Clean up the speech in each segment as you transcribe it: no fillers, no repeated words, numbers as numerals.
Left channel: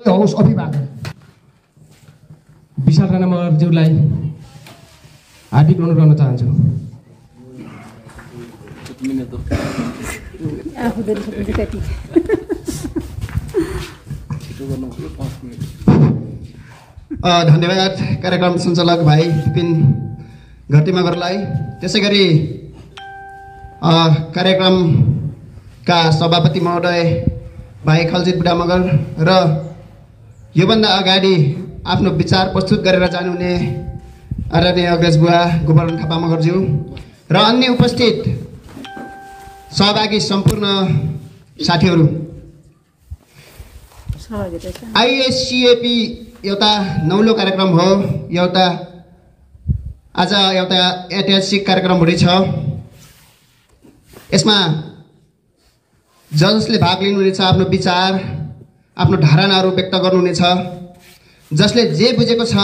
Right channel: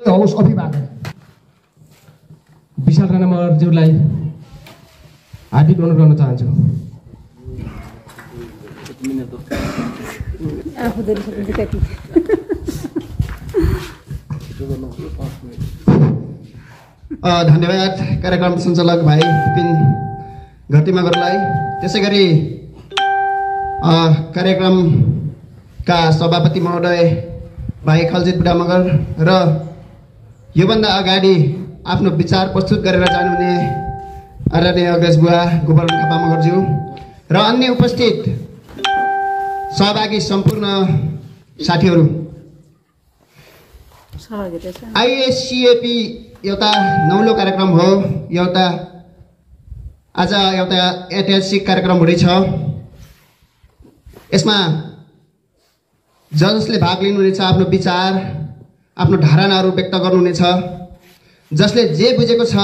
होस् अभिभावक विशाल राणा मगरज्यूलाई हार्दिक अनुरोध गर्न चाहन्छु। धन्यवाद कार्यक्रम सञ्चालक भाइ विपिन घटी मगरलाई, त्यसै गरी कार्यक्रमका सभापति महोदय भाइ खलजित बुढा मगर र योभन्दा अगाडि आफ्नो विचार प्रस्तुत गरेर जानुहुने आदरणीय अग्रज बुवा गोवर्धन थापा मगरज्यू र अन्य उपस्थित सहभागी सम्पूर्ण साथीहरू, आइएससिएपी एउटा नौलो कार्यक्रम हो। आज एउटा ऐतिहासिक कार्यक्रम हुँदैछ। यसमा जसले भाग लिनुहुनेछ आफ्नो विचार, आफ्नो धारणाहरू व्यक्त गर्नुहुनेछ। जसले जे बुझेको छ,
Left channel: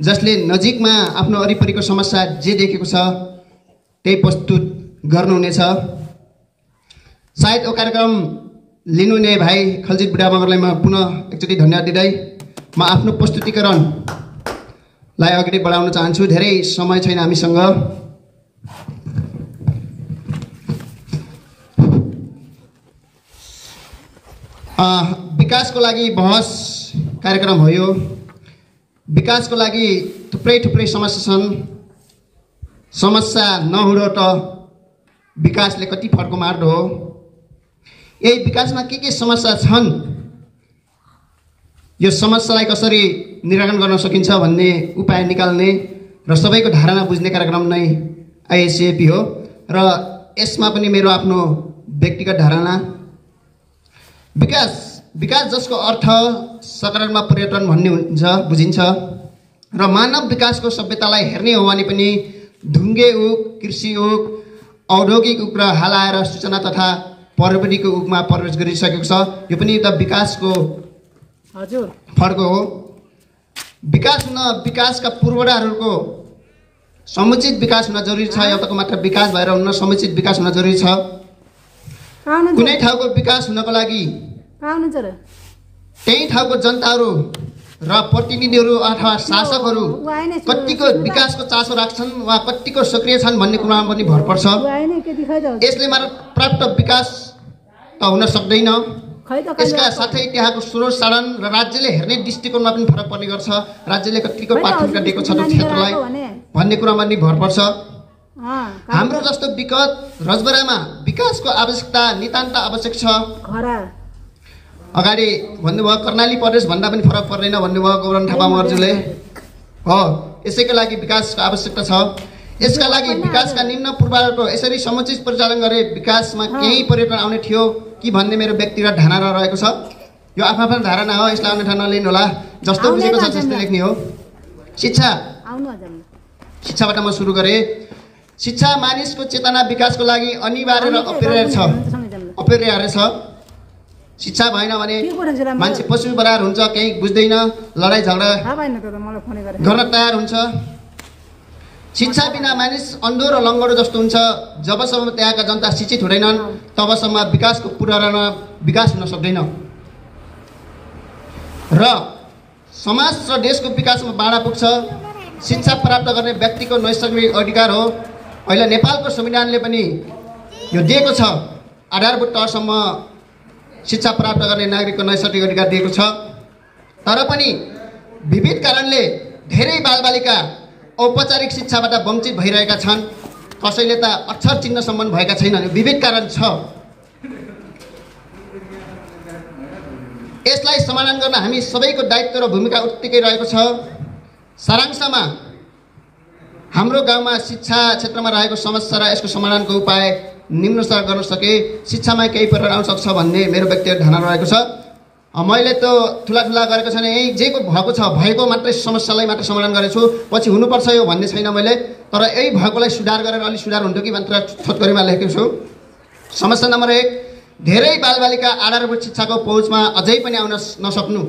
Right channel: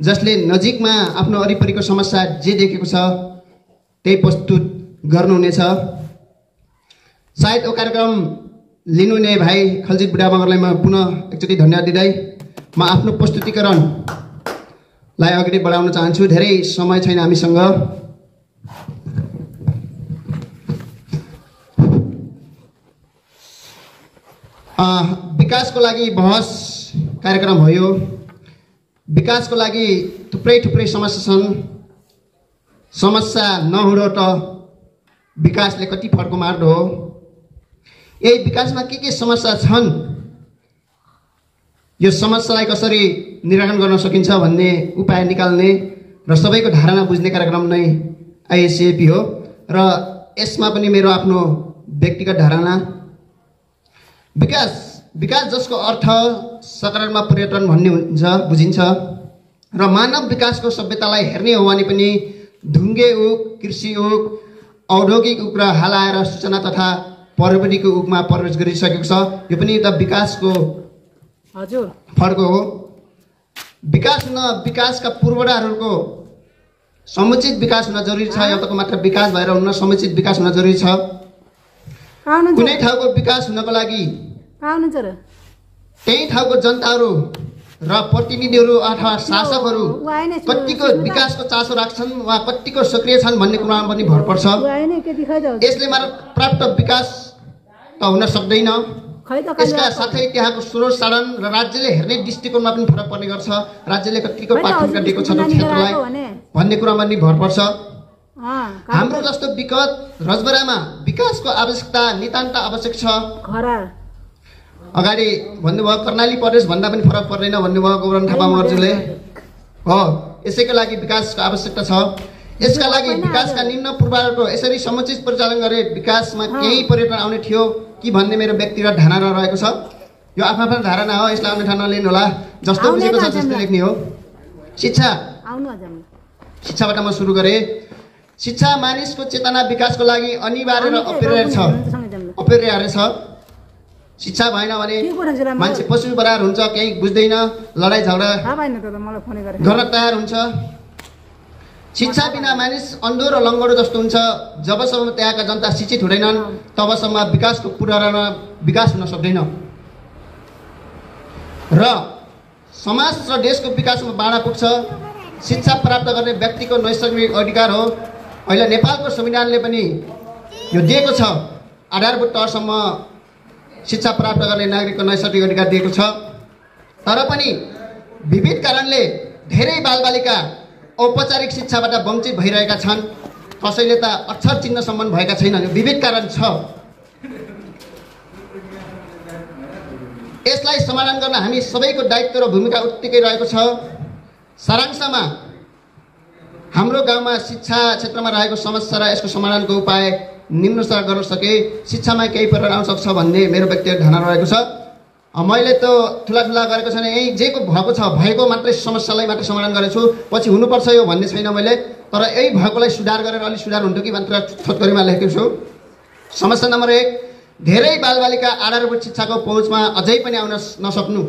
जसले नजिकमा आफ्नो वरिपरिको समस्या जे देखेको छ त्यही प्रस्तुत गर्नुहुनेछ। सायद यो कार्यक्रम लिनुहुने भाइ खलजित बुढा मगरलाई म पुनः एकचोटि धन्यवाद दिँदै म आफ्नो प्रस्तुतिकरणलाई अगाडि बढाउन चाहन्छु। धेरै समय छैन हामीसँग। विकासको लागि बहस कार्यक्रम हो यो। विकासको लागि थुप्रै समस्या छन्। समस्या नहुँदो त विकासले कति फड्को मार्दो हो। यही विकासमा के समस्या छन्, यो समस्यालाई कसरी निराकरण गर्न सकिन्छ भन्ने उपाय निकाल्ने र सबैको धारणा बुझ्ने कार्यक्रम नै आइएससिएपी हो। र यसमा पनि मेरो आफ्नो व्यक्तिगत धारणा, विकास जसको अर्थ सकारात्मक परिवर्तन भन्ने हुन्छ, बुझिन्छ। र मानव विकासको सभ्यतालाई हेर्ने हो भने पनि ढुङ्गे युग, कृषि युग, औद्योगिक युग र हाल आएर सूचना तथा प्रविधिको युगमा प्रवेश गरिसकेको छ। यो पनि एउटा विकासको फड्को हो। विकासका पूर्वाधारहरूको समुचित विकास हुन जरुरी छ। एउटाको मात्र विकास भएर हुन्न, समुचित विकास हुन जरुरी छ। कुनै ठाउँको विकास हुनको लागि त्यही ठाउँको जनताहरू र प्रतिनिधिहरू अथवा शासकहरू कतिको विकासको चासो राख्छन् वा कतिको सक्रिय छन् भन्ने कुरामा पनि भर पर्छ। यसले मात्र प्राप्त विकास त हुन सक्दैन। यसका साथै त्यहाँको स्रोत साधन र राज्यले हेर्ने दृष्टिकोणमा पनि फरक पर्ने गर्छ। राज्यले कतिको प्राथमिकता दिएको छ त्यो क्षेत्रलाई भन्ने कुरामा पनि भर पर्छ। हाम्रो जस्तो विगत रजबरामा विकासको आवश्यकता नितान्त आवश्यक छ। अगाडि भन्नुभयो कर्णाली प्रदेश भन्दा पनि फरक पर्दैन भन्नुभयो गोवर्धन थापा मगरज्यूले हो। यसैको लागि विकासको आवश्यकता छ। यसका लागि विकासका निम्न पूर्वाधारको यसरी समुचित परिचालन गरे विकासमा केही परिवर्तन आउने थियो कि भन्ने मेरो व्यक्तिगत धारणा रहेको छ। यो आफ्नो धारणा हो, यसलाई अन्यथा नलिनु होला। जस्तो बुझेको छ त्यस्तै लेख्ने हो। शिक्षाबाट म सुरु गरेँ। शिक्षा मानिसको चेतना विकासको लागि अनिवार्य र अपरिहार्य छ। शिक्षा भएन भने मान्छे पशु बराबर हुन्छ, केही बुझ्दैन, लडाइँ झगडा गर्न तयार हुन्छ। शिक्षा बिना मानिस अन्धो र लङ्गडो जस्तो हुन्छ। जबसम्म त्यहाँका जनता शिक्षित हुँदैनन् तबसम्म विकासको पूर्वाधारमा विकास हुन सक्दैन र समाज र देशको विकासमा बाधा पुग्छ। शिक्षा प्राप्त गर्ने व्यक्तिको नैसर्गिक अधिकार हो। अहिले नेपालको संविधानले पनि यो दिएको छ, आधारभूत तहसम्म शिक्षा प्राप्त गर्ने नागरिकको नैसर्गिक अधिकार दिएको छ। तर पनि विविध कारणले धेरै बालबालिका औपचारिक शिक्षाबाट वञ्चित भइरहेका छन्। कसैले त अक्षर चिन्हसम्म भएका छैनन्। यो विविध कारण छ। यसलाई समाधान गर्न हामी सबैको दायित्व र भूमिका उत्तिकै रहेको छ। सारांशमा हाम्रो गाउँमा शिक्षा क्षेत्रमा रहेको समस्या र यसको समाधानको उपाय निम्न स्तर गर्न सके शिक्षामा केही परिवर्तन आउन सक्छ भन्ने मेरो व्यक्तिगत धारणा रहेको छ। मैले त ठुला गरेको छैन। यही जेको भएको छ भएको मात्रै समस्यालाई मात्र समाधान गरेछु। पछि हुनुपर्छ यो भन्ने छैन मैले। तर यही भएकोलाई सुधार गरेर अलिक सुधार हुन्थ्यो कि मात्र छोटकरीमा लेखेको छु। समस्या नम्बर 1, धेरै बालबालिका आधारभूत शिक्षाको पहुँचमा अझै पनि आउन नसक्नु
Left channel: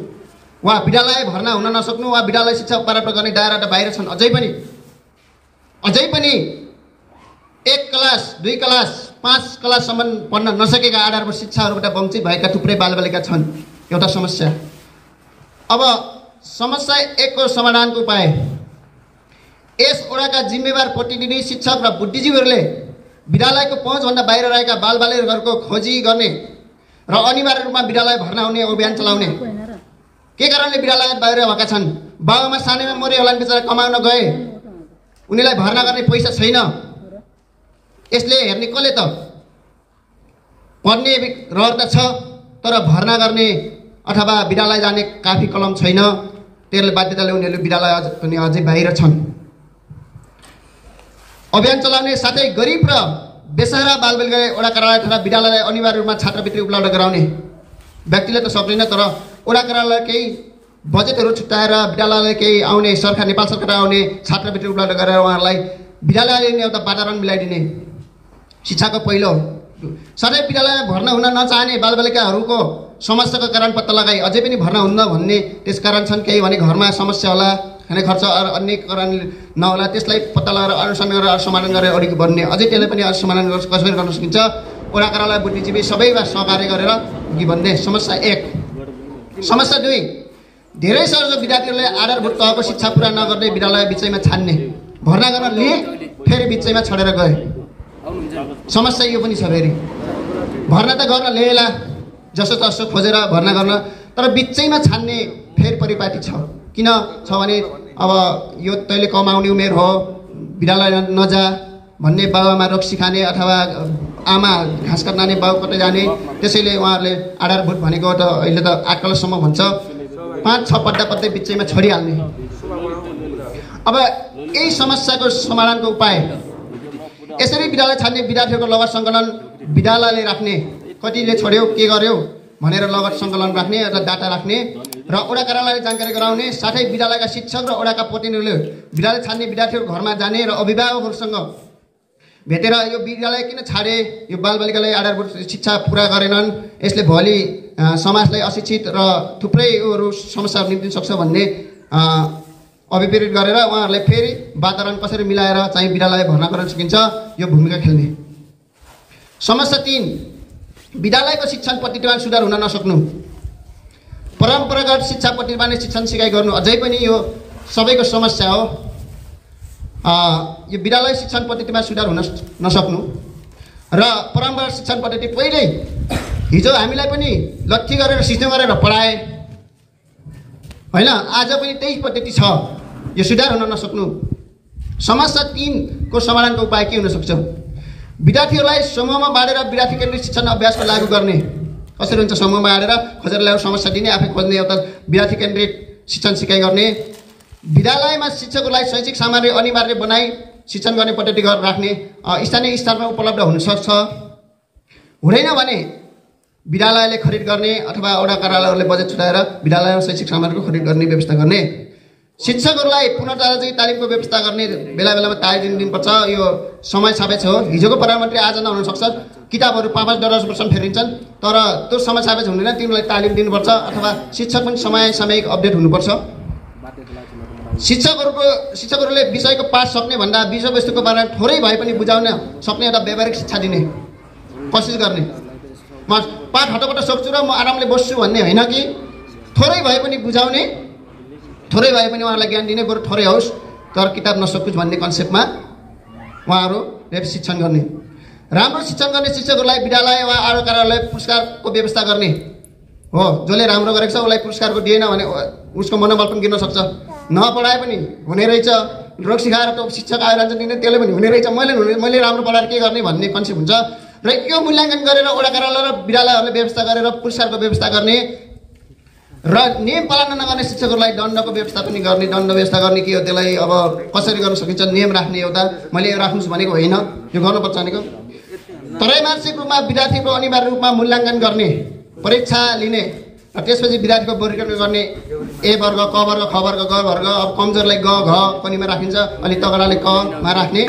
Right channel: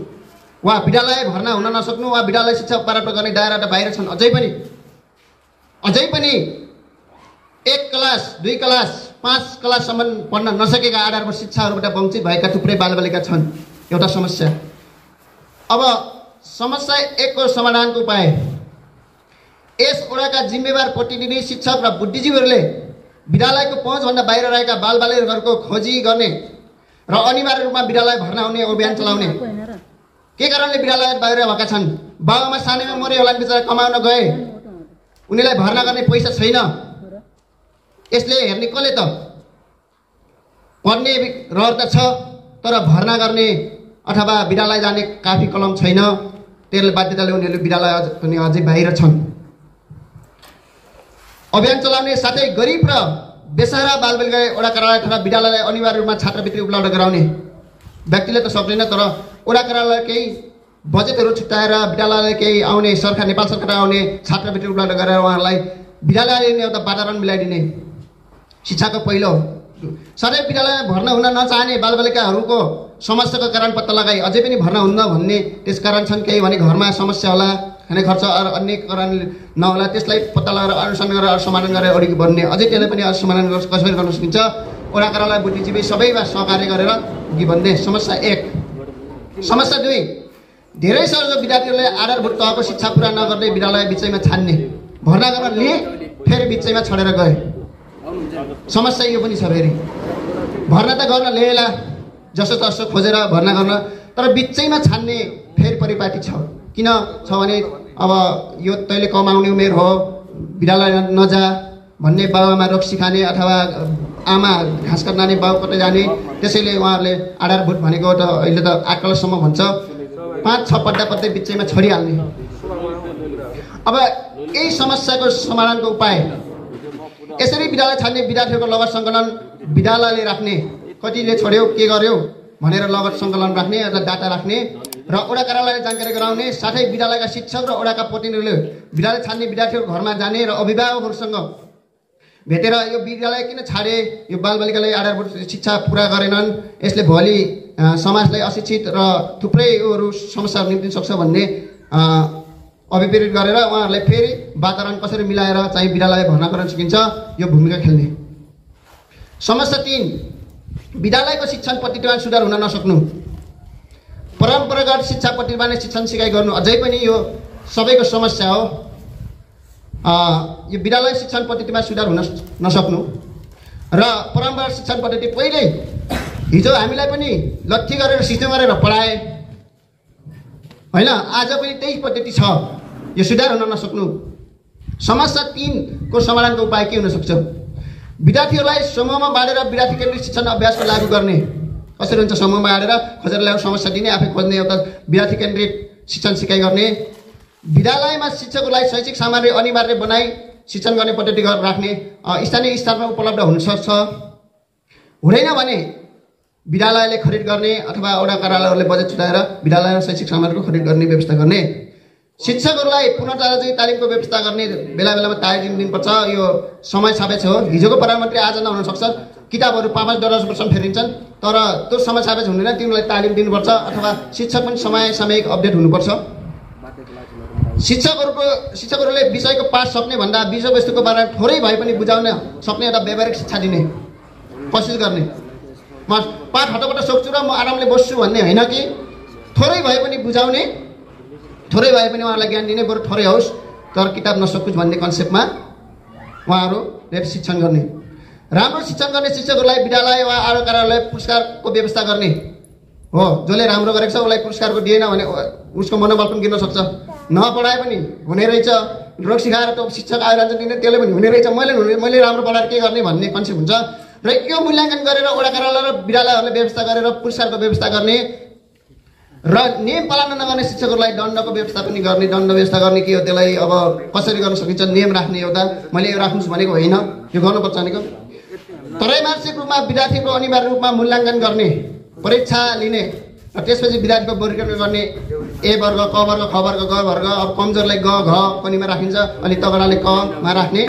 वा विद्यालय भर्ना हुन नसक्नु वा विद्यालय शिक्षा प्राप्त गर्ने दायराबाट बाहिर छन्। अझै पनि 1 क्लास 2 क्लास 5 क्लाससम्म पढ्न नसकेका आधारभूत शिक्षाहरूबाट वञ्चित भएका थुप्रै बालबालिका छन्। एउटा समस्या। अब समस्या 1 को समाधानको उपाय यस वडाका जिम्मेवार प्रतिनिधि शिक्षक र बुद्धिजीवीहरूले विद्यालयको पहुँचभन्दा बाहिर रहेका बालबालिकाहरूको खोजी गर्ने र अनिवार्य रूपमा विद्यालय भर्ना हुने अभियान चलाउने। के कारणले विद्यालय बाहिर भएका छन्? बाबुआमा सानैमा मरे होला नि, बिचरा कमाउन गए, उनीलाई भर्ना गर्ने पैसा छैन। यसले हेर्ने कसले त? पढ्ने रहर त छ, तर भर्ना गर्ने अथवा विद्यालय जाने काफी कलम छैन। त्यसले बाध्यताले उनीहरू विद्यालय पनि अझै बाहिर छन्। अभियान चलाउने साथै गरिब र बेसहारा बालबालिका वडा कार्यालय तथा विद्यालयलाई अनिवार्य रूपमा छात्रवृत्ति उपलब्ध गराउने। व्यक्तिले त सक्दैन, तर वडा कार्यालय केही बजेटहरू छुट्याएर विद्यालयलाई केही आउने नेपाल सरकार आउने छात्रवृत्ति उपलब्ध गरेर उहाँहरूलाई विद्यालयले एउटा वातावरण मिलाइदिने शिक्षाको पहिलो। सधैँ विद्यालयमा भर्ना हुन नचाहने बालबालिकाहरूको समस्याको कारण पत्ता लगाई अझै पनि भर्ना हुन्न भन्ने त्यस कारण छन्। केही भने घरमा समस्या होला, खाने खर्च अन्य कारण नहोला, त्यसलाई पत्ता लगाएर अनुसन्धान गरेर समाधान गरेर अघि बढ्ने। अझै त्यसलाई पनि समाधान कसरी गर्न सकिन्छ? वडा कार्यालय बुद्धिजीवी सबैमा सहकार्य गरेर अघि बढ्ने। समस्या 1। समस्या 2, धेरै सर विद्यार्थीहरूले आधारभूत तहको शिक्षा पुरा नगर्दै विद्यालय बिचैमा छान्ने। भर्ना गर्न लिए, फेरि बिचैमा छोडेर गए। समस्या यो पनि छ। फेरि भर्ना त गर्न ल्याएला जसो तसो खोजेर भर्ना गर्न, तर बिचैमा छान्ने फेरि परिपाटी छ। किन छ भने अब यो तैँले कमाउने उमेर हो, विद्यालय नजा भन्ने बाबुआमा रोग सिकाने अथवा आमा घाँस काट्न जाने, बाबु कतै जाने। त्यसैले उहाँहरूले आधारभूत भनेको त अहिले त आकलसम्म भन्छ, 5-6 पल्ट पत्तै बिचैमा छोडिहाल्ने। अब यही समस्याको समाधानको उपाय यसरी विद्यालय छाड्ने विद्यार्थीहरूको लगत सङ्कलन विद्यालयले राख्ने। कतिले छोड्यो, के गर्यो भनेर लगत सङ्कलन राख्ने र डाटा राख्ने र वडा कार्यालयले जानकारी गराउने। साथै विद्यालयका शिक्षक र वडाका प्रतिनिधिले विद्यालय छाड्ने विद्यार्थीहरूको घरमा जाने र अभिभावकहरूसँग भेटेर यो विद्यालय किन छाडे, यो बालबालिकालाई आधारभूत शिक्षा पुरा गरेनन्, यसले भोलि समाजलाई अशिक्षित र थुप्रै योहरू समस्याहरू निम्तिन सक्छ भन्ने अभिप्रेरित गरेर उहाँहरूलाई फेरि वातावरण कसरी मिलाएर चाहिँ विद्यालय भर्ना गर्न सकिन्छ यो भूमिका खेल्ने। समस्या 3, विद्यालयको शिक्षण पद्धतिमा सुधार हुन नसक्नु। परम्परागत शिक्षा पद्धतिमा नै शिक्षण सिकाइ गर्नु अझै पनि यो सबैको समस्या हो। यो विद्यालय शिक्षण पद्धतिमा सुधार हुन नसक्नु र परम्परागत शिक्षण पद्धति पहिल्यै हिजो हामीलाई पनि लट्ठी गरेर सिस्टम गरेर पढाए होइन, आज पनि त्यही पद्धति छ। यो सुधार हुन नसक्नु। समस्या 3 को समाधानको उपाय के हुन सक्छ? विद्यार्थीहरूलाई समूहमा बाँडेर विद्यार्थी केन्द्रित शिक्षण अभ्यासको लागू गर्ने। कसरी हुन्छ? समूहमा बाँडेर खोजेर ल्याएर समस्या दिने, आफै खोज्ने, एउटा विद्यार्थी केन्द्रित शिक्षण सिकाइ गर्ने। विद्यालयमा शिक्षकहरूलाई शैक्षिक सामग्री अनिवार्य बनाई शिक्षण गर्ने पद्धति राख्ने। स्थानीय स्तरमा उपलब्ध हुन सक्छ। हुँदैन भने विद्यालयले खरिद गर्ने अथवा वडा कार्यालयहरूले बजेट छुट्याएर विद्यालयमा शैक्षिक सामग्रीको खरिद गर्ने व्यवस्था गर्ने। शिक्षकहरूलाई पुनर्जागृति तालिमको व्यवस्था गर्ने, बेला बेलामा तालिम दिनुपर्छ। यो समय सापेक्ष हो। हिजोको प्रधानमन्त्री आज नहुन सक्छ, किताबहरू 5-10 वर्षमा फेरिन्छन्, तर त्यो समय सापेक्ष हुँदैन। तिमीलाई तालिम दिनुपर्छ अथवा शिक्षक पनि सामयिक अपडेट हुनुपर्छ। शिक्षकहरूले विषयको पाठ सक्ने भन्दा विषयवस्तुको बारेमा थोरै भए पनि बुझाउन सक्ने एउटा व्यावहारिक शिक्षा दिने कोसिस गर्ने। म पाठ हटपट सक्छु र म आरामले बस्छु भन्ने होइन कि थोरै भए पनि बुझाउने, थोरै भए पनि उहाँहरूलाई ज्ञान दिने, बरु थोरै होस् तर किताब नसकुस् भन्ने कन्सेप्टमा उहाँहरूले शिक्षण गर्ने। राम्रो शिक्षण गर्ने शिक्षकहरूलाई विद्यालय वा आरो कार्यालय पुरस्कारको व्यवस्था गर्ने हो। जसले राम्रो गरेको छ उसलाई पुरस्कारको दिएन भने उसको मनोबल पनि गिर्न सक्छ। नपढाए पनि हुने रहेछ, रोग सिकाएर त शिक्षक आएर दिने, त्यसले पनि हुने रहेछ, मैले राम्रो पढाएर के गर्ने भन्ने कन्सेप्ट हुन्छ। र यो मूल्याङ्कन गरेर वडा कार्यालय र विद्यालयहरूले व्यवस्था गरेर पुरस्कारको व्यवस्था गर्ने र नियम पालना नगर्ने शिक्षकहरूलाई दण्डको व्यवस्था पनि गर्ने। दण्ड व्यवस्था गर्ने के हो, त्यसलाई अब कसरी गर्न सकिन्छ, नियम राख्ने। एउटा मैले यो राख्नुहोस् भनेको होइन, यो गर्नुपर्छ भनेको। त्रैमासिक रूपमा विद्यार्थीको अनिवार्य रूपमा मूल्याङ्कन गर्ने, परीक्षा लिने र त्यसपछि विद्यार्थीको वर्गीकरण गर्ने। ए वर्ग, क वर्ग, ख वर्ग, ग वर्ग। अब कमजोरलाई ग, घ कनिमा राखिन्छ, अनि तगडाले क मा राख्ने।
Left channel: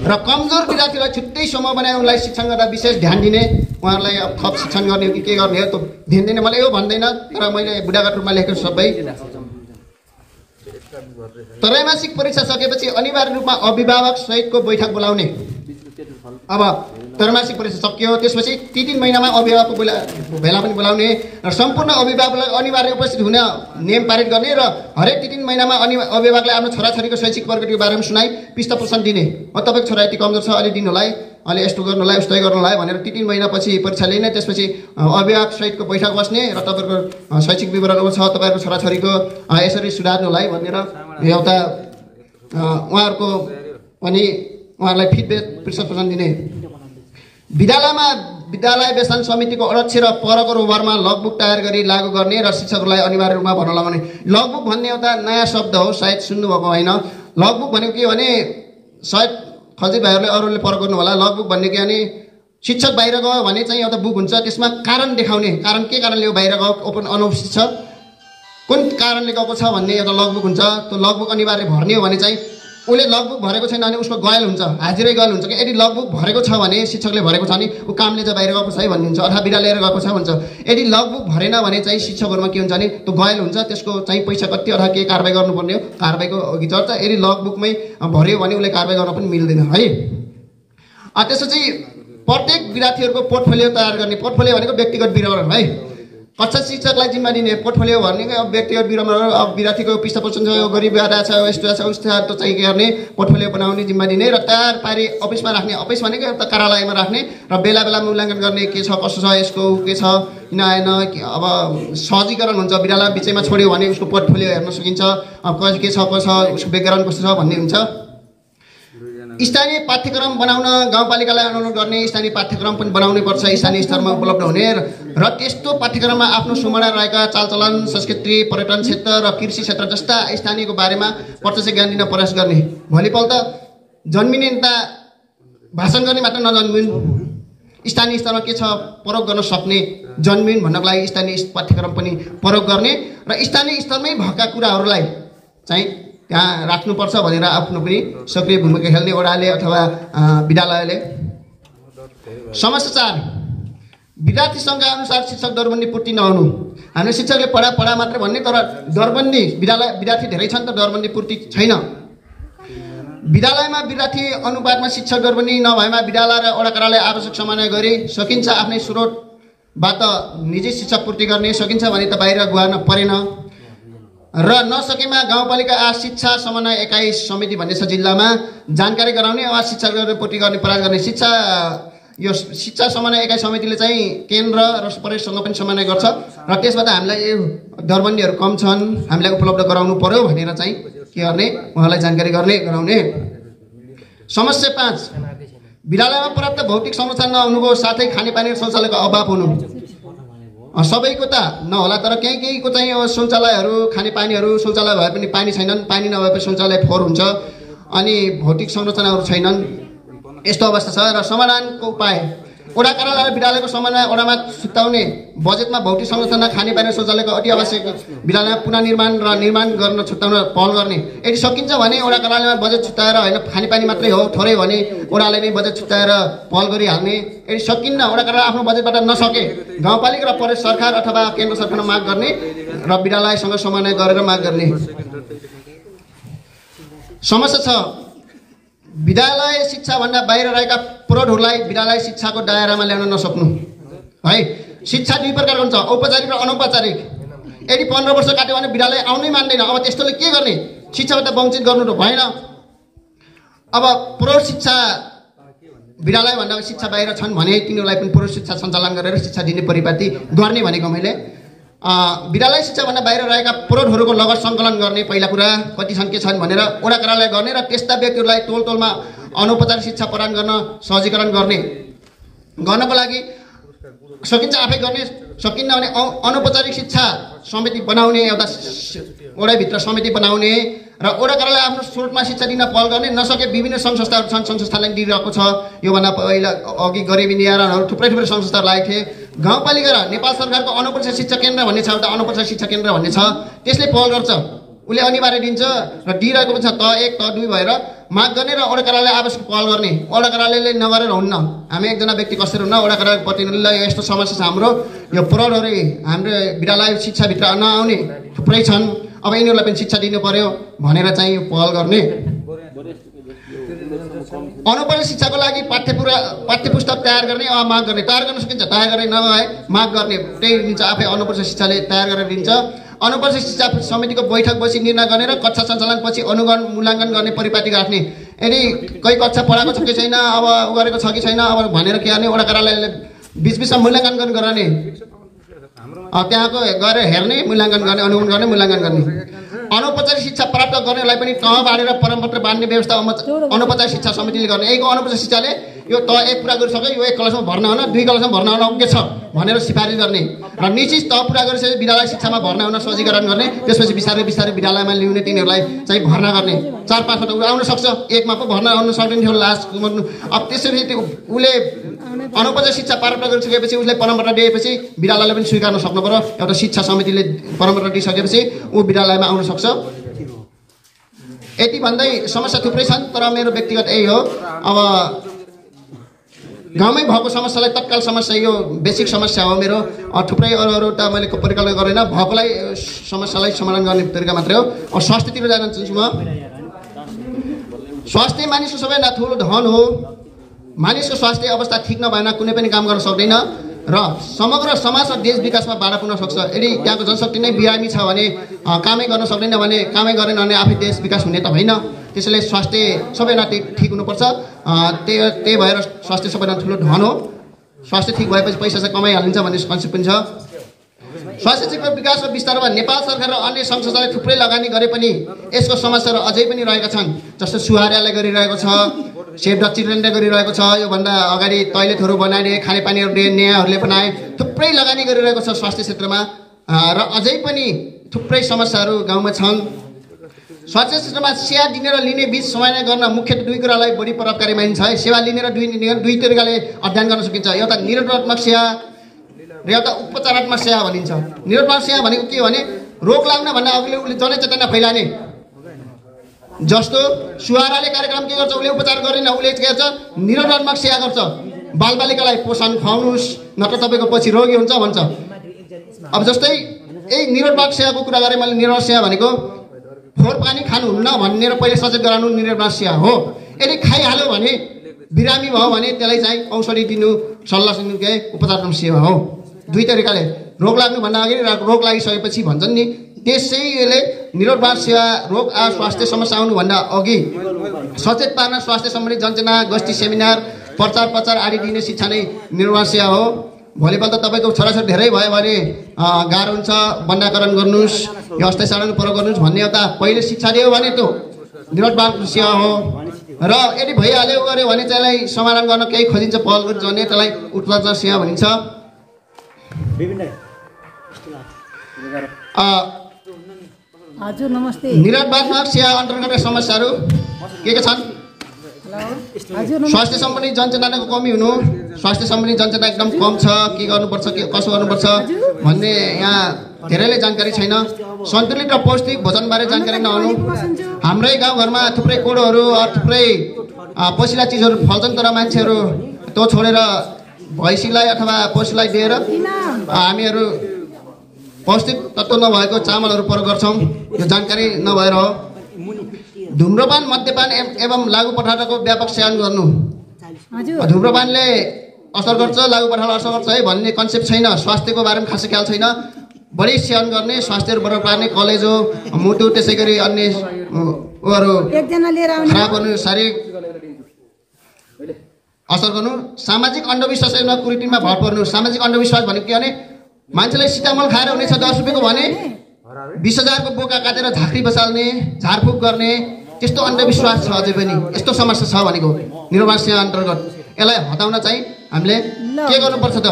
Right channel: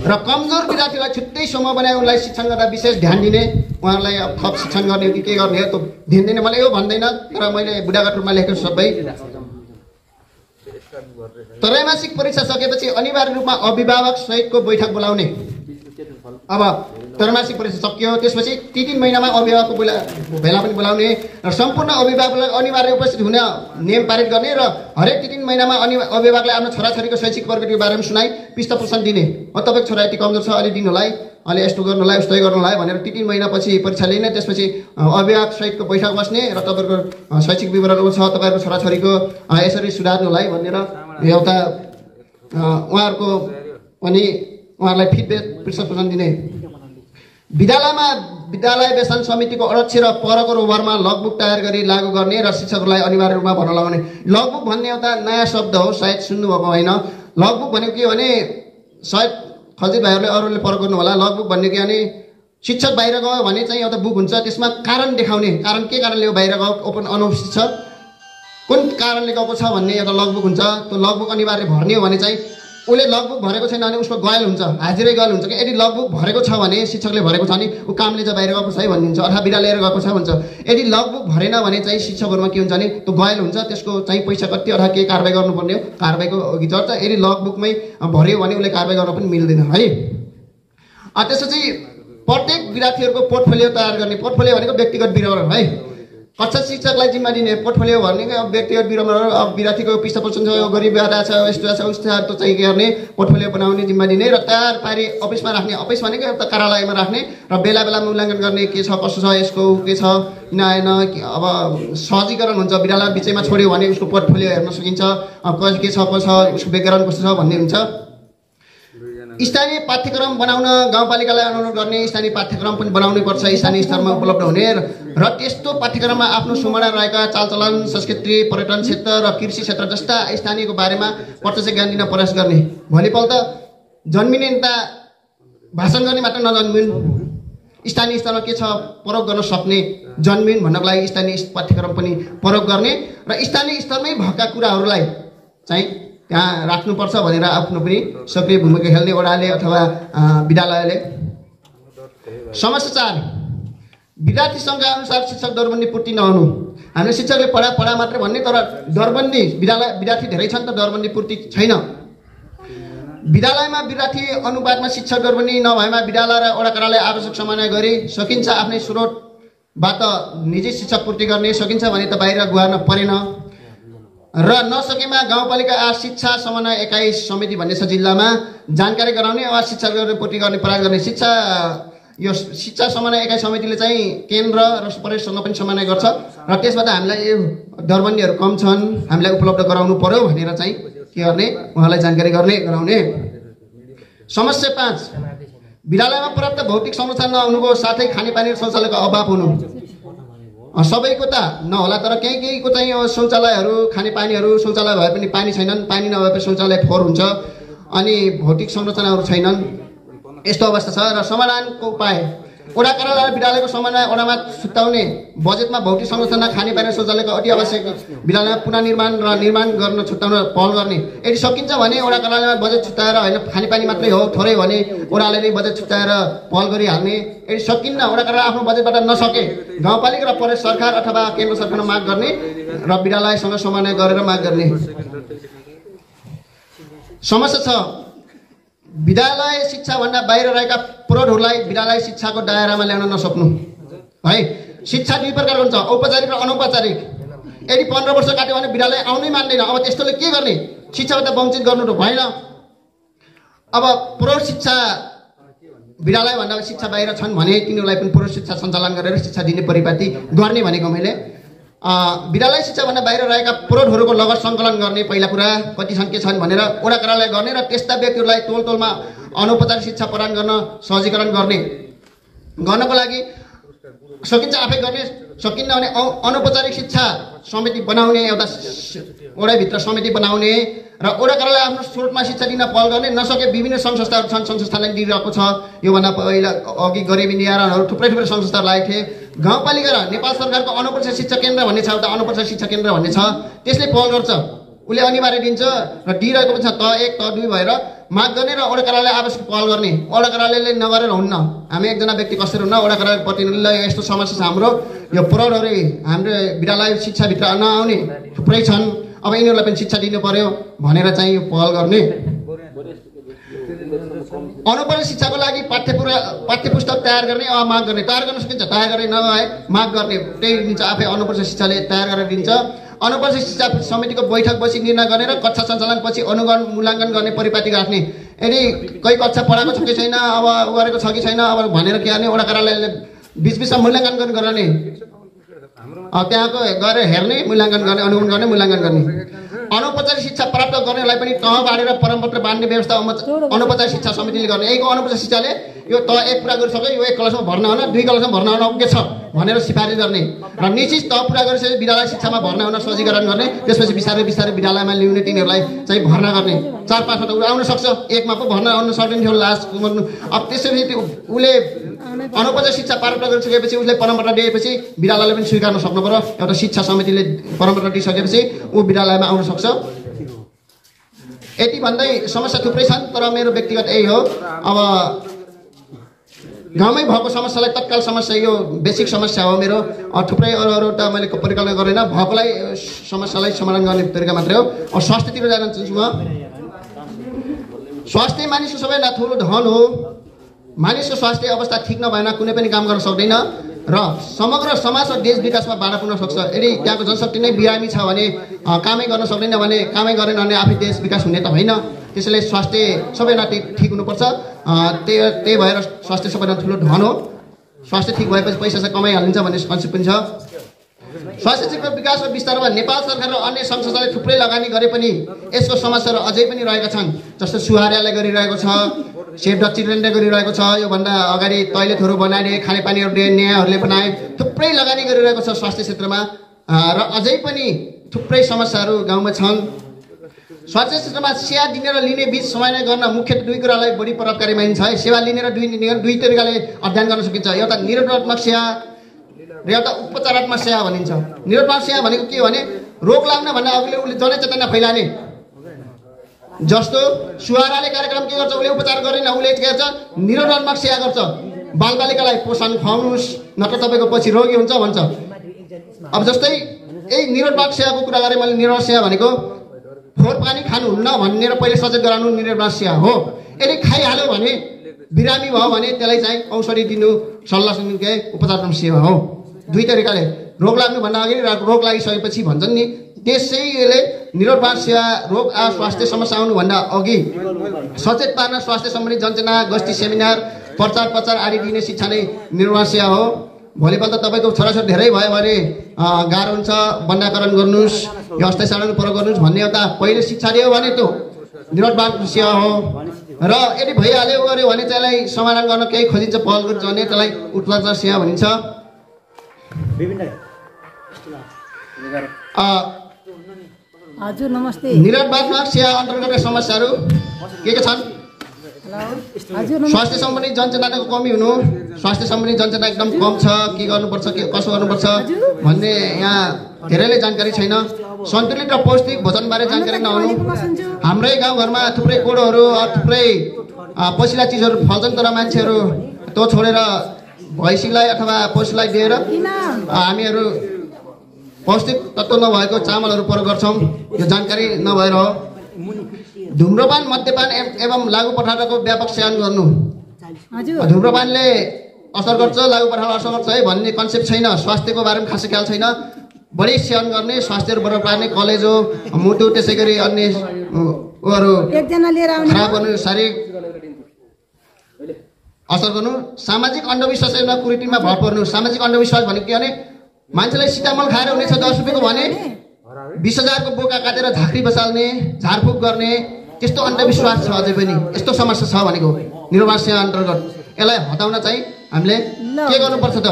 र कमजोर विद्यार्थीलाई छुट्टै समूह बनाए उनलाई शिक्षण गर्दा विशेष ध्यान दिने। उहाँहरूलाई थप शिक्षण गर्ने हो कि के गर्ने हो त्यो ध्यान दिने। मलाई यो भन्दैन, तर मैले बुढागत रूपमा लेखेको सबै। त्रैमासिक परीक्षा सकेपछि अनिवार्य रूपमा अभिभावक सहितको बैठक बोलाउने। अब त्रैमासिक परीक्षा सकियो, त्यसपछि ती 3 महिनामा अभिभावकको भेला पनि बोलाउने र सम्पूर्ण अभिभावकलाई अनिवार्य उपस्थित हुने नियम पारित गर्ने र हरेक 3 महिनामा अभिभावकले आफ्नो छोराछोरीको शैक्षिक प्रगतिको बारेमा सुनाई पृष्ठपोषण दिने। तपाईँको छोरा यति कमजोर छ, अलि दिनुलाई, अलि यस्तो गर्नुलाई, उस्तै गर्नुलाई भनेर 3 महिनापछि परीक्षा लिने। त्यसपछि अभिभावक सहितको बैठक बस्ने र तपाईँको शैक्षिक विवरणको छ, तपाईँको छोराछोरीको यसरी सुधार्नुलाई भनेर एउटा उहाँहरूको पनि उहाँहरूलाई फिडब्याक पृष्ठपोषण दिने। विद्यालय व्यसन समितिको अध्यक्ष र परको रोभरमा लगबुक तयार गरी लागू गर्ने र शिक्षकहरूलाई अनिवार्य रूपमा भर्ना लगाउने। लगबुक भन्ने एउटा नयाँ शब्द हो, सायद सुन्नुभएको होइन। लगबुक भनेको के भने, सायद खल्जी भाइहरूले अरूले फरक गर्नु होला। लगबुक भन्ने के भने, शिक्षक बाहिर गयो भने चाहिँ एउटा बुक हुन्छ, त्यसमा कारण देखाउने, कारण के कारणले हो बाहिर गयो, ओपन अनुपस्थित छ, कुन कारणले गएको छ भन्ने एउटा लगबुक हुन्छ। त्यो लगबुक अनिवार्य भर्ने हो भने चाहिँ उसले लगबुक भरेको छैन भने उसको गयल हुन्छ, हाजिरै गयल हुन्छ कि यदि लगबुक भरेको छ भने, शिक्षकले भरेको छ भने ऊ कामले चाहिँ बाहिर गएको छ है भन्ने हुन्छ, अथवा बिदा लिएर गएको छ भन्छ। यदि लगबुक भरेन भने चाहिँ शिक्षकहरूमा के हुन्छ भने त्यो गयल हुन्छ, त्यसको चाहिँ पैसा कति अथवा के कारबाही गर्नुपर्ने हो, कारबाहीको अघि चर्चा। यदि लगबुकमै भर्यो भने उसले कारबाही गर्न पनि मिल्दैन है। त्यसपछि प्रत्येक विद्यार्थीहरूको पोर्टफोलियो तयार गर्ने। पोर्टफोलियो भनेको व्यक्तिगत विवरण है। कक्षा शिक्षकलाई जिम्मा दिने। पोर्टफोलियो भनेको अब व्यक्तिगत विवरण, अब विद्यार्थीको पृष्ठपोषण छ, गरिब आधा छ, यस्तो छ, उस्तो चाहिँ गर्ने, पोर्टफोलियो बनाउने, जिम्मा दिने र तयार पारी अफिसमा राख्ने। अफिस भनेको एउटा कार्यालयमा राख्ने र बेला बेला मूल्याङ्कन गर्ने, के छ कसो छ, यसको के छ नआएन। अब सहजीकरण हुन्छ, विद्यालय बिचैमा छोड्यो भने उसको पोर्टफोलियो हेर्न सकिन्छ, के छ कसो छ, उसको ब्याकग्राउन्ड कस्तो छ भन्ने हुन्छ। स्थानीय पाठ्यक्रम बनाउन गाउँपालिकालाई अनुरोध गर्ने। स्थानीय पाठ्यक्रम पनि बनाउनै पर्छ, स्थानीय स्तरमा उपलब्ध हुने र त्यस्तो पाठ्यक्रममा आफ्नो सुमना रहेका चालचलन, संस्कृति, पर्यटन क्षेत्र र कृषि क्षेत्र जस्ता स्थानीयको बारेमा प्रत्यक्ष ज्ञान दिन प्रयास गर्ने। भोलिपल्ट जन्मिने नेता भाषण गर्ने मात्र नजन्मिन्, स्थानीय स्तरमा के छ प्रयोग गर्न सक्ने जन्मिन् भन्नको लागि स्थानीय पाठ्यक्रम पनि प्रयोग गर्ने र स्थानीय स्तरमै भएका कुराहरूलाई चाहिँ त्यहाँ राख्नुपर्छ भनेर आफ्नो पनि सक्रिय भूमिका खेल्ने वडाले अथवा विद्यालयले। समस्या 4, विद्यार्थी सङ्ख्या अनुसार शिक्षक दरबन्दी पूर्ति नहुनु। हामीले शिक्षकले पढा मात्रै भन्ने, तर दरबन्दी विद्यार्थी धेरै छन् त दरबन्दी पूर्ति छैन। विद्यालयमा विद्यार्थी अनुपातमा शिक्षक दरबन्दी नभएमा विद्यालय र वडा कार्यालय आवश्यक समन्वय गरी सकिन्छ आफ्नै स्रोतबाट निजी शिक्षा पूर्ति गर्ने। सकिन्छ भने त बाहिर गुहार्न परेन र नसकेमा गाउँपालिका शिक्षा समन्वय एकाइ समिति भन्ने छ जिल्लामा जानकारी गराउने वा शिक्षा पूर्ति गर्ने प्रयास गर्ने। यो शिक्षा समन्वय एकाइ समितिले चाहिँ केन्द्र र प्रदेशसँग पनि समन्वय गर्छ र त्यसबाट हामीलाई दरबन्दीहरू कम छन्, हामीलाई उपलब्ध गराउनु पर्यो भनेर चाहिँ के गर्ने, उहाँलाई जानकारी गराउने। समस्या 5, विद्यालयमा पर्याप्त भौतिक संरचना नहुनुको साथै खानेपानी र शौचालयको अभाव हुनु। सबैको त नहोला, तर केहीको चाहिँ शौचालयहरू, खानेपानीहरू, शौचालय भए पनि पानी छैनन्, पानी नभएपछि शौचालय फोहोर हुन्छ, अनि भौतिक संरचनाहरू छैनन्, यस्तो अवस्था छ। र समाधानको उपाय, वडा कार्यालय विद्यालयको समन्वय वडामा छुट्याउने, बजेटमा भौतिक संरचना, खानेपानी, शौचालयको अति आवश्यक विद्यालयमा पुनर्निर्माण र निर्माण गर्न छुट्याउन पहल गर्ने। यदि सकिन्छ भने वडा कार्यालयमा बजेट छुट्याएर, होइन खानेपानी मात्रै हो थोरै भने वडाले नै बजेट छुट्याएर पहल गरिहाल्ने। यदि सकिन्न, वडा कार्यालय आफ्नो बजेटबाट नसके गाउँपालिका र प्रदेश सरकार अथवा केन्द्र सरकारमा माग गर्ने र विद्यालयसँग समन्वय गरेर माग गर्ने। समस्या 6, विद्यालय शिक्षाभन्दा बाहिर रहेका प्रौढहरूलाई विद्यालय शिक्षाको दायरामा ल्याउन नसक्नु है। शिक्षा 2 प्रकारको हुन्छ, औपचारिक र अनौपचारिक। यदि 15 वर्ष काट्यो भने विद्यालय आउनै मान्दैन, अब त्यस्तोले के गर्ने, शिक्षाबाट वञ्चित गर्नु त भएन। अब प्रौढ शिक्षा विद्यालयभन्दा शिक्षा बाहिर छन् भने तिनीहरूलाई पनि प्रौढ शिक्षा सञ्चालन गरेर शिक्षा दिने परिपाटी गर्ने भनेको मैले। विद्यालय शिक्षाभन्दा बाहिर रहेका प्रौढहरूको लगत सङ्कलन गर्ने, पहिला कुरा कति छन् के छन् भनेर वडा कार्यालय गर्ने र त्यस्ता व्यक्तिहरूलाई टोलमा अनौपचारिक शिक्षा प्रदान गर्न सहजीकरण गर्नको लागि सकिन्छ आफै गर्ने, सकिन्न भने अनौपचारिक शिक्षा समिति बनाउने, एउटा वडाभित्र समिति बनाउने र वडा कार्यालय आफ्नो स्रोतमा शिक्षा दिन पहल गर्ने। नसके विभिन्न सङ्घ संस्थाहरू छन्, सङ्घ संस्थालाई दिइरहेको छ। योभन्दा पहिला अघि गरिबी निवारणहरू थुप्रै सङ्घ संस्थाहरू लागेको थिए। गाउँपालिका र नेपाल सरकारको अनौपचारिक शिक्षा केन्द्र भन्ने छ, एउटा अनौपचारिक शिक्षा केन्द्र भन्ने छ, त्यसले पहल गर्छ, उसले अनिवार्य दिन्छ र दिइरहेको पनि छ। त 1 त 2 भएर माग गर्ने र वडा कार्यालय आवश्यक पहल गर्ने। वडा कार्यालयले नगरेर हुन्न, हामी एकजना व्यक्ति कसरी हुन्न, वडा कार्यालय प्रतिनिधिलाई यस्तो समस्या छ हाम्रो, यो प्रौढहरू हाम्रो विद्यालय शिक्षाभित्र नआउने थुप्रै छन्, अब यिनीहरूलाई पनि शिक्षा दिनु पर्यो भनेर चाहिँ पहल गर्ने। अनौपचारिक शिक्षाको लागि पाठ्यपुस्तक तयार गर्ने माग गर्ने, तयार गर्न सकिन्छ, तयार गर्ने नभए माग गर्ने, त्यही दिन्छ। आफै अनौपचारिक शिक्षाले तयार गरेर दिन्छ। अनौपचारिक शिक्षा समितिको बैठक बसी निर्णय गरेर कक्षा सञ्चालन पछि अनुगमन मूल्याङ्कन गर्ने परिपाटी राख्ने। यदि कोही कक्षा पढाएको छ कि छैन, अब उ गरेको छ कि छैन अब भनेर के गर्ने, वडा कार्यालयले बिचबिचमा मूल्याङ्कन गराउने, त्यहाँको गएर हेर्ने, मूल्याङ्कन गर्ने, अनुगमन गर्ने, मूल्याङ्कन गर्ने। अनौपचारिक शिक्षा प्राप्त गर्नेलाई पनि तह बाँडेर प्रमाणपत्र बाँड्ने व्यवस्था अनौपचारिक शिक्षा समितिले गर्ने। यहीको अनौपचारिक शिक्षाले यो तह 1 पुरा गरिसक्यो, यो 1 क्लासमा भर्ना हुन, 2 क्लासमा भर्ना हुन के छ भनेर सिफारिस गर्ने र निश्चित तह पुरा गरिसकेपछि विद्यालय शिक्षामा भर्ना हुन सजीकरण गर्ने। त्यसपछि बिस्तारै बिस्तारै विद्यालयमा ल्याउने, तिनीहरूलाई चाहिँ भर्ना गर्ने। 4-5 वटा आउन सक्छ, 1मा पो भर्ना आउन सक्दैन थियो लास्ट। अब त्यसरी उसले अनौपचारिक शिक्षा प्राप्त गरिसकेपछि उसले प्रमाणपत्र दिएपछि विद्यालयले पनि स्वीकार्न सक्नु पर्यो। एउटा शिक्षा समितिले प्रमाणपत्र दिइसकेपछि ऊ विद्यालयमा आउन सक्छ। यति भन्दै समस्या थुप्रै छन्, तर मेरो व्यक्तिगत यही हो। अब गाउँमै भएको समस्यालाई तत्काल समस्या, यो बेसिक समस्या हो मेरो। थुप्रै अरू त मैले परिकल्पना गरेन, भएकोलाई समस्यालाई समाधान गर्ने तरिका मात्रै हो। अब स्वास्थ्यतिर जान चाहन्छु म। स्वास्थ्य मानिसको सबैभन्दा ठुलो धन हो। मानिसको स्वास्थ्य अवस्था ठिक नभएन कुनै पनि काम गर्न सक्दैन र समग्र समाज र देश विकासमा बाधा पुग्न सक्छ। यदि त्यहाँको जनशक्ति नै बिरामी छ भने, कामै गर्न सक्दैन भने, कामै गरेन भने आफै देश विकास हुने त होइन। त्यसैले स्वास्थ्य सबैभन्दा ठिक हुनुपर्छ। त्यही भएर स्वास्थ्य सबैभन्दा ठुलो धन हो। स्वास्थ्य ठिक भएपछि पैसा चाहिँ कमाइहालिन्छ भन्ने कन्सेप्ट पनि छ। स्वास्थ्य क्षेत्रको विकास र विस्तारमा नेपाल सरकार र अन्य सङ्घ संस्थाले थुप्रै लगानी गरे पनि यसको समस्याहरू अझै पनि रहेका छन्। जस्तो सुहार्याले गरिरहेको छ, सेभ द चिल्ड्रेनले गरिरहेको छ, योभन्दा अगाडि टोयलेटहरू बनाए, खानेपानीहरू दिए, न्यायहरूले बनाए, थुप्रै लगानी गरिरहेको छ स्वास्थ्य क्षेत्रमा र अझै पनि थुप्रै समस्याहरू गाउँमा छन्। स्वास्थ्य क्षेत्रमा सेवा दिने र लिने बीच समन्वय गर्न मुख्य 2 कुरालाई बढी प्रभावकारी मानिन्छ है। सेवा लिने र दुई तरिकाले अध्ययन गर्न सकिन्छ। एउटा निरोधात्मक सेवा र एउटा उपचारात्मक सेवा भनिन्छ। निरोधात्मक सेवा भनेको के भने रोग लाग्न भन्दा अघि उसले जनचेतना फैलाने। जस्तो सुहाराले कार्यक्रम के गर्छ, उसले उपचार गरेन, उसले के गर्छ, निरोधात्मक सेवा गर्छ। बालबालिकालाई पोषण खुवाउनुहोस् नत्र तपाईँको पछि रोगी हुन्छ भन्छ। अब जस्तै यही निरोधात्मक सेवाको कुरा गरेँ मैले। निरोधात्मक सेवा भनेको फोहोर पानी खानुहुन्न भनेर पहिले सचेत गराउनु निरोधात्मक सेवा हो। यदि खाइहाल्यो भने, बिरामी भयो भने त्यसलाई चाहिँ औषधि दिनु, सल्लाह दिनु के उपचारात्मक सेवा हो। 2 तरिकाले रोग लाग्नुभन्दा अघि र रोग लागिसकेपछि भन्छन् नि, त्यसैले निरोधात्मक सेवा रोग स्वास्थ्य समस्या आउनुभन्दा अघि सचेत पार्न स्वास्थ्य सम्बन्धी जनचेतना, गोष्ठी, सेमिनार, प्रचार आदि दिने शिक्षा नै निरोधात्मक सेवा हो। भोलिपल्ट तपाईँको छोराछोरी धेरै भयो भने गाह्रो हुन्छ, बन्दाकरण गर्नुहोस्, यो अस्थायी साधन प्रयोग गर्नुहोस् भन्ने एउटा पहिले शिक्षा दियो भने त्यो निरोधात्मक सेवा हो। र यदि भइहाल्यो गऱ्यो भने त्यसलाई समाधान गर्न केही खोजिन्छ, पहल गरिन्छ भने त्यसलाई उत्पादन सेवा भनिन्छ। हजुर नमस्ते। निरोधात्मक सेवा अन्तर्गत समस्याहरू के छन्? स्वास्थ्य सम्बन्धी जनचेतनाको कमी हुनु, स्वास्थ्य सम्बन्धी जनचेतना एकदम कम छ, के गर्नुपर्छ, के कसो गर्नुपर्छ भन्ने यहाँ धेरैले जानकारी छैन। सन्तुलित र पौष्टिक भोजनबारे जानकारी नहुनु। हाम्रै गाउँघरमा थुप्रै कोडोहरू, थुप्रै पसिला चिजहरू फल्छन्, तर मान्छेहरू त्यो छोडेर भैँसीलाई अथवा पशुलाई दिएर हामीहरू पौष्टिक तत्त्व नभएको चामलहरू प्रयोग गर्छौँ। यो जानकारी नभएर हो। धुम्रपान, मद्यपान एवं लागु पदार्थको व्यापक सेवन गर्नु। धुम्रपानले असर गर्छ, लागु पदार्थ असर गर्छ है भन्ने कन्सेप्ट छैन। स्वास्थ्यको बारेमा खासै ख्याल छैन। बढी सेवन गर्ने, स्वास्थ्यहरू बढाउन पार्ने, कलेजो, मुटु, त्यसै गरी अन्य उहरू खराब गर्नु, शारीरिक असर गर्नु। सामाजिक अन्धविश्वासमा कुरीतिमा भर पर्नु। सामाजिक अन्धविश्वास भनेको के भने मान्छेलाई सिटामल खाएर हुनेछ 10 रुपियाँको भने 20,000 को बोका काटेर झाँक्री बसाल्ने, झारफुक गर्ने, त्यस्तो अन्धविश्वास छ अझै पनि। यस्तो समस्या छ भनेको निरोधात्मक सेवा अन्तर्गत। यसलाई हटाउन चाहिँ हामीले के गर्नुपर्छ त?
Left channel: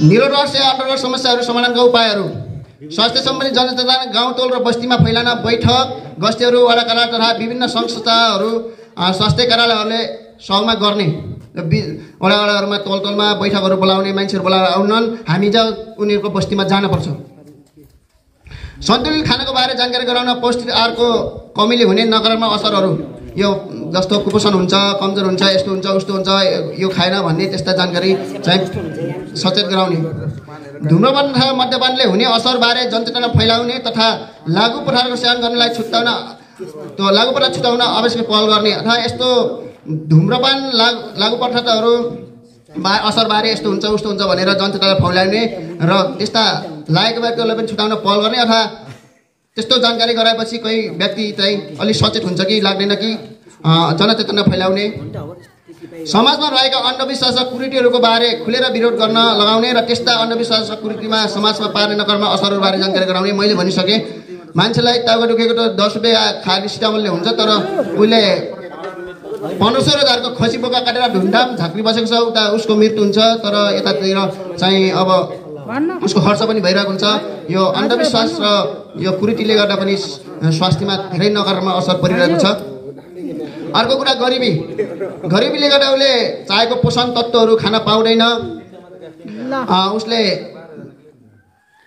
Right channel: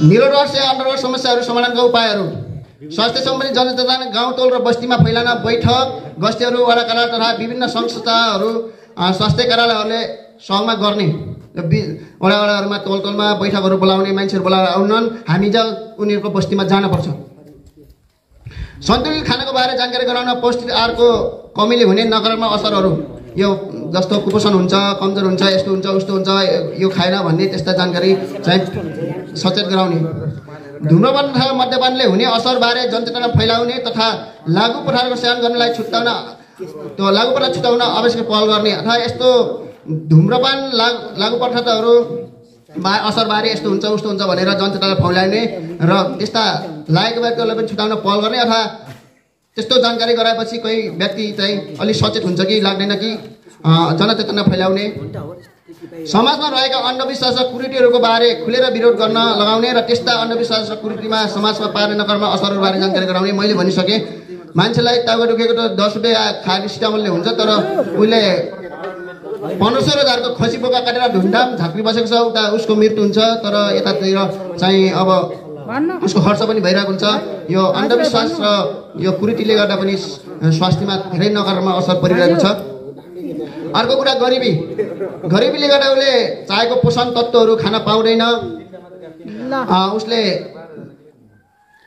निरोधात्मक सेवा अन्तर्गत समस्याहरू समाधानका उपायहरू। स्वास्थ्य सम्बन्धी जनचेतना गाउँटोल र बस्तीमा फैलान बैठक, गस्तीहरू, वडा कार्यालय तथा विभिन्न संस्थाहरू, स्वास्थ्य कार्यालयहरूले सहयोग गर्ने। वडाहरूमा तोलमा बैठकहरू बोलाउने, मान्छेहरू बोलाएर आउनन्, हामी उनीहरूको बस्तीमा जानुपर्छ। सन्तुलित खानाको बारे जानकारी गराउन। पौष्टिक आहारको कमीले हुने नकारात्मक असरहरू, यो जस्तो कुपोषण हुन्छ, कमजोर हुन्छ, यस्तो हुन्छ, उस्तो हुन्छ, यो खाएन भन्ने त्यस्ता जानकारी चाहिँ सचेत गराउने। धुम्रपान तथा मद्यपानले हुने असरबारे जनचेतना फैलाउने तथा लागु पदार्थको सेवन गर्नलाई छुट्याउन त्यो लागु पडा छुटाउन आवश्यक पहल गर्ने अथवा यस्तो धुम्रपान लागु पदार्थहरू असरबारे यस्तो हुन्छ उस्तो हुन्छ भनेर जनतालाई फौलाउने र त्यस्ता लागेको व्यक्तिहरूलाई पनि छुटाउन पहल गर्ने अथवा त्यस्तो जानकारी गराएपछि कोही व्यक्ति चाहिँ अलिक सचेत हुन्छ कि लाग्दैन कि जनचेतना फैलाउने समाजमा रहेका अन्धविश्वास र कुरीतिहरूको बारे खुलेर विरोध गर्न लगाउने र त्यस्ता अन्धविश्वास र कुरीतिमा समाजमा पार्ने नकर्मा असरहरूबारे जानकारी गराउने। मैले भनिसकेँ मान्छेलाई टाउको दुखेको त 10 रुपियाँ खाली सिटामलले हुन्छ तर उसले 1500 खसी बोका काटेर ढुन्डाम झाँक्री बसेको छ उता उसको मृत्यु हुन्छ तर यतातिर चाहिँ अब उसको खर्च पनि भइरहेको हुन्छ। यो अन्धविश्वास र यो कुरीतिले गर्दा पनि स्वास्थ्यमा धेरै नकारात्मक असर परिरहेको छ। अर्को कुरा गरिबीले गर्दा उसले चाहेको पोषण तत्त्वहरू खान पाउँदैन, उसले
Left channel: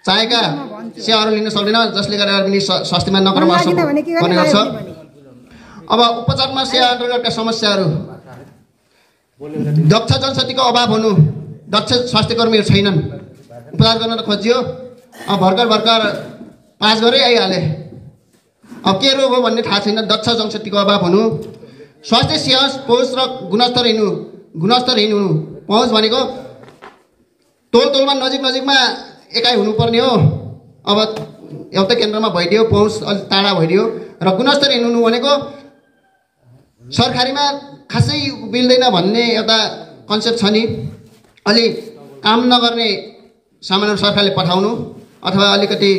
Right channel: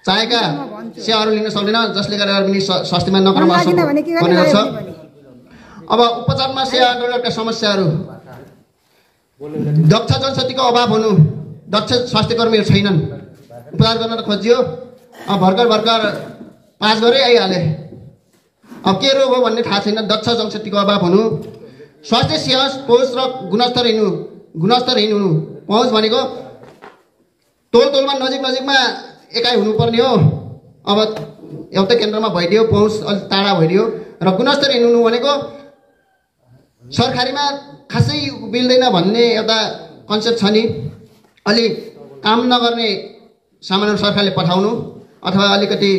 चाहेका सेवाहरू लिन सक्दैन जसले गर्दा पनि स्वास्थ्यमा नकारात्मक असर पर्ने गर्छ। अब उपचारमा सेवा अन्तर्गतका समस्याहरू दक्ष जनशक्तिको अभाव हुनु, दक्ष स्वास्थ्यकर्मीहरू छैनन्। उपचार गर्न त खोजियो भर्खर पास गरे आइहाले, अब के रोग हो भन्ने थाहा छैन। दक्ष जनशक्तिको अभाव हुनु, स्वास्थ्य सेवा पहुँच र गुणस्तरहीन हुनु। पहुँच भनेको तोलमा नजिकमा एकाइ हुनुपर्ने हो, अब एउटा केन्द्रमा भइदियो पहुँच अलिक टाढा भइदियो। र गुणस्तरहीन हुनु भनेको सरकारीमा खासै मिल्दैन भन्ने एउटा कन्सेप्ट छ नि, अलि काम नगर्ने सामानहरू सरकारले पठाउनु अथवा अलिकति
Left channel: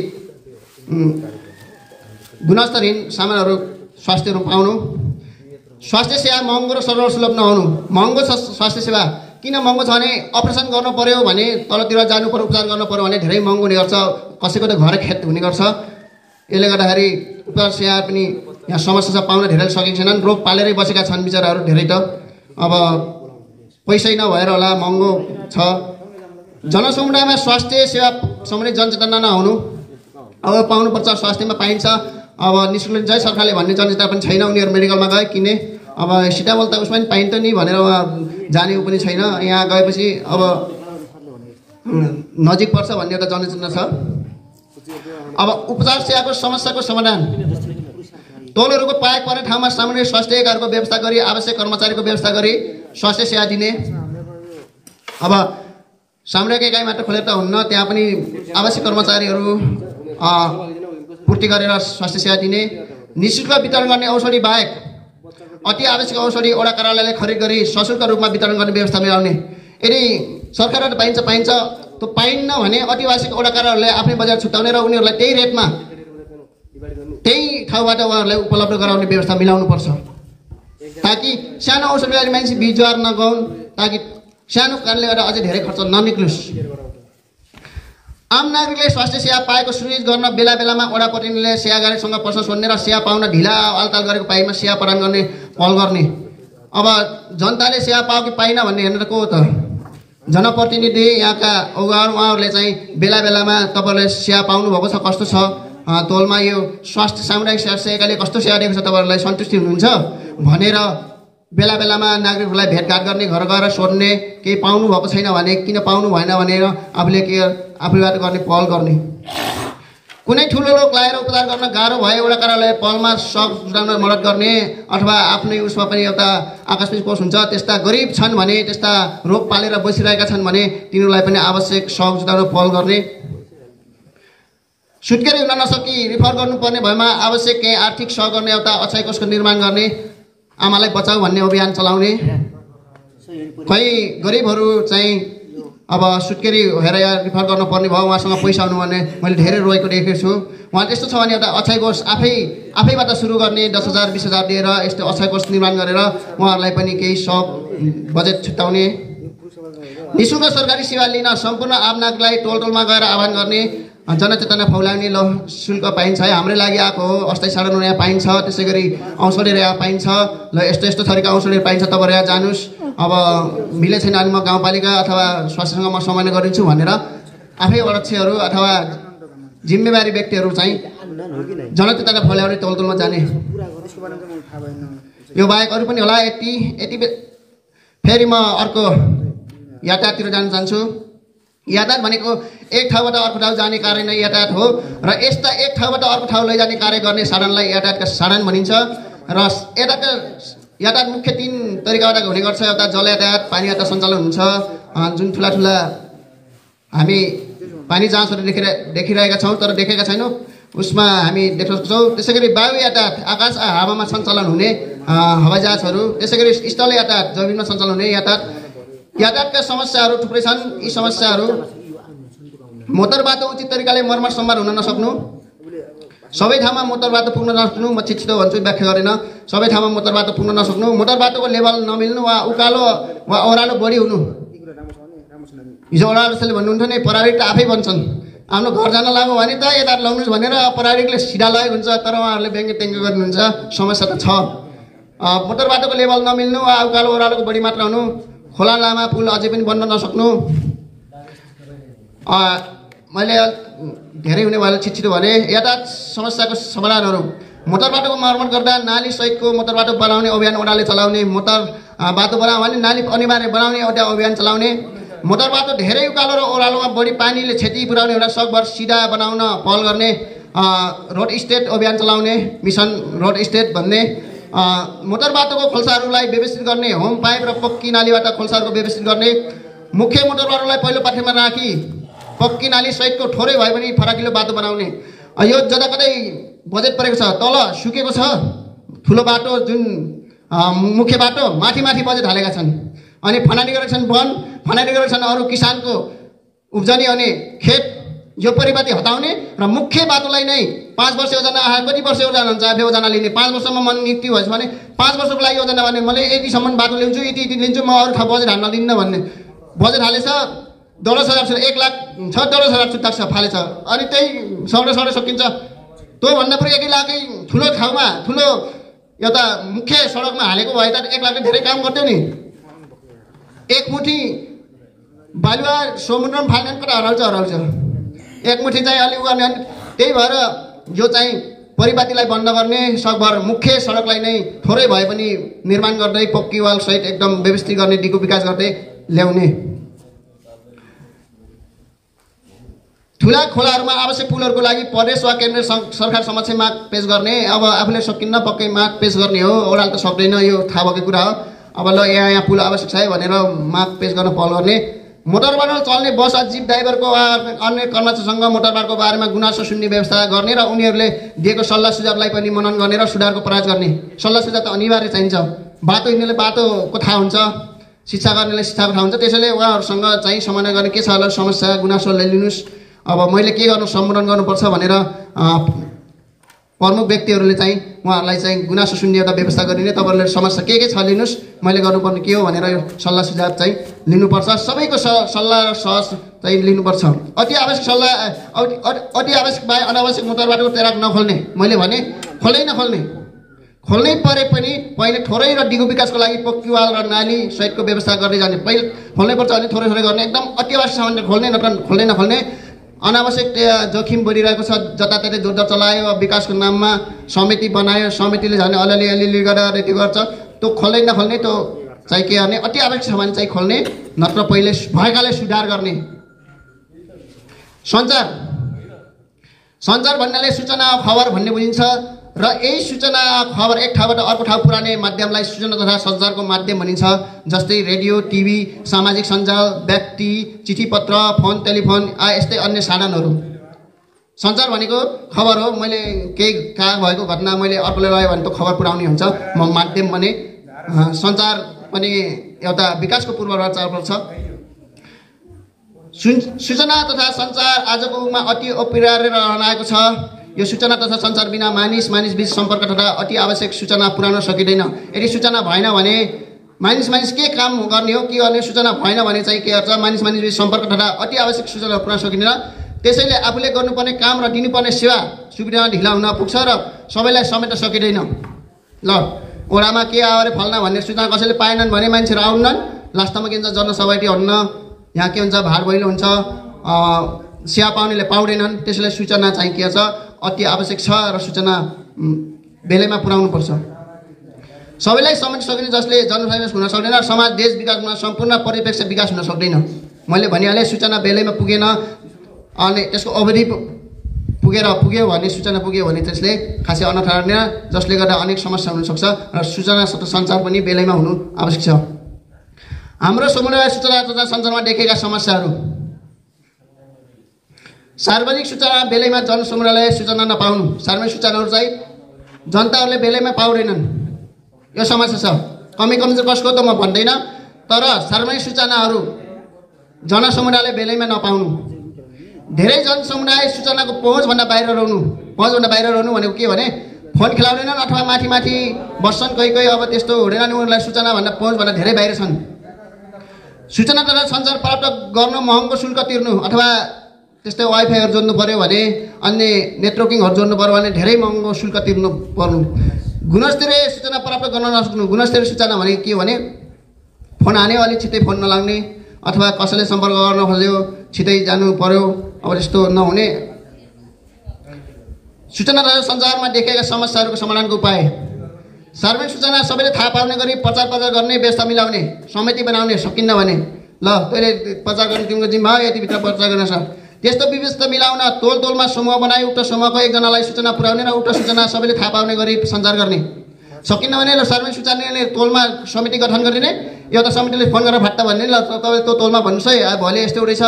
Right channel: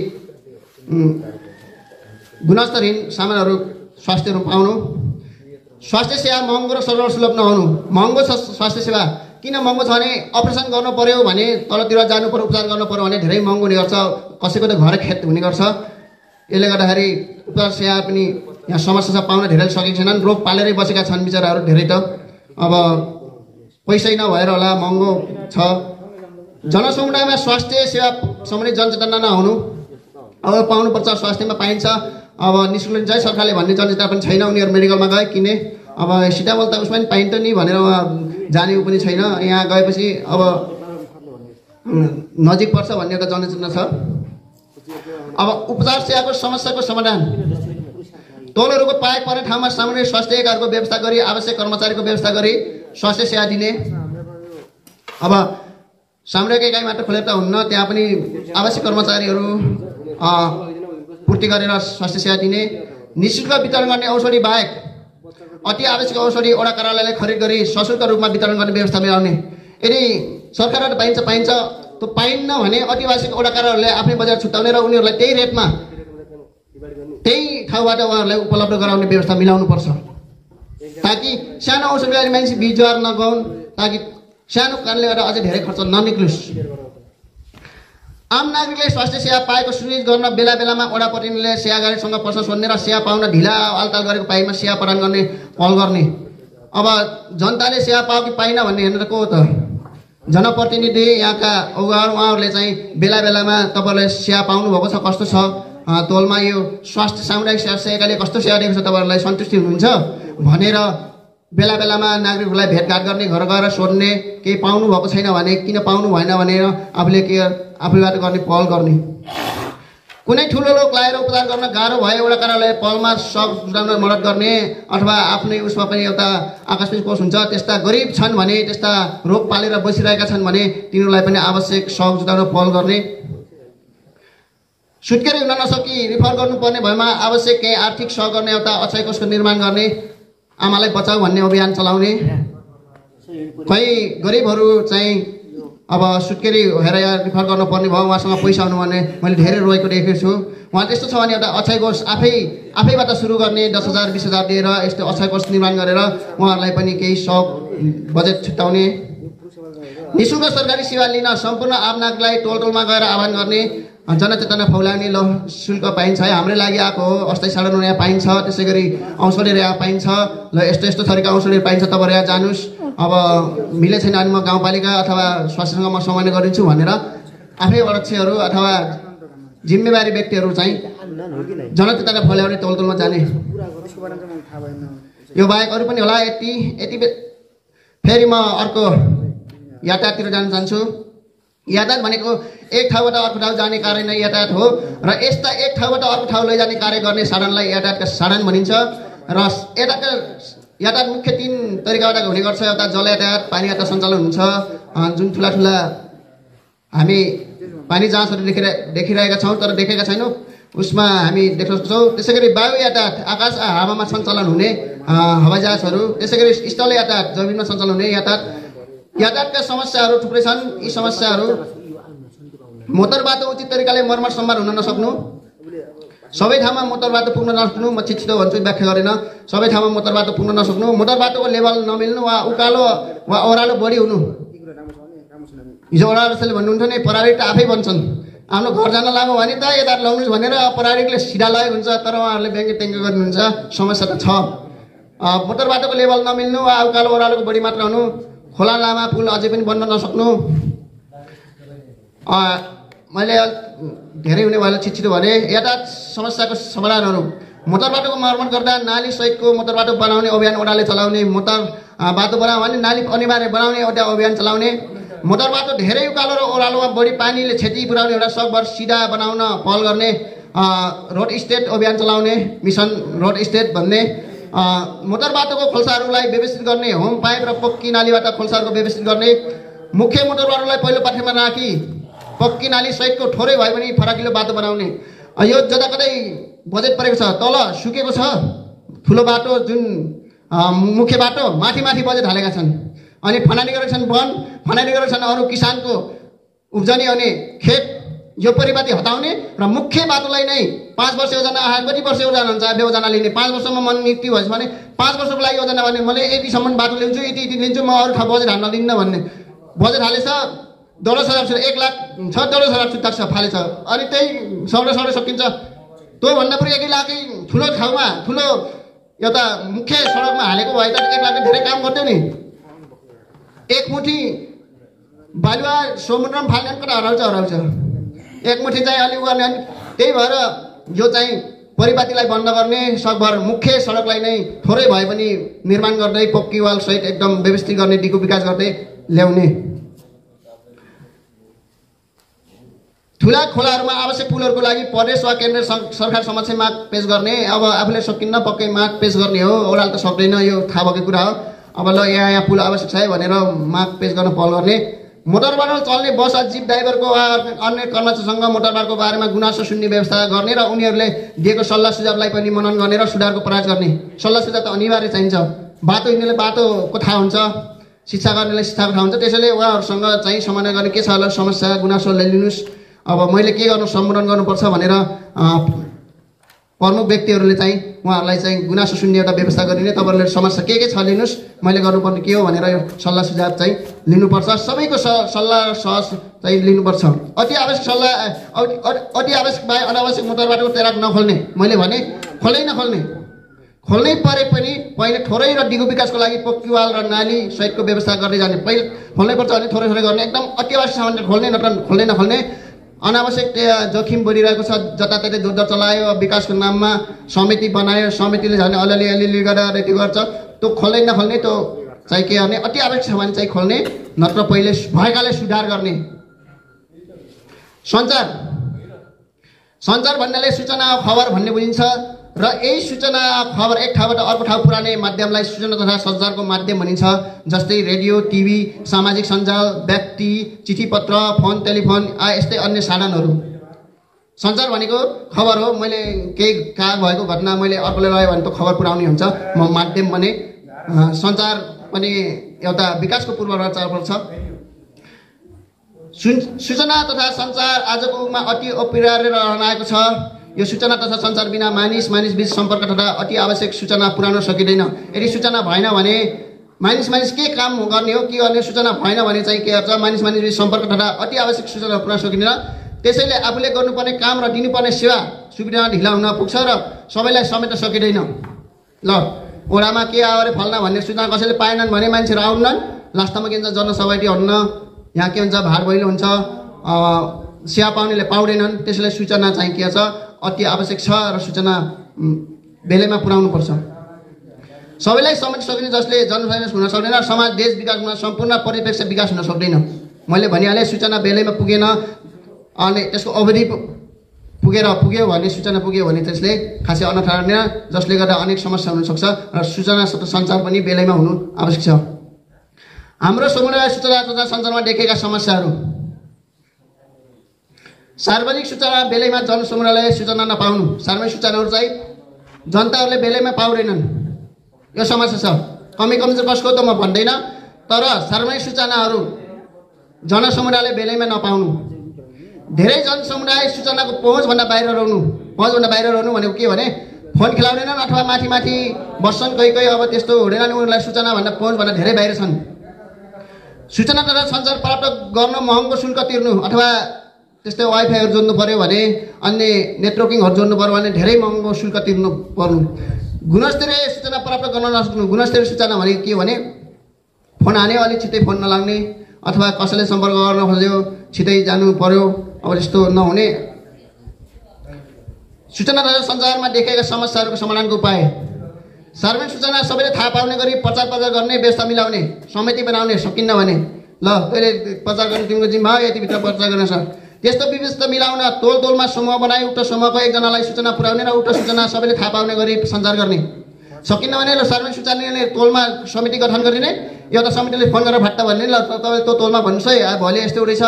गुणस्तरहीन सामानहरू स्वास्थ्यहरू पाउनु। स्वास्थ्य सेवा महँगो र सर्वसुलभ नहुनु। महँगो छ स्वास्थ्य सेवा, किन महँगो छ भने अपरेसन गर्नु पर्यो भने तलतिर जानु पर्यो, उपचार गर्नु पर्यो भने धेरै महँगो हुने गर्छ, कसैको त घर खेत हुने गर्छ। यसले गर्दाखेरि उपचार सेवा पनि यहाँ समस्या पाउन धेरै सकेको छैनन्। रोग पालेरै बसेका छन् बिचराहरू धेरै त, अब पैसै नभएर होला महँगो छ। जनसमुदायमा स्वास्थ्य सेवा सम्बन्धी जनचेतना नहुनु। अब पाउनुपर्छ स्वास्थ्यमा पाइन्छ, अब निःशुल्क चाहिँ सरकारले भन्ने जनचेतना पनि छैन। उनीहरू मेडिकलमा गए किने अब सिटामल त उसमा पनि पाइन्छ नि भनेर जाने पनि छैन। यहाँ गएपछि अब नजिक पर्छ भन्ने एउटा जनचेतना छ। अब उपचार सेवाको समस्याको समाधान टोलहरूको पाएक पर्ने ठाउँमा सामान्य स्वास्थ्यकर्मीको व्यवस्था गरी आवश्यक कर्मचारीको व्यवस्था गरी स्वास्थ्य सेवा दिने। अब सामुदायिक एकाइ मात्र खोलेर त हुन्न, त्यहाँ पनि आवश्यक कर्मचारीहरू पूर्ति गरेर स्वास्थ्य सेवा दिने। निःशुल्क वितरण गर्ने औषधि बाहेक अति आवश्यक औषधि वडा कार्यालयले खरिद गरी सशुल्क रूपमा वितरण गर्ने व्यवस्था मिलाउने। यदि सरकारबाट पाइन्छ त्यो पाइन्न भने अति आवश्यक वडा कार्यालयले आफ्नै बजार छुट्याउने र उनीहरूलाई त्यही रेटमा त्यही ठाउँबाट उहाँहरूलाई उपलब्ध गराउने व्यवस्था मिलाउनुपर्छ, ताकि सानो औषध मिलाउने मान्छे बिजुवार नगाउन्, ताकि सानो कारणले गर्दा अझै धेरै खर्च ननिक्लोस्। आम नागरिकले स्वास्थ्य सेवा पाएको सुनिश्चित गर्न बेला बेलामा वडा प्रतिनिधिले सेवागारीसँग प्रश्न सोध्ने र सेवा पाउन ढिला अल्ताल गरेको पाइमा सेवा प्रदान गर्ने पहल गर्ने। अब जनताले सेवा पायो कि पाइन भन्ने हेर्नु त को हो त? जनप्रतिनिधि यहाँका उहाँहरूले चाहिँ बेला बेलामा तपाईँहरूले सेवा पाउनु भएको छ, कस्तो छ तोलमा यो स्वास्थ्य सामुदायिक सेवाले कस्तो सेवा दिएको छ, तपाईँहरूलाई सन्तुष्टि हुनुहुन्छ भनेर बेला बेलामा नागरिकहरूलाई भेटघाट गर्ने, घर गएर सोध्ने, केही पाउनु भएको छैन भने किन पाउनु भएन भनेर आफूबाट गर्ने पहल गर्ने। कुनै ठुलो रोग लागेर उपचार गर्न गाह्रो भए वडा कार्यालय पहलमा सब जुटाउन मद्दत गर्ने अथवा आफ्नै उसमा पनि एउटा आकस्मिक कोष हुन्छ, त्यस्ता गरिब छन् भने त्यस्ता रोग पालेर बसिरहेका छन् भने तिनीहरूलाई पनि आवश्यक सहयोग जुटाउन पहल गर्ने। सुत्केरी हुन नसकी रिफर गर्नुपर्ने भएमा आवश्यक केही आर्थिक सहयोग गर्ने एउटा अक्षय कोषको निर्माण गर्ने, आमालाई बचाऊ भन्ने अभियान चलाउने। कोही गरिबहरू चाहिँ अब सुत्केरी भएर रिफर गर्नुपर्ने भयो, उहाँसँग पैसा हुनु भने मैले धेरै रोएको देखेको छु। उहाँ त्यस्तो छ भने एउटा अक्षय कोष आफैबाट सुरु गर्ने, 10,000 20,000 दिएर यस्तो अक्षय कोष निर्माण गरेर उहाँहरूलाई पनि केही सहयोग बजेट छुट्याउने। निःशुल्क सरकारी सेवा लिन सम्पूर्ण आम नागरिकलाई टोलमा गएर आह्वान गर्ने, जनचेतना फैलाउने। ल शुल्क पाइन्छ है, हाम्रै लागि आएको हो, अस्थायी साधनहरू यहाँ पाइन्छ, त्यसै गरी औषधिहरू यहाँ पाइन्छ, ल यस्तो थरीका औषधिहरू पाइन्छ, तपाईँहरू यहाँ जानुहोस्, अब मिले छैन भने म गाउँपालिका अथवा स्वास्थ्यसँग म समन्वय गरिदिन्छु भनेर आफै अध्यक्षहरू अथवा जिम्मेवारी व्यक्तिहरू चाहिँ जनचेतना फैलाउने, टोलमा जाने। यो बाहेक अरू पनि होला। यति फेरि म अर्को यातायाततिर जान चाहन्छु। यातायात भनेको एक ठाउँबाट अर्को ठाउँ जाने कार्य नै यातायात हो र यस्ता एक ठाउँबाट अर्को ठाउँ लैजाने कार्य गर्ने साधनलाई यातायातका साधन भनिन्छ र यातायात मुख्य 3 तरिकाबाट हुने गर्छ। एउटा जल यातायात, पानी यातायात सञ्चालन हुन्छ, जुन ठुला हामी पानी जहाजहरू देखिरहेका छौँ तर देखेका छैनौँ, उसमा हामी देख्न सक्छौँ। त्यसैगरी वायु यातायात, आकाश हावामा सञ्चालन हुने हवाईजहाजहरू, त्यसैगरी स्थल यातायात, जमिनमा सञ्चालन हुने यातायातका समस्याहरू थुप्रै छन्। यी समस्याहरू मोटर बाटो उचित तरिकाले मर्मत सम्भार हुन नसक्नु, सबै ठाउँमा मोटर बाटो पुग्न नसक्नु, म छिटो भन्छु व्याख्या गरेन, सबै ठाउँमा मोटर बाटो पुग्न नसक्नु, मोटर बाटोको लेभल नमिल्नु वा उकालो वा ओह्रालो बढी हुनु। हिजो ओह्रालोले भन्नुहुन्थ्यो नि प्राविधिक आफै भन्छन् आफ्नो घर जान लाग्यो भने त यता लाउनुहोस् भनेर प्राविधिकले सिधा लगेको हुन्छ, तर उहाँहरूले व्यङ्ग्य ट्याङ्ग्य गर्नुहुन्छ। समस्या त छ। मोटर बाटोको लेभल नमिल्नु वा उकालो ओह्रालोको बढी मात्रा हुनु, खोला लामा पुल अझै पनि बन्न नसक्नु। मैले धेरै हुने भएर छिटो भने यातायात समस्याको समाधानहरू, मोटर बाटोको मर्मत गर्दा नाली सहितको मोटर बाटो बनाउने अभियान ओडाले चलाउने, मोटर बाटो बनायो भने नाली अनिवार्य बनाउने एउटा अभियान चलाउने, मोटर बाटो धेरै उकालो र ओह्रालोमा बढी पानीले क्षति पुर्याउने एउटा सकभर सिधा बनाउन पहल गर्ने, रोड स्टेट अभियान चलाउने, मिसन रोड स्टेट भन्ने, मोटर बाटोको खोल्साहरूलाई व्यवस्थित गर्ने, होम पाइप र पक्की नालीबाट खोल्साहरूको व्यवस्थित गर्ने, मुख्य मोटर बाटोलाई पहिलो पाठ्यमा राखी पक्की नाली सहितको थोरै भए पनि फराकिलो बाटो बनाउने। यो जताकतै बजेट परेको छ, तल सुकेको छ ठुलो बाटो, जुन मुख्य बाटो माथि बजेट हालेका छन्, अनि फनाली गरेका छन् वन, फनाली गरेका छन् अरू किसानको उब्जनी अनि खेत यो परिपाटी हटाउने र मुख्य बाटोलाई नै 5 वर्ष योजना आए, कति वर्ष योजना हुन्छ योजना लिने, 5 वर्षमा मन नियुक्ति भएछ भने 5 वर्षको लागि योजना गर्ने, मैले यतिसम्म बाटो ल्याउँछु, यति लिन्छु, म अरू ठाउँ बजेट हाल्न दिन्न भन्ने। बजेट हालेछ 10,000 1 लाख छ, 10,000 छुट्टा छ फालेछ, अनि त्यही सौडे सकिन्छ। त्योभन्दा पनि 1 लाखै ठुलो ठाउँमा ठुलो एउटा मुख्य सडकमा हालेको भए त 1 लाखले धेरै काम गर्थ्यो नि। एक मुठी बालुवा समुद्रमा फाल्ने कता हराउँछ, एक मुठी चाहिँ अलि उगाउने। त्यही भएर यो चाहिँ परिपाटीलाई बन्द गर्ने, सकभर मुख्य सडकलाई नै थोरै भए पनि निर्माण गर्दै पक्की वाल सहित एकदम व्यवस्थित गर्ने, दिगो विकास गर्दै ल्याउने। ठुला खोलाहरूमा आवश्यक पुलहरूको लागि प्रदेश वा केन्द्र सरकार समक्ष माग पेश गर्ने। अब आफूले सकिन्न पक्कै माग पेश गर्ने हो, ओडाल त सक्दैन, यो थाहा भएको कुरा हो। अब ल यहाँ पुल आवश्यक छ है भनेर माग पेश गर्न पहल गर्ने। मोटरबाटो चल्ने बस वा जिप ड्राइभरको वा अन्य कर्मचारीसँग मोटरबाटोको बारेमा गुनासो सुन्ने व्यवस्था गर्ने र उनीहरूले दिएको सल्लाह सुझावलाई पनि मनन गर्ने र सुधारको प्रयास गर्ने। सल्लाह सुझाव त अनिवार्य चाहिन्छ। बाटो हिँड्नेले बाटोको थाहा हुन्छ, शिक्षा गर्नेले शिक्षाको थाहा हुन्छ, त्यसैले उहाँहरूसँग चाहिँ समाधान गर्ने के छ होला समस्या गुनासो ल्याइदिनुहोस्, अब मैले के गर्नु सम्बोधन गर्नुपर्छ भनेर प्रमुख व्यक्तिहरूले चाहिँ उहाँहरूलाई चाहिँ गुनासो सुन्ने एउटा व्यवस्था गरिने। तपाईँहरूले समस्या के छ लिनुहोस्, मैले गर्नुपर्ने के हो भनेर यो सल्लाह सुझाव चाहिँ लिनुपर्छ। सबैको सल्लाह सहज चाहिँ लिनुपर्छ। अति आवश्यक सल्लाह अति आवश्यक भए अनावश्यक मोटरबाटोको तेराक नखोल्ने। मैले भने खोल्नै परे पनि पहिले थोरै र दिगो विकासको लागि पक्की वाल र नाली सहितको व्यवस्था गर्दै जाने। पहिले खोल्नै पर्छ, अनि थोरै गर्ने, एकदम अति आवश्यक छ भने खोल्ने, नत्र खोल्नै नखोल्ने। अनावश्यक जोखिम बढिरहेको छ, जताततै जोड्दा चलायो, विकासको नाममा समिति बनायो, समितिले झन् अलिअलि गरेर रेडी गर्छ, त्यो खोल्दै नखोल्ने, त्यो चाहिँ के गर्ने, अति आवश्यक छ भने चाहिँ खोल्ने, नत्र पहिले भएकाले सुधार गर्ने। सञ्चार भन्नाले सूचना खबर भन्ने बुझिन्छ र यही सूचना खबर एक ठाउँबाट अर्को ठाउँ पुर्याउने माध्यमलाई सूचना तथा सञ्चारको माध्यम भनिन्छ। जस्तै रेडियो, टिभी, सामाजिक सञ्जाल, व्यक्ति, चिठीपत्र, फोन, टेलिफोन यस्तै अन्य साधनहरू। सञ्चार भनेको खबर हो। मैले केही कहाँ भएको घटना मैले अर्कोले लग्यो भने त खबर पुर्याउने हुन्छ। म माध्यम भने सञ्चार पनि एउटा विकासको पूर्वाधार छ। सूचना तथा सञ्चार आजको युगमा अति अपरिहार्य रहन आएको छ। यो सूचना तथा सञ्चार बिना मानिस बीच सम्पर्क तथा अति आवश्यक सूचना पुर्याउन सकिँदैन। यदि सूचना भएन भने मानिस के काम गर्ने हो, के गर्ने, सूचना भएन भने चाहिँ के गर्छ, मानिस बीच सम्पर्क तथा अति आवश्यक सूचना पुर्याउन सकिँदैन। त्यसैले आफूले गर्नुपर्ने काम र दिनुपर्ने सेवा सुविधा ढिला हुन पुग्छ र सबैलाई समेट्न सकिँदैन। ल ओडामा के आयो अरे फल्ना भन्ने सूचना कसैले पाएनन् भने मान्छेहरू आउनन्, लास्टमा के हुन्छ जनसभाटी हट्न, यहाँ के हुन्छ भाड भैलो हुन्छ, सेवा पाउनेले पाउँदैनन्। त्यसैले सूचना चाहिँ के छ, अति आवश्यक छ र सूचना बेलैमा पुर्याउनु पर्छ। सबैलाई समेट्न सकिने जसले जनसमावेश हुन सक्दैन, समाज देश विकास हुन सम्पूर्ण परिप्रेक्ष्य विकास हुन सक्दैन। मैले भनिहालेँ सूचना बेलैमा पुगेन अनि त्यसको अवधि पुग्यो भने सूचना पुग्यो भने त्यसले खासै अनर्थ गर्दैन, जसले गर्दा अनेक समस्या हुन सक्छ र सूचना सञ्चार पनि बेलैमा हुनु आवश्यक छ। हाम्रो समुदाय सूचना तथा सञ्चारमा देखेका समस्याहरू। सार्वजनिक सूचना बेलैमा जनसमुदायले सूचना नपाउनु। सार्वजनिक सूचनाहरू चाहिँ जनताहरूले बेलैमा पाउँदैनन्, यो समस्या छ। कमी कमजोर कसको त म भन्दैन, तर सार्वजनिक सूचनाहरू जनसमुदायले बेलैमा नपाउनु। धेरै जनसमुदाय सूचनाको पहुँचभन्दा बाहिर रहनु। पहुँचभन्दा बाहिर रहनु भनेको के भने फोन खेलाउँदैनन् अथवा माथि माथि बस्छन्, कोही अब त्यस्तो हुँदैन, उनीहरूलाई सूचनाभन्दा पहुँचभन्दा धेरै बाहिर छन्। सूचना तथा सञ्चार प्राप्त गर्न महँगो शुल्क तिर्नु अथवा त्यस्तै वाइफाईहरू जोड्नु पर्यो भने, अन्य नेटवर्किङहरू जोड्नु पर्यो भने धेरै महँगो शुल्क तिर्नु पर्नु। गुणस्तरीय सूचना प्राप्त गर्न नसक्नु। गुणस्तरीय सूचना भनेको के भने फोन हान्यो अलिक छिट्टै फोन नलाग्ने अथवा कसैले सम्पर्क गर्न खोज्यो छिट्टै जानु पर्यो, अब त्यस्तो नहुने। सूचना तथा सञ्चारमा देखेका समस्याहरूको समाधानको उपाय। सार्वजनिक सूचना सबैले थाहा पाउने गरी प्रचार गर्ने, व्यवस्था मिलाउने, समिति बनाउने, सकिन्न भने ल तैँले प्रचार गर्ने तिम्रो जिम्मा हो, यतिभित्र प्रचार गर्न छ। त्यस्तो व्यवस्था मिलाउन तोलमा समूह बनाई उक्त समूहको एकजनालाई सूचना पुर्याउने र उक्त सूचना सबैले थाहा पाउने गरी सञ्चार गर्ने। सकिन्न भने ल सार्वजनिक सूचना तोलमा समिति गठन गरिने, एउटा समितिले फोन गरेर भट्टा भन्ने, ल तपाईँ त्यो तोलमा भन्नुहोस् है, भोलि यस्तो रहेछ,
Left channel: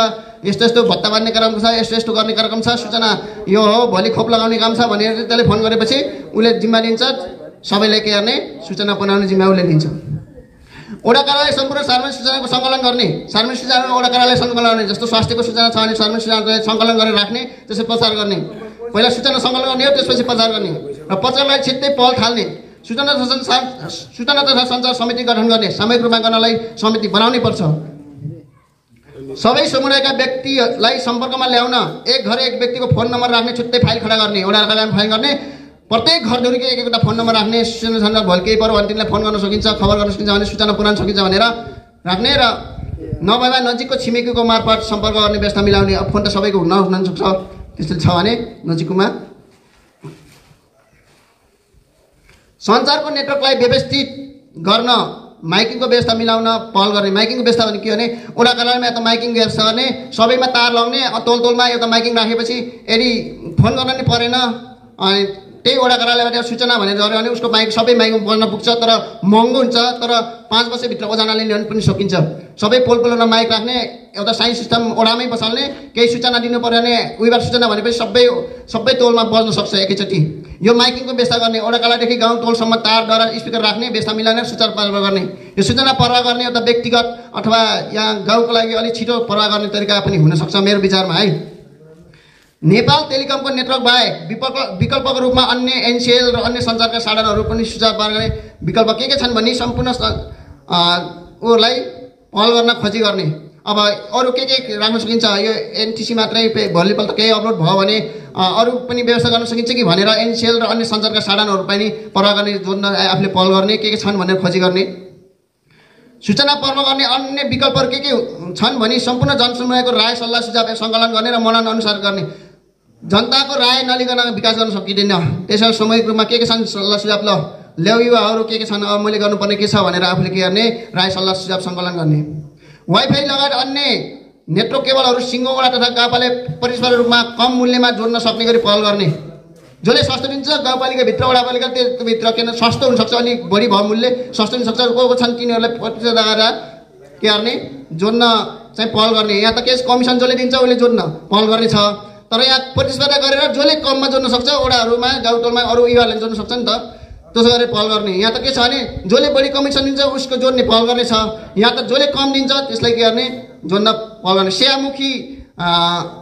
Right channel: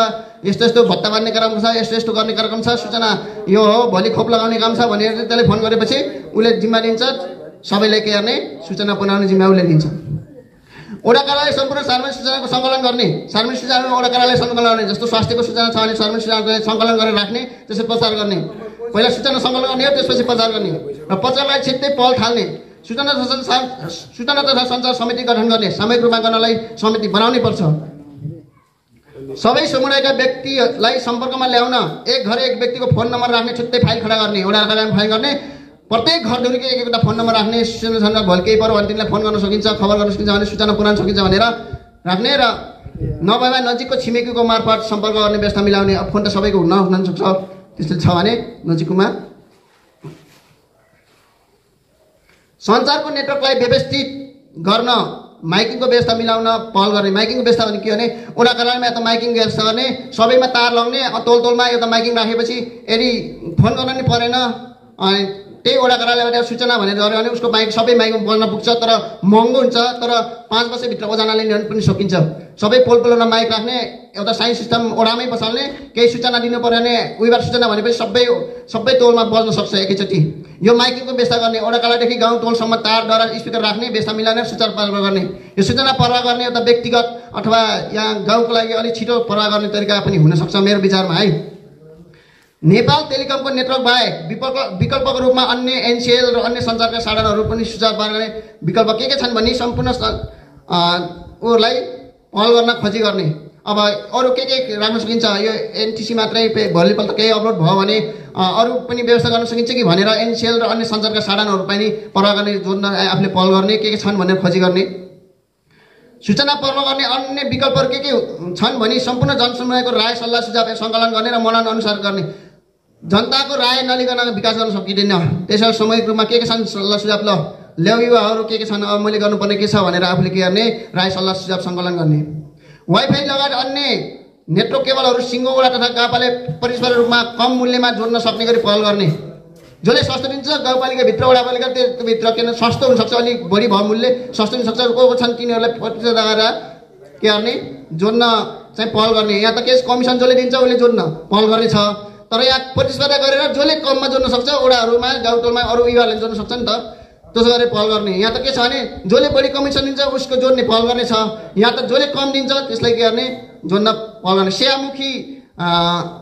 यस्तो यस्तो भत्ता बाँध्ने कार्यक्रम छ, यस्तो यस्तो गर्ने कार्यक्रम छ, सूचना यो हो, भोलि खोप लगाउने काम छ भनेर त्यसले फोन गरेपछि उसले जिम्मा लिन्छ, सबैले के गर्ने सूचना पुर्याउने जिम्मा उसले लिन्छ। वडा कार्यालय सम्पूर्ण सार्वजनिक सूचनाको सङ्कलन गर्ने। सार्वजनिक सूचना वडा कार्यालय सङ्कलन गर्ने, जस्तो स्वास्थ्यको सूचना छ भने सार्वजनिक सूचना सङ्कलन गरेर राख्ने, त्यसपछि प्रचार गर्ने। पहिला सूचना सङ्कलन गर्ने हो, त्यसपछि प्रचार गर्ने र प्रचारलाई छिट्टै पहल थाल्ने। सूचना तथा सञ्चार समिति गठन गर्ने, सामूहिक रूपमा गर्नलाई समिति बनाउनै पर्छ। सबै समुदायका व्यक्तिलाई सम्पर्कमा ल्याउन एक घर एक व्यक्तिको फोन नम्बर राख्ने, छुट्टै फाइल खडा गर्ने, वडा कार्यालयमा फाइल गर्ने, प्रत्येक घरधुरीको एक एउटा फोन नम्बर राख्ने। सूचना भोलि केही पऱ्यो भने तिमीलाई फोन गर्न सकिन्छ, खबर गर्न सकिन्छ भने सूचना पुर्याउन सकिन्छ भनेर राख्ने र नभएमा नजिकको छिमेकीको मार्फत सम्पर्क गर्ने व्यवस्था मिलाउने। अब फोन त सबैको हुन सक्छ, त्यस्तो छ भने नजिकमा। सञ्चारको नेटवर्कलाई व्यवस्थित गर्न माइकिङको व्यवस्था मिलाउन पहल गर्ने। माइकिङको व्यवस्था भने के भने वडा कार्यालयमा एउटा माइकिङ व्यवस्था गर्ने, सबैमा तार लगाउने, तोलमा एउटा माइकिङ राखेपछि यदि फोन गर्न नि परेन अनि त्यही वडा कार्यालयबाट सूचना भनेर गऱ्यो भने उसको माइक सबै माइकमा बोल्न पुग्छ, तर महँगो हुन्छ, तर 5 वर्षभित्र ओजनाले ल्याउनु पनि सकिन्छ। सबै पोलमा माइक राख्ने, एउटा साउन्ड सिस्टम ओडामै बसाल्ने, केही सूचना दिनु पर्यो भने उहीबाट सूचना भनेपछि सबै तोलमा बज्न सक्छ एकैचोटि। यो माइकिङको व्यवस्था गर्ने, वडा कार्यालयदेखि गाउँ टोलसम्म तार डरा स्पिकर राख्ने, व्यवस्था मिलाउने, सूचना प्रवाह गर्ने। यो सूचना प्रवाह गर्ने एउटा व्यक्तिगत अथवा यहाँ गाउँको लागि अलिक छिटो प्रवाह गर्ने तरिका पनि हुनसक्छ मेरो विचारमा है। नेपाल टेलिकमको नेटवर्क बाहेक विकल्पको रूपमा अन्य एनसिएल र अन्य सञ्चारका साधनहरू पनि सुझाव गर्ने विकल्प के छन् भने सम्पूर्ण उहरूलाई पहल गर्न खोजी गर्ने। अब अरू के राख्न सकिन्छ, यो एनटिसी मात्रै भोलिपल्ट केही अवरोध भयो भने अरू पनि व्यवस्था गर्न सकिन्छ कि भनेर एनसिएल र अन्य सञ्चारका साधनहरू पनि प्रवाह गर्ने, जोड्न आफूले पहल गर्ने, के छन् भनेर खोजी गर्ने। सूचना प्रवाह गर्ने अन्य विकल्पहरू के छन् भने सम्पूर्ण जनसमुदायको राय सल्लाह सुझाव सङ्कलन गर्ने र मनन अनुसार गर्ने। जनताको राय नलिकन विकास गर्न सकिँदैन, त्यसैले सामूहिक रूपमा के छन् सल्लाह सुझाव ल ल्याउ युवाहरू के छन्, अब मैले गर्नुपर्ने के छ भनेर आफूले के गर्ने राय सल्लाह सुझाव सङ्कलन गर्ने। वाइफाई लगायत अन्य नेटवर्क केबलहरू सिङ्गो वडा तथा गाउँपालिका परिसर रूपमा कम मूल्यमा जोड्न सक्ने गरी पहल गर्ने। जसले सस्तो दिन्छ गाउँपालिकाभित्र वडापालिका त्योभित्र किन सस्तो हुनसक्छ, अलिक बढी भयो मूल्य सस्तो हुनसक्छ, को छन् तिनीहरूलाई प्रतिशत लगाएर के गर्ने जोड्न चाहिँ पहल गर्ने। यहाँ त केस कमिसन जसले दिन्छ उसले जोड्न पहल गर्ने छ, तर यहाँ प्रतिस्पर्धा गरेर जसले कममा जोड्न सक्छ वडाहरूमा गाउँटोलमा अरू युवाहरूले जोड्न सक्छ नि त, त्यसो गरेर पहल गर्ने। यहाँ त के छ भने जसले बढी कमिसन दिन्छ उसको जोड्ने पहल गर्ने छ, यहाँ त जसले कम दिन्छ त्यसलाई के गर्ने जोड्न पहल गर्ने। सेवामुखी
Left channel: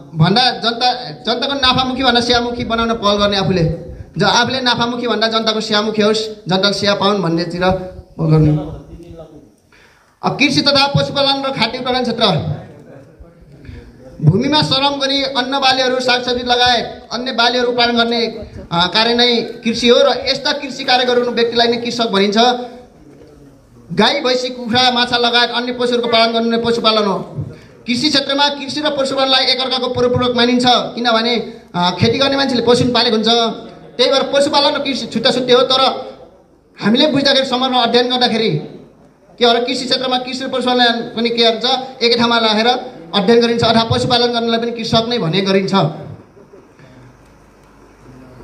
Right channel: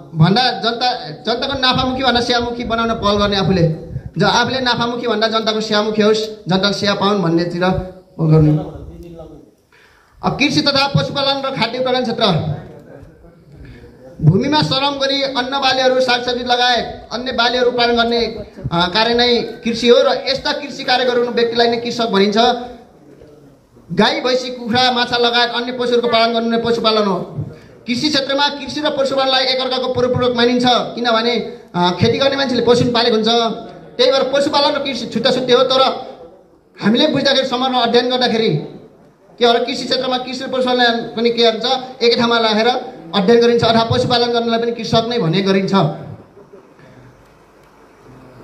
भन्दा जनताको नाफामुखी भन्दा सेवामुखी बनाउन पहल गर्ने। आफूले नाफामुखी भन्दा जनताको सेवामुखी होस्, जनताले सेवा पाउन् भन्नेतिर पहल गर्ने। अब कृषि तथा पशुपालन र खाद्य उत्पादन क्षेत्र। भूमिमा श्रम गरी अन्न बालीहरू सागसब्जी लगायत अन्य बालीहरू उत्पादन गर्ने कार्य नै कृषि हो र यस्ता कृषि कार्य गर्ने व्यक्तिलाई नै कृषक भनिन्छ। गाई भैँसी कुखुरा माछा लगायत अन्य पशुहरूको पालन गर्ने पशुपालन हो। कृषि क्षेत्रमा कृषि र पशुपालनलाई एकअर्काको परिपूरक मानिन्छ, किनभने खेती गर्ने मान्छेले पशु पालेको हुन्छ, त्यही भएर पशुपालन र कृषि छुट्टा छुट्टै हो। तर हामीले बुझ्दाखेरि समरमा अध्ययन गर्दाखेरि के हो, कृषि क्षेत्रमा कृषि र पशुपालन पनि के हुन्छ एकै ठाउँमा राखेर अध्ययन गरिन्छ अथवा पशुपालन गर्नलाई पनि कृषक नै भन्ने गरिन्छ।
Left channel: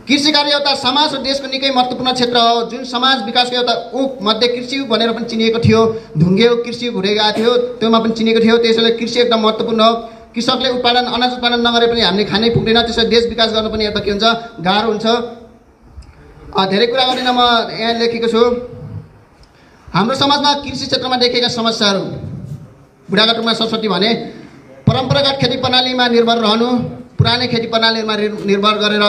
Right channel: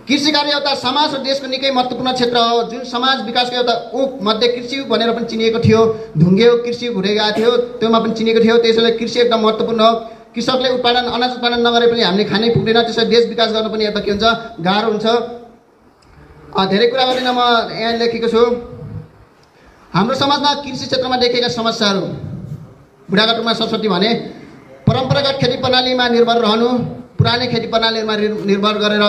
कृषि कार्य एउटा समाज र देशको निकै महत्त्वपूर्ण क्षेत्र हो, जुन समाज विकासको एउटा उप मध्ये कृषि भनेर पनि चिनिएको थियो। ढुङ्गे कृषि हुँदै गएको थियो, त्योमा पनि चिनिएको थियो। त्यसैले कृषि एकदम महत्त्वपूर्ण हो। कृषकले अनाज उत्पादन नगरे पनि हामीले खानै पुग्दैन, त्यसैले देश विकास गर्न पनि एउटा के हुन्छ, गाह्रो हुन्छ। धेरै कुरा गरिन म यहाँ लेखेको छु। हाम्रो समाजमा कृषि क्षेत्रमा देखिएका समस्याहरू। बुढाका टुङमा सरस्वती भने परम्परागत खेती प्रणालीमा निर्भर रहनु, पुरानै खेती प्रणालीमा निर्भर गरेर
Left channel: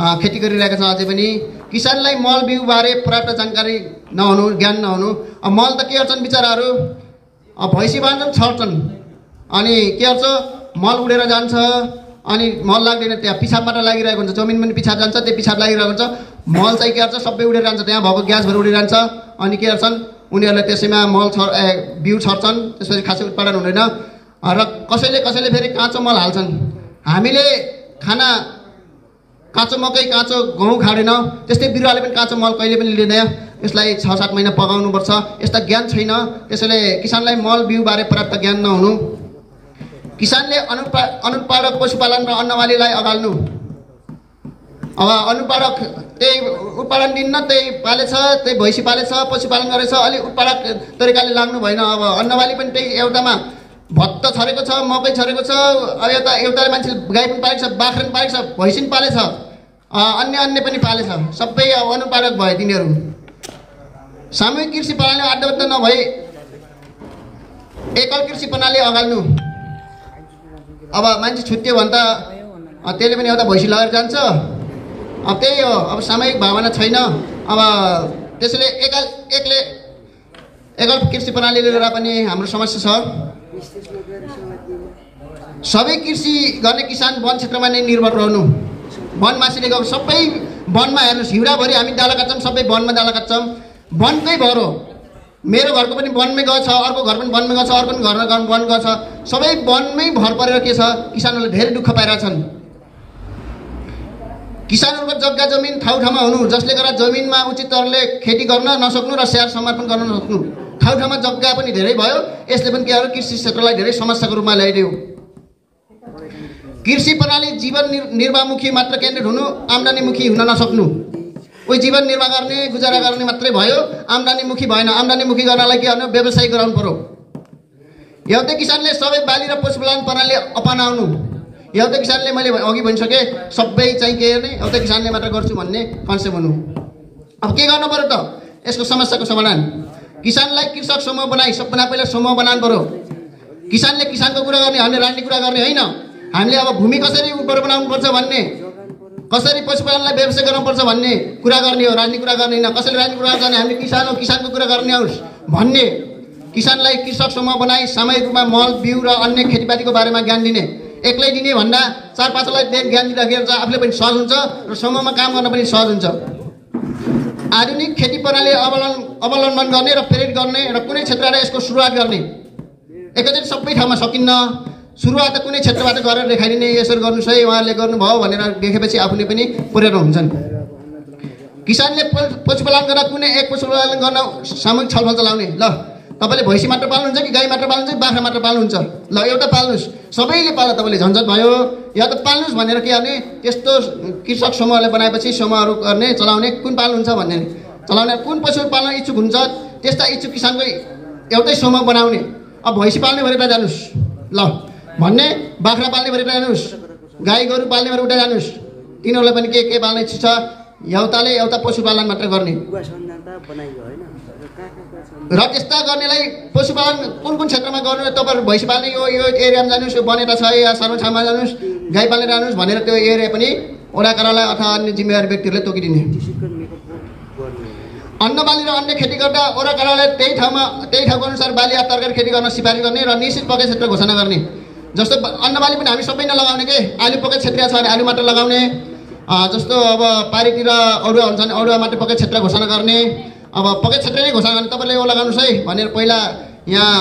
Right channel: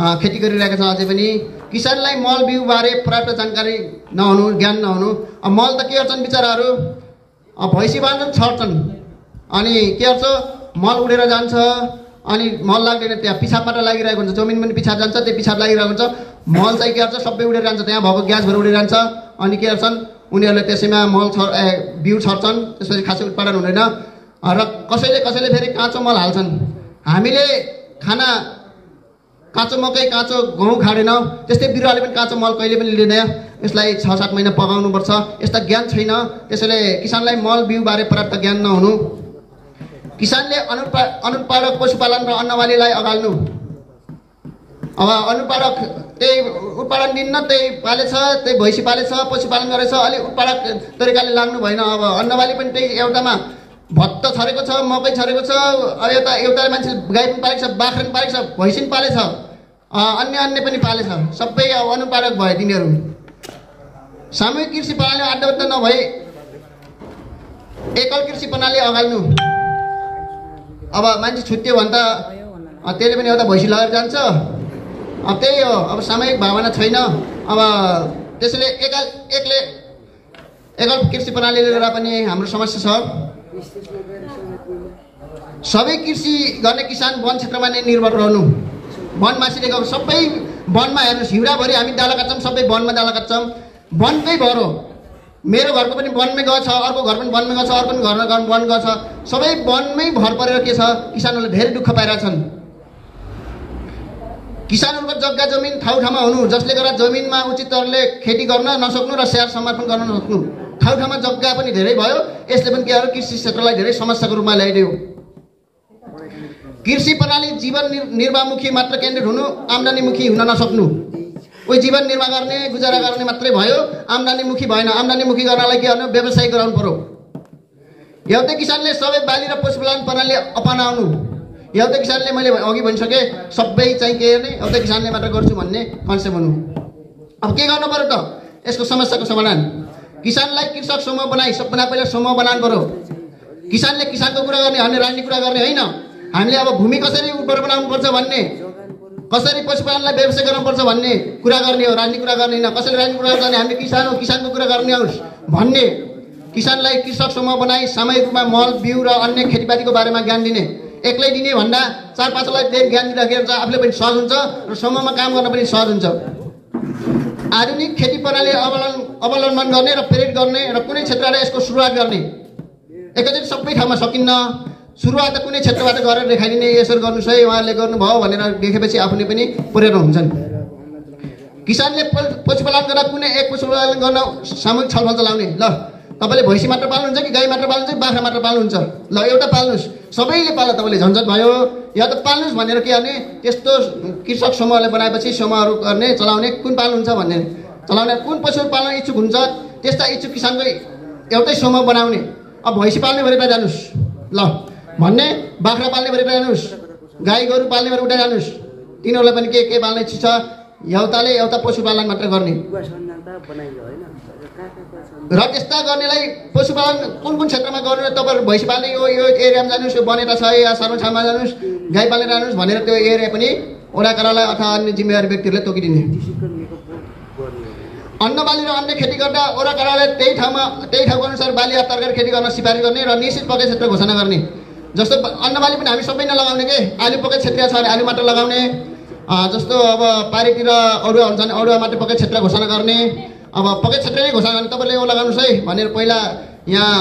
खेती गरिरहेका छ। अझै पनि किसानलाई मल बिउबारे पर्याप्त जानकारी नहुनु, ज्ञान नहुनु। मल त के गर्छन् बिचराहरू, भैँसी बाँध्छन्, छर्छन्, अनि के गर्छ, मल उडेर जान्छ, अनि मल लाग्दैन, त्यहाँ पिसाबबाट लागिरहेको हुन्छ। जमिन पनि पिसाब जान्छ, त्यो पिसाब लागिरहेको हुन्छ। मल चाहिँ के गर्छ, सबै उडेर जान्छ, त्यहाँ भएको ग्यासहरू उडेर जान्छ। अनि के गर्छन्, उनीहरूले त्यसैमा बिउ छर्छन्, त्यसपछि खासै उत्पादन हुँदैन। र कसैले फेरि काँचो मल हाल्छन्। हामीले खाना काँचो मकै, काँचो गहुँ खाँदैनौँ, त्यस्तै बिरुवाले पनि काँचो मल कहिले पनि लिँदैन। यसलाई 6-7 महिना पकाउनुपर्छ। यस्ता ज्ञान छैन। त्यसैले किसानलाई मल बिउबारे पर्याप्त ज्ञान नहुनु। किसानले अनुत्पादक पशुपालन र अन्नबालीलाई अगाल्नु। अब अनुत्पादक त्यही उत्पादन दिन्न, त्यही पालेछ, त्यही भैँसी पालेछ, पशुपालन गरेछ, अलिक उत्पादक तरिकाले लाग्नु भएन। अब अन्नबाली पनि त्यही एउटामा भत्त छरेको छ, मकै छरेको छ, एउटा मान्छे गाई पनि पालेको छ, बाख्रा पनि पालेको छ, भैँसी पनि पालेछ, अन्य पनि पालेछ। सबै अब अनुत्पादक भए तिनीहरू। सामूहिक कृषि प्रणाली आड्डबद्ध नभई एकल कृषि प्रणाली अगाल्नु। अब मान्छे छुट्यो भने त त्यसले पनि एउटा भैँसी लगेर जान्छ। अब त्यही हो, अब सामूहिक भावना छैन। अब त्यसैले एकल कृषि प्रणाली लिएर पनि हाम्रो समस्या छ। सबै कृषि गर्ने किसान वन क्षेत्रमा नै निर्भर रहनु। वन मासिले गएको सबै वनमा हेर्नुहोस्, हिउँदाभरि हामी दाला काट्छौँ, सबै वनमा दाला काट्छौँ। वनकै भर हो। मेरो घरको पनि वनमै गएको छ, अर्को घर पनि वनमै गएको छ, अर्को पनि घर वन गएको छ। सबै वनमै भर परेर के छ, किसानहरूले धेरै दुःख पाइरहेछन्। किसानहरूको जग्गा जमिन ठाउँमा हुनु, जसले गर्दा जमिनमा उचित तरिकाले खेती गर्न नसक्नु र स्याहार समर्पण गर्न नसक्नु। ठाउँमा जग्गा पनि धेरै भयो। यसले पनि के गर्यो, कृषि क्षेत्रलाई धेरै समस्याको रूपमा ल्याइदियो। कृषि प्रणाली जीवन निर्वाहमुखी मात्र केन्द्रित हुनु, आम्दानीमुखी हुन नसक्नु। कोही जीवन निर्वाह गर्ने, गुजारा गर्ने मात्रै भयो, आम्दानीमुखी भएन। आम्दानीमुखी गर्नलाई के गर्नु, व्यवसाय गराउनु पर्यो। एउटै किसानले सबै बाली र पशुपालन प्रणाली अपनाउनु। एउटै किसानले, मैले अघि भनिसकेँ, सबै चाहिँ के गर्ने, एउटै किसानले मात्र गर्छु भन्ने कन्सेप्ट हुनु। अब के गर्नु पर्यो त यसको समस्याको समाधान? किसानलाई कृषक समूह बनाई, सबभन्दा पहिला समूह बनाउनु पर्यो। किसानले किसानको कुरा गर्ने, हामीले राजनीति कुरा गर्ने होइन। हामीले अब भूमि कसरी उर्वर बनाउनुपर्छ भन्ने, कसरी पशुपालनलाई व्यवसाय गराउनुपर्छ भन्ने कुरा गर्ने हो, राजनीति कुरा गर्ने होइन। कसरी राजनीति कुरा गर्ने, हामीले किसान हो, किसानको कुरा गर्ने होस् भन्ने। किसानलाई कृषक समूह बनाई सामूहिक रूपमा मल बिउ र अन्य खेतीपातीको बारेमा ज्ञान दिने। एक्लै दिने भन्दा 4-5लाई ज्ञान दिँदाखेरि चाहिँ आफूले पनि सहज हुन्छ र समूहमा काम गर्न पनि सहज हुन्छ। आधुनिक खेती प्रणाली अवलम्बन गर्ने र प्रेरित गर्ने र कुनै क्षेत्रलाई यसको सुरुवात गर्ने। एकैचोटि सबै ठाउँमा सकिन्न। सुरुवात त कुनै क्षेत्रबाट गरेर देखाइदिने, यसरी गर्नुहोस् है, उहाँहरूले गर्नुभयो भनेर देखेपछि आफूले पनि प्रेरणा हुन्छन्। किसानले पशुपालन गर्दा कुनै एक पशुपालन गर्न सामूहिक छलफल चलाउने। ल तपाईँले भैँसी मात्र पाल्नुहुन्छ कि गाई मात्र पाल्नुहुन्छ कि बाख्रा मात्र पाल्नुहुन्छ? ल एउटा पाल्नुहोस्, सबैले पाल्दा तपाईँले झन्झट भयो। या त पाल्नुहोस् भनेर के गर्ने, त्यस्तो कृषक समूहले बनाएपछि समूहहरू गर्ने, चलाउने, कुन पाल्नुहुन्छ भन्ने चलाउने, कुन पशु पाल्न इच्छुक हुन्छ त्यस्ता इच्छुक किसानको एउटै समूह बनाउने। अब भैँसी पाल्ने भएर जानुहोस् ल भन्ने, बाख्रा पाल्ने भएर जानुहोस्, गाई गोरु पाल्ने भएर उता जानुहोस्। तिनीहरूलाई पनि के पाल्ने इच्छा छ, एउटाले एउटा पशुपालन मात्र गर्ने। र त्यस्ता गर्नेलाई पशुपालन कुन क्षेत्रमा गर्नु, तपाईँहरू भैँसी पाल्ने यो एरियामा जानुहोस्, यो बनेटा छ या सर्वछाममा जानुहोस्, गाई पाल्ने जानुहोस् भनेर त्यो एरिया पनि वडा कार्यालय अथवा अन्य जिम्मेवारी व्यक्तिहरूले तोकिदिने। अन्नबाली र अन्य खेती गर्दा वडा कार्यालय त्यही ठाउँको अनुसार बाली या तरकारी खेती गर्न सिफारिस गर्ने र निश्चित पक्कै क्षेत्र घोषणा गर्ने। जस्तो अन्नबाली पनि हामी सबै नलगाउने के, आलु पक्कै क्षेत्रीय छ भने आलु मात्र लगाउने। जस्तो अब पारीतिर अडुवा हुन्छ भने अडुवा मात्र पक्कै क्षेत्र घोषणा गर्ने। अब पक्कै क्षेत्र नै घोषणा गर्ने, तपाईँले यो लगाउनुहोस् है भनेर पहिला यहाँ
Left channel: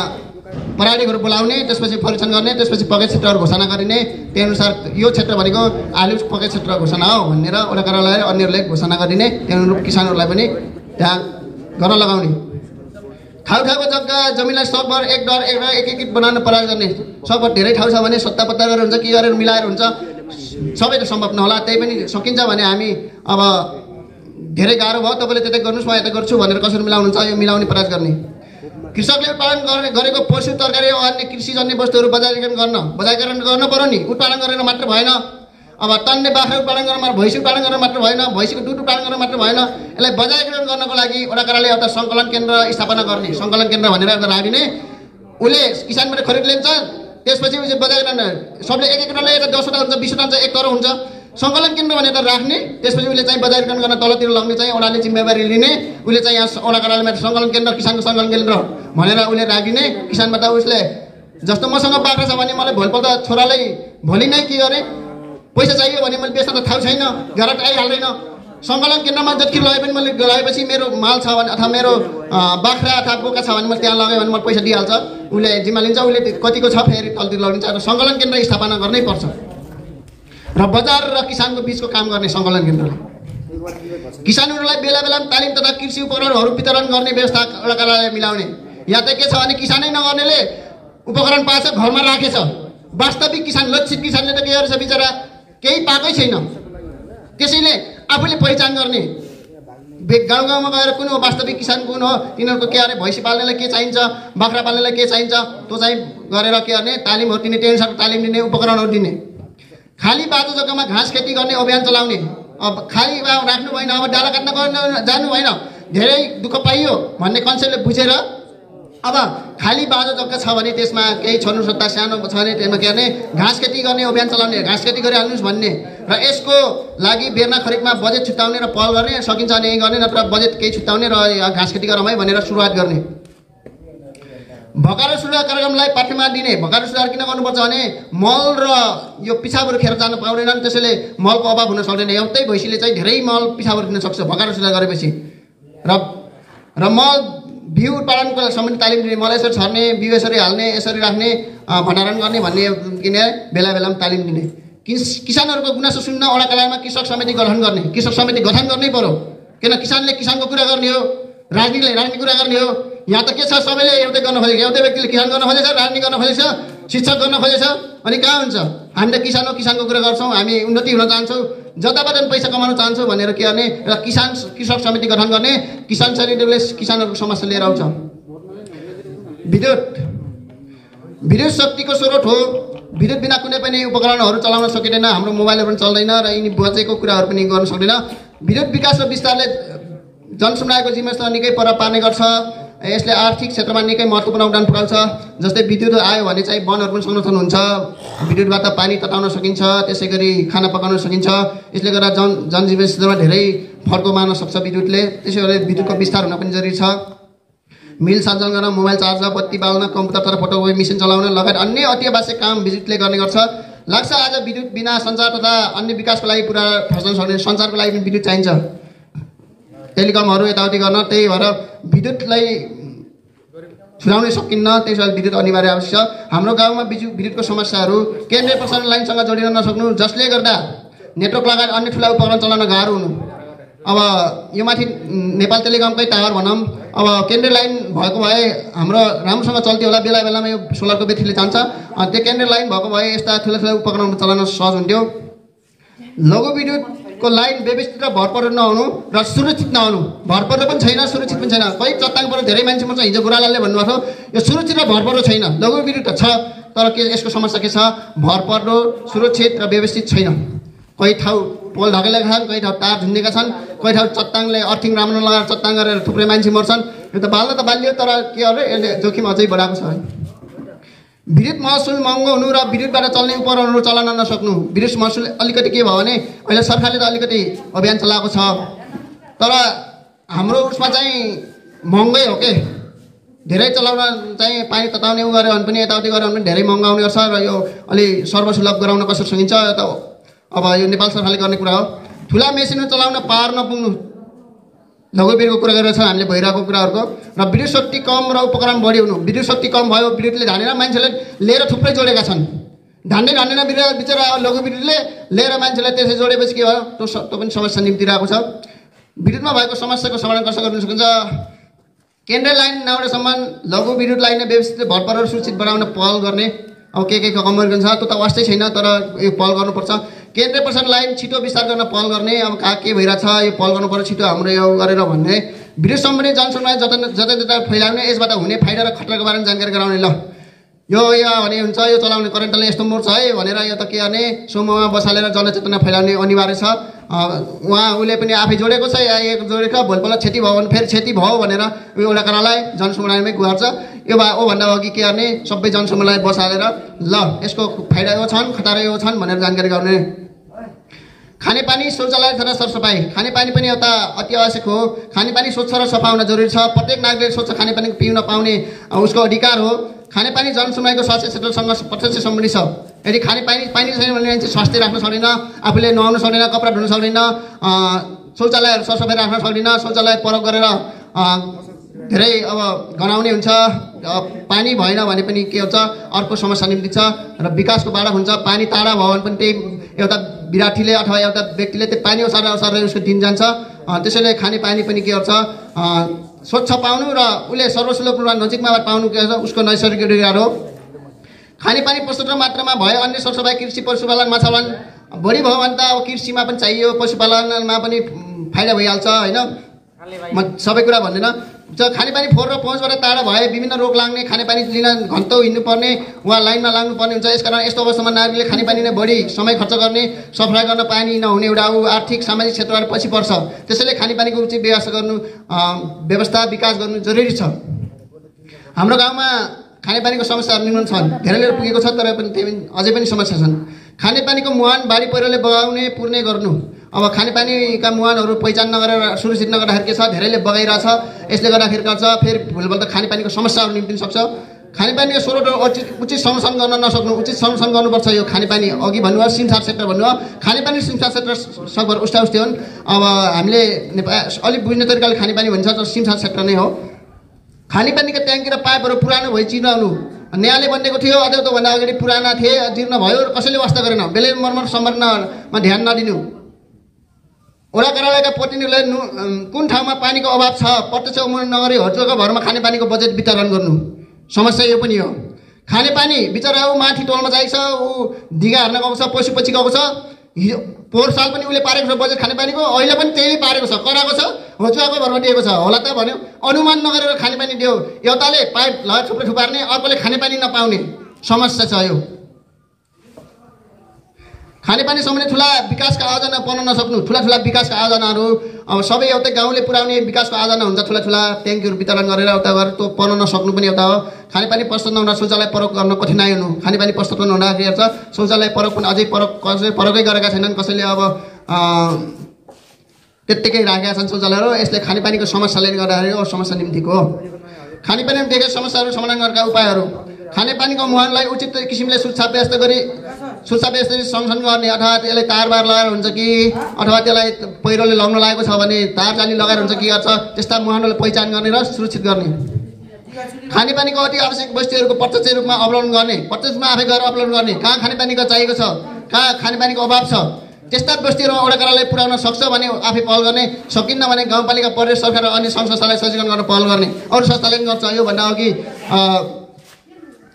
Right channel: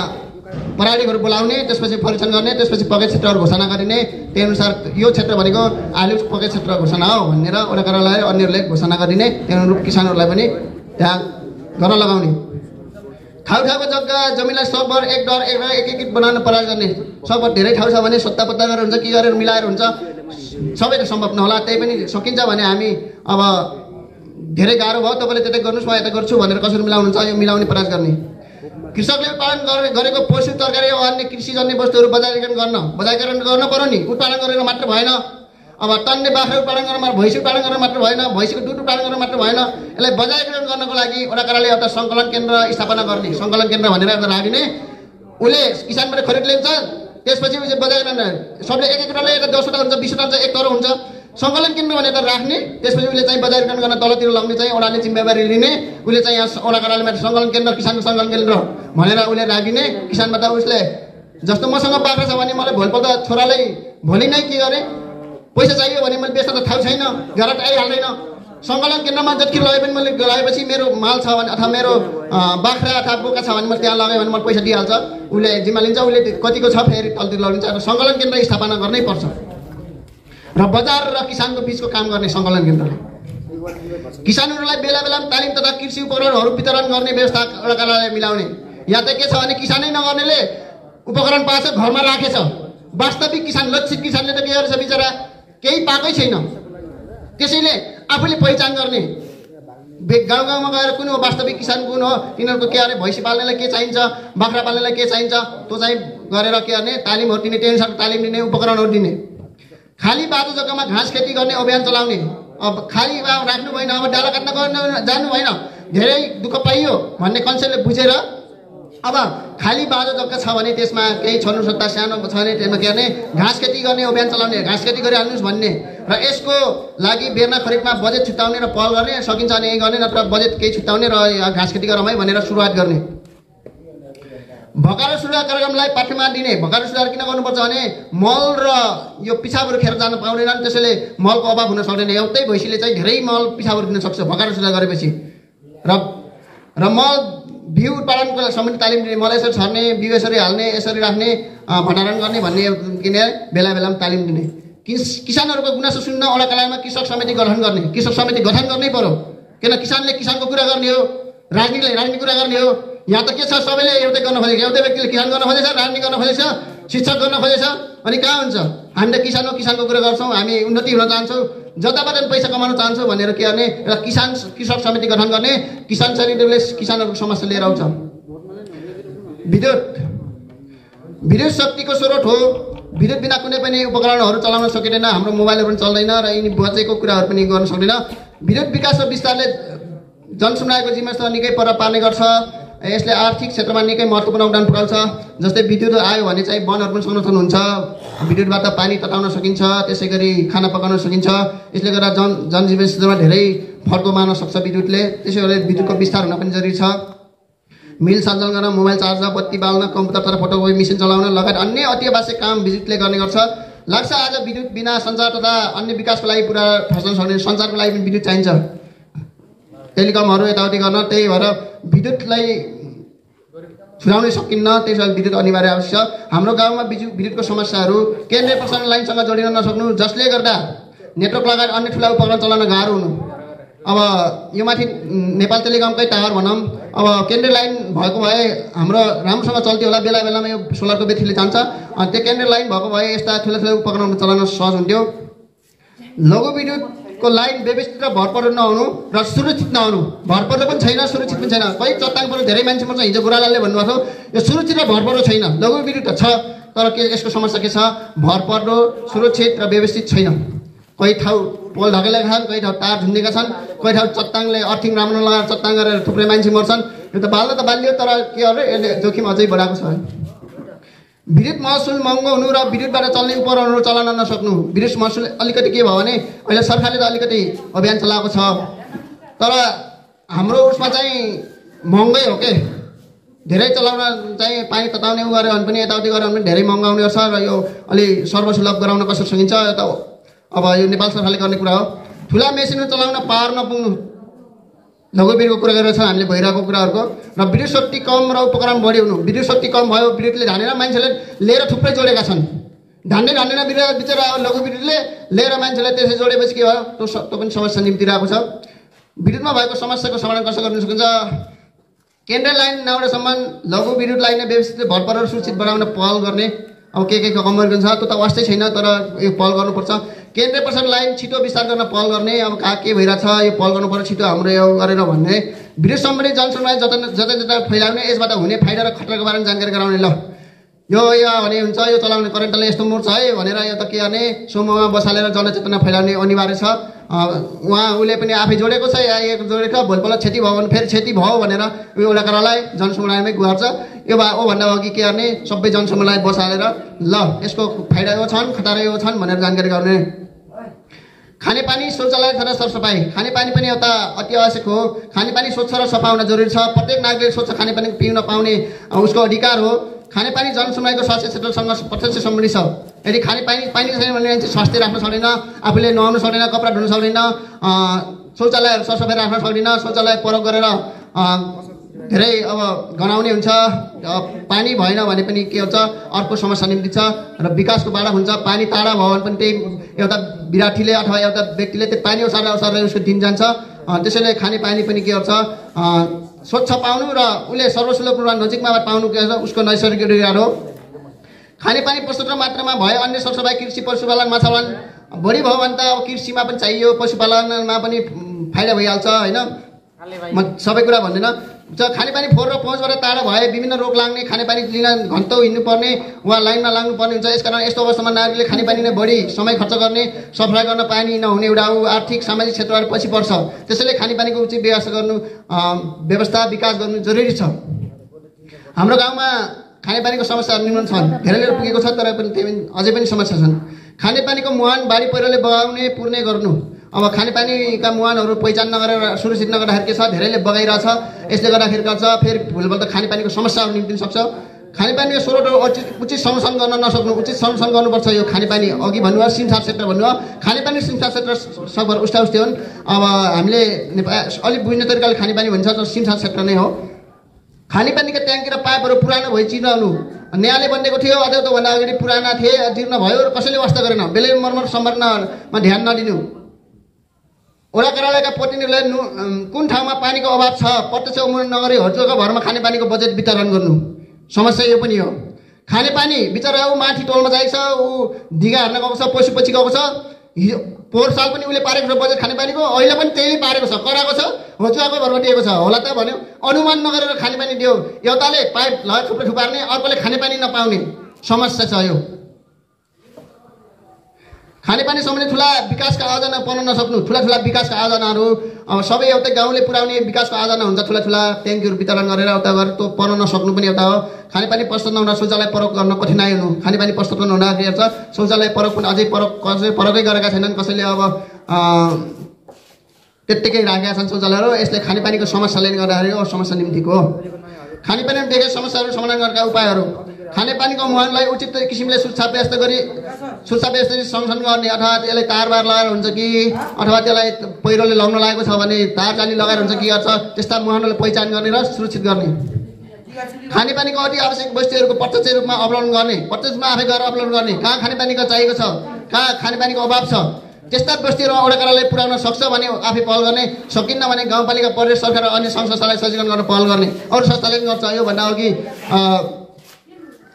पराडीहरू बोलाउने, त्यसपछि परीक्षण गर्ने, त्यसपछि पक्कै क्षेत्रहरू घोषणा गरिने। त्यही अनुसार यो क्षेत्र भनेको आलु पक्कै क्षेत्र घोषणा हो भनेर वडा कार्यालय अन्यहरूले घोषणा गरिने। त्यही अनुरूप किसानहरूलाई पनि त्यहाँ गर्न लगाउने। ठाउँको जग्गा जमिनलाई सकभर एक बनाउन प्रयास गर्ने सकभर धेरै ठाउँ छ भने सत्ता पत्ता गरेर हुन्छ के गरेर मिलाएर हुन्छ सबै त सम्भव नहोला त्यही पनि सकिन्छ भने हामी अब धेरै गाह्रो भयो तपाईँले त्यतै गर्नुहोस् म यता गर्छु भनेर कसरी मिलाउनुहुन्छ यो मिलाउने प्रयास गर्ने कृषकले उत्पादन गरेको पशु तरकारी अन्य कृषिजन्य वस्तुहरू बजारीकरण गर्न पर्यो नि उत्पादन गरेर मात्र भएन अब टन्ने बाख्रा उत्पादन गर्न भैँसी उत्पादन गर्न मात्र भएन भैँसीको दुध उत्पादन गर्न मात्र भएन यसलाई बजारीकरण गर्नको लागि वडाकाराले एउटा सङ्कलन केन्द्र स्थापना गर्ने सङ्कलन केन्द्र भनेर एउटा राखिने उसले किसानबाट खरिद लिन्छ त्यसपछि उसले बजारीकरण सबले एक टनले 10वटा हुन्छ 20वटा हुन्छ 1 करोड हुन्छ सङ्कलन केन्द्र भनेर राख्ने त्यसपछि उसले चाहिँ बजारीकरण गर्न तलतिर लग्ने चाहिँ ओडाले जिम्मेवारी लिने उसले चाहिँ यहाँ वडाकाराले सङ्कलन केन्द्र किसानको सङ्कलन केन्द्र भनेर उसले राखिने किसानबाट उसले जस्तो मसँग बाख्रा छ भने मलाई भोलिपल्ट छोरालाई भोलि नै के गरे पैसा चाहियो भने मैले बेच्न त थाहा छैन घर आइहाल्दैन सङ्कलन केन्द्रमा जति लगे पनि मैले लगाएपछि मेरो माल छ भने अथवा मेरो बाख्रा अथवा बोका छ भने मैले त्यहाँ लगाएँ भने मलाई पैसा दिइहाल्छ उसले जिम्मा लिन्छ उसले कतिको छ फेरि तलतिर लगिन्छ र सङ्कलन केन्द्र स्थापना गर्नै पर्छ र बजार र किसानको बीचको काम गर्ने सङ्कलन केन्द्रले किसानहरूलाई बेला बेलामा तालिम तथा कृषि उपकरणहरू वितरण गर्ने व्यवस्था वडाकाराले मिलाउने यहाँ त के छ भने किसानै नगर्नेले उपकरण पाएछ घरमा राखेछ वास्तविक किसान लक्षित किसानले त के गरेछ बिचरा केही पाएकै छैन त्यसैले आफूले पहिचान गर्ने गाउँ गाउँमा गएर कुन हो वास्तविक किसान कुन हो तिनीहरूको के अरे भैँसी पाल्नेलाई के चाहिन्छ बाख्रा पाल्नेलाई के चाहिन्छ त्यो चाहिँ गरेर के गर्ने तालिमहरू दिने त्यही अनुसार तालिम दिने उपकरणहरू दिने खाली बाटो जग्गामा घाँस खेती गर्ने अभियान चलाउने अब खाली राख्नु भएन अब डाला काट्न जानु भएन धेरै दुःख पाइयो भन्ने कन्सेप्टले बुझेर अब खाली बाटो जग्गा छ भने त्यसमा केही छोड्नु सक्दा सानो छ भने त्यसमा के गर्ने घाँस खेती गर्ने अभियान चलाउने घाँस खेती गरिहाल्नुहोस् भन्ने र यसको लागि बेर्ना खरिदमा बजेट छुट्याउने र पहल गर्ने सकिन्छ भने यही गर्ने नत्र बजेट केही छुट्याउने र घाँस खेती गरौँ है भनेर सुरुवात गर्ने भकारो सुधार कार्यक्रमलाई पाठ्यमा दिने भकारो सुधार किन गर्नुपर्छ भने मल र यो पिसाबहरू खेर जान पाउँदैनन् त्यसैले मलको अभाव हुन सक्दैन एउटै भैँसीले चाहिँ धेरै मल पिसाबहरू दिन सक्छ भकारो सुधार गरेपछि र मल बिउ उत्पादनको सम्बन्धी तालिम दिने मल यसरी छर्ने बिउ यसरी हाल्ने यसरी राख्ने भण्डारण गर्ने भन्ने किने बेला बेलामा तालिम दिने किसानहरूको गुनासो सुन्न वडाकारामा कृषक समिति गठन गर्ने कृषक समिति गठन गर्नै पर्यो किन किसानले किसानको कुरा गर्ने हो राजनीतिले राजनीति कुरा गर्ने हो यहाँ त के छ सबैले एउटै गर्न खोजेको एउटै व्यक्तिले किसान गर्न खोजेछ राजनीति गर्न खोजेछ शिक्षक गर्न खोजेछ अनि कहाँ हुन्छ हामी त किसान हो किसानको कुरा गर्छौँ हामी उन्नति हुन चाहन्छौँ जताबाट पनि पैसा कमाउन चाहन्छौँ भनेर के गर्ने र कृषक समिति गठन गर्ने किसान समितिले किसानहरूको समस्या लिएर आउँछ विद्युत शक्तिको स्रोत हो विद्युत बिना कुनै पनि उपकरणहरू चलाउन सकिँदैन हाम्रो मोबाइलहरू पनि चल्दैन र यिनी बचेको कुराहरू पनि गर्न सक्दैन विद्युत विकास र विस्तारले जनसमुदायको जीवनस्तर निकै पर पार्ने गर्छ यसले आर्थिक क्षेत्रमा निकै महत्त्वपूर्ण योगदान पुर्याउँछ जस्तै विद्युत आयो भने चाहिँ वनहरू पनि संरक्षण हुन्छ विद्युतबाट पानी तताउन सकिन्छ त्यसै गरी खाना पकाउन सकिन्छ यसले गर्दा जनजीवन स्तरमा धेरै फड्को मार्न सक्छ विद्युतले त्यसै गरी विद्युतको विस्तार हुन पनि जरुरी छ मिल सञ्चालन गर्न मोबाइल चार्ज बत्ती बाल्न कम्प्युटर तथा फोटोकपी मेसिन चलाउन लगायत अन्य अति आवश्यक काम विद्युतले गर्ने गर्छ लाग्छ आज विद्युत बिना सञ्चार तथा अन्य विकासको लागि पुरा ठस्न सक्ने सञ्चारको लागि पनि विद्युत चाहिन्छ टेलिकमहरू यताउति गर्न त्यही भएर विद्युतलाई छुटाउनै सकिन्न त्यसैले विद्युत अनिवार्य आवश्यक छ हाम्रो गाउँमा विद्युतको समस्याहरू केन्द्रीय प्रसारण लाइनसँग जोडिन नसक्नु जसले गर्दा नेटवर्क लगायत अन्य ठुला उपकरण चलाउन गाह्रो हुनु अब यो माथि नेपाल टेलिकमकै टावर भनौँ अब केन्द्रीय लाइन भएको भए हाम्रो राम्रोसँग चल्थ्यो होला बेला बेलामा यो सोलरको ब्याट्रीले जान्छ अनि त्यो केन्द्रीय लाइन भएको भए यस्ता ठुला ठुला उपकरणहरू चलाउन सहज हुन्थ्यो लघु विद्युतको लाइन व्यवस्थित र भरपर्दो नहुनु र सुरक्षित नहुनु भरपर्दो पनि छैन सुरक्षित पनि छैन कहीँ चट्टाङ पर्नु धेरै मान्छे मर्छ हिजो गुरालालले भन्नुभएको यो सुरक्षित र भरपर्दो छैन लघु विद्युत त छ तर के यसको समस्या के छ भरपर्दो सुरक्षित र व्यवस्थित छैन कहीँ ठाउँ पोल ढकेलेका छन् कहीँ ठाउँ तार झुन्डेका छन् कहीँ ठाउँ चट्टाङले अर्थिङ राम्रो लगाएर चट्टाङ गरेर थुप्रै मान्छे मर्छन् यो त बाल्दा त बालियो तर के अरे यसले जोखिम अझै बढाएको छ विद्युत महसुल महँगो हुनु र विद्युतबाट चल्ने उपकरणहरू चलाउन नसक्नु विद्युत महसुल अलिकति के भयो भने अहिले सरकारले त अलिकति अभियान चलाएको छ तर हाम्रो उसमा चाहिँ महँगै हो के धेरै चलाउन चाहिँ पानी तताउने उ गऱ्यो भने पनि यताउति गऱ्यो भने पनि धेरै महँगो आउने गर्छ र यो अलि सर्वसुलभ गराउन कसरी सकिन्छ त अब यो नेपाल सरकारले गर्ने कुरा हो ठुला मेसिनहरू चलाउन पावर नपुग्नु लघु विद्युतको कुरा गरेर छ हामीले भइरहेको कुराहरूको र विद्युत शक्ति कम र उपकरण बढी हुनु विद्युत शक्ति कम भयो विद्युतले धानेर मान्छेले लिएर थुप्रै जोडेका छन् धान्दैन बिचरा लघु विद्युतले लिएर मान्छेलाई त्यसै जोडेपछि के भयो त्यो पनि समस्या निम्तिरहेको छ विद्युतमा भएको समस्याको समाधान कसरी गर्न सकिन्छ केन्द्रीय लाइन नआउनेसम्म लघु विद्युत लाइन व्यवस्थित भरपर सुरक्षित बनाउन पहल गर्ने अब के कमजोरी छ त्यो त वास्तै छैन तर यो पहल गर्नुपर्छ केन्द्रीय प्रसारण लाइन छिटो विस्तार गर्न पहल गर्ने अब कहाँ के भइरहेछ यो पहल गर्नुपर्छ छिटो हाम्रो यो गरेर भन्ने विद्युत सम्बन्धी जनसुनवाई जता फैलाउने यसबाट हुने फाइदा र खतराको बारेमा जानकारी गराउने ल यो भने हुन्छ यो चलाउने करेन्टले यस्तो मोड छ है भनेर यो त के गर्ने समूहमा बसालेर जनचेतना फैलाउने अनिवार्य छ उसले पनि आफै जोडेको छ या एक जोडेको भोलिपल्ट क्षति भयो भने फेरि क्षति भयो भनेर एउटा करालाई जनसमुदायमै गुहार्छ यो भन्दा अघि के गर्ने सबै जनसमुदाय बसालेर ल यसको फाइदा यो छन् खतरा यो छन् भनेर जानकारी गर्ने खानेपानी शौचालय तथा सरसफाई खानेपानी पनि एउटा अति आवश्यक हो खानेपानी स्वच्छ र सफा हुन जरुरी छ प्रत्येक नागरिकले स्वच्छ खानेपानी पिउन पाउने उसको अधिकार हो खानेपानी जनसमुदायको स्वास्थ्य क्षेत्रसँग प्रत्यक्ष सम्बन्धित छ यदि पानी छैन भने स्वास्थ्य राख्न सक्दैन आफूले नुहाउन सक्दैन कपडा धुन सक्दैन शौचालयहरू सरसफाइ राख्न सक्दैन शौचालय प्रयोग गरेर धेरै अब गनाउने हुन्छ पानी भएन भने पनि के हुन्छ अर्को समस्या निम्ति छ र विकासको बाधा हुन्छ पानी टाढा भयो भने पनि त्यही एउटा विद्यार्थीले अथवा एउटा व्यक्तिले त्यो पानी ओसारेर उसको दिन जान्छ त्यसैले खानेपानी पनि के गर्छ स्वच्छ पाउनु र उसले सर्वसुलभ रूपमा नजिकमा पाउनु के छ उसको नैसर्गिक अधिकार हो खानेपानी प्रशस्त मात्रामा भए अन्य सरसफाइ कृषि पशुपालन माछापालन बढी भयो भने त अब कृषिमा पनि चाहियो पशुपालनमा पनि फाइदा भइहाल्छ होइन म सबै कुरा भन्दैन खानेपानी फोहोर र पहुँचबाट टाढा भए विभिन्न रोग लाग्ने खानेपानी लिन घन्टौँ हिँड्नुपर्ने वा लाइनमा लाग्नुपर्ने हुन्छ यसकारण यस्तो अवस्थामा नागरिकले खानेपानी नै बढी समय खर्च गर्ने सफाइ गर्न पानी नहुने एउटा आर्थिक सामाजिक क्षेत्रबाट पछि पर्छ त्यसैले खानेपानीको उचित व्यवस्था विकास गर्नु जरुरी छ हाम्रो गाउँमा खानेपानीको समस्याहरू न्यून छन् धेरैले पुगेको छ तर पनि अझै पनि समस्या छन् खानेपानीको मुहान बाढी पहिरोले बगाउने पूर्णे गर्नु अब खानेपानीका मुहानहरू पहिचान नगरेर सुरक्षित नगर्दाखेरि के छ धेरैले बगाइरहेछ यसले गर्दाखेरि गर्छ फेरि भोलिपल्ट खानेपानीको समस्याहरू निम्तिन सक्छ खानेपानीको स्रोतहरू उचित संरक्षण गर्न नसक्नु उचित संरक्षण गर्नुपर्छ यो खानेपानी अघि भन्नुभयो सिमसार क्षेत्र भन्नुभयो खानेपानी सिमसार क्षेत्र सकभर उस्ता उस्तै हुन् अब हामीले अलिक बुझ्ने तरिकाले खानेपानी भन्छ सिमसार क्षेत्र नै हो खानेपानीका ट्याङ्की र पाइपहरू पुरानो भई चिर्नु न्यायले बनिएको थियो अझै त्योभन्दा अगाडि पुराना थिए जीर्ण भयो र कसैले वास्ता गरेन बेलै मर्मत सम्बन्धमा ध्यान नदिनु वडा कार्यालयका प्रतिनिधिले कुन ठाउँमा पानीको अभाव छ प्रत्यक्ष उम्मेद नगरी होटलको भरमा खानेपानीको बजेट वितरण गर्नु समस्या यो पनि हो खानेपानी बिचरा ऊ माथि टोलमा जाइछ ऊ ढिगा हार्न गएको छ पछि गएको छ पोहोर साल पनि उसले पारेको छ बजेट खानेपानीको अहिले पनि त्यही पारेको छ कराएको छ होचुवाको भरमा दिएको छ होला त भन्यो अनुमान नगरेर खानेपानी दियो एउटाले पाइप लगाएर थुप्रै थुपार्ने अर्कोले खानेपानी नपाउने समस्या छ यो खानेपानी सम्बन्धी ठुला विकासका आयोजना बनाउन नसक्नु ठुला विकासका आयोजनाहरू अब सबै एउटै गाउँले पुर्याउने विकासको आयोजना हुन्छ ठुला ट्याङ्कीहरू वितरण गरेर एउटा गरेर त्यो बनाउन नसक्नु पनि एउटा हो खानेपानी प्रस्तुत नहुँदा शौचालय प्रयोग गर्न कठिनाइ हुनु खानेपानी प्रस्तुत नहुँदाखेरि हेर्छ शौचालय प्रयोग पनि अझै प्रयोगै गरेका छैनन् कसैले अब त्यत्तिकै राखेका छन् शौचालयहरू यसले खानेपानीको समस्याले गर्दाखेरि समस्या निम्तिको हो खानेपानीमा देखेका समस्याहरू समाधान गर्नका उपायहरू खानेपानीको मुहानलाई उचित किसिमले सुरक्षा व्यवस्था संरक्षण गर्ने अथवा त्यसलाई तारबार लगाएर हुन्छ कि अथवा त्यसलाई पहिरोले लग्न लागेको छ भने तार जाली लगाएर हुन्छ कि गर्छ त्यस्ता मुहानलाई पहिचान गर्ने र सुरक्षित गर्ने खानेपानीको अति आवश्यक वस्तुहरूको प्रत्यक्ष रूपमा अवलम्बन गर्ने प्रत्यक्षमा आफै गएर अवलम्बन गर्ने कहाँ खानेपानीको चाहिएको छ कहाँ खानेपानीको अभाव छ त्यस्ता वस्तुहरूमा वडा कार्यालय पुर्याउन सक्छ भने आफै पहल गर्ने सकिन्न भने गाउँपालिका प्रदेश सरकार र अन्य सङ्घ संस्थालाई सचेतन गर्न पहल गर्ने अरू संस्थाले पनि गर्छ योभन्दा अघि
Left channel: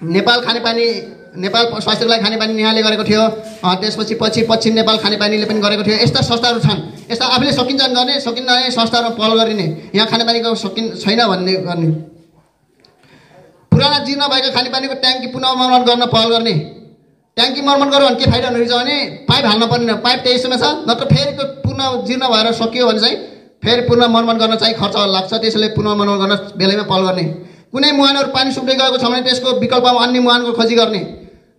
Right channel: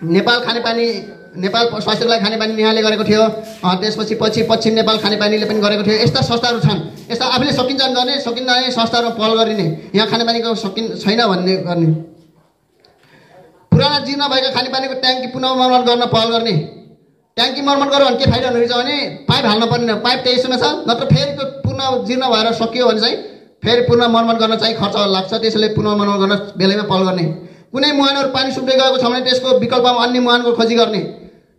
नेपाल स्वास्थ्यलाई खानेपानी न्यायले गरेको थियो त्यसपछि पश्चिम नेपाल खानेपानीले पनि गरेको थियो यस्ता संस्थाहरू छन् यस्ता आफूले सकिन्छन् गर्ने सकिन्न भने संस्थाहरूमा पहल गरिने यहाँ खानेपानीको छैन भन्ने गर्ने पुराना जीर्ण भएका खानेपानीको ट्याङ्की पुनः मर्मत गर्न पहल गर्ने ट्याङ्की मर्मत गर्यो भने के फाइदा हुने रहेछ भने पाइप हाल्न पर्ने पाइप त्यही समय छ नत्र फेरि त्यो पुनः जीर्ण भएर सकियो भने चाहिँ फेरि पुनः मर्मत गर्न चाहिँ खर्च लाग्छ त्यसैले पुनः मर्मत गर्न बेलैमा पहल गर्ने कुनै मुहानहरू पानी सुक्दै गएको छ भने त्यसको विकल्पमा अन्य मुहानको खोजी गर्ने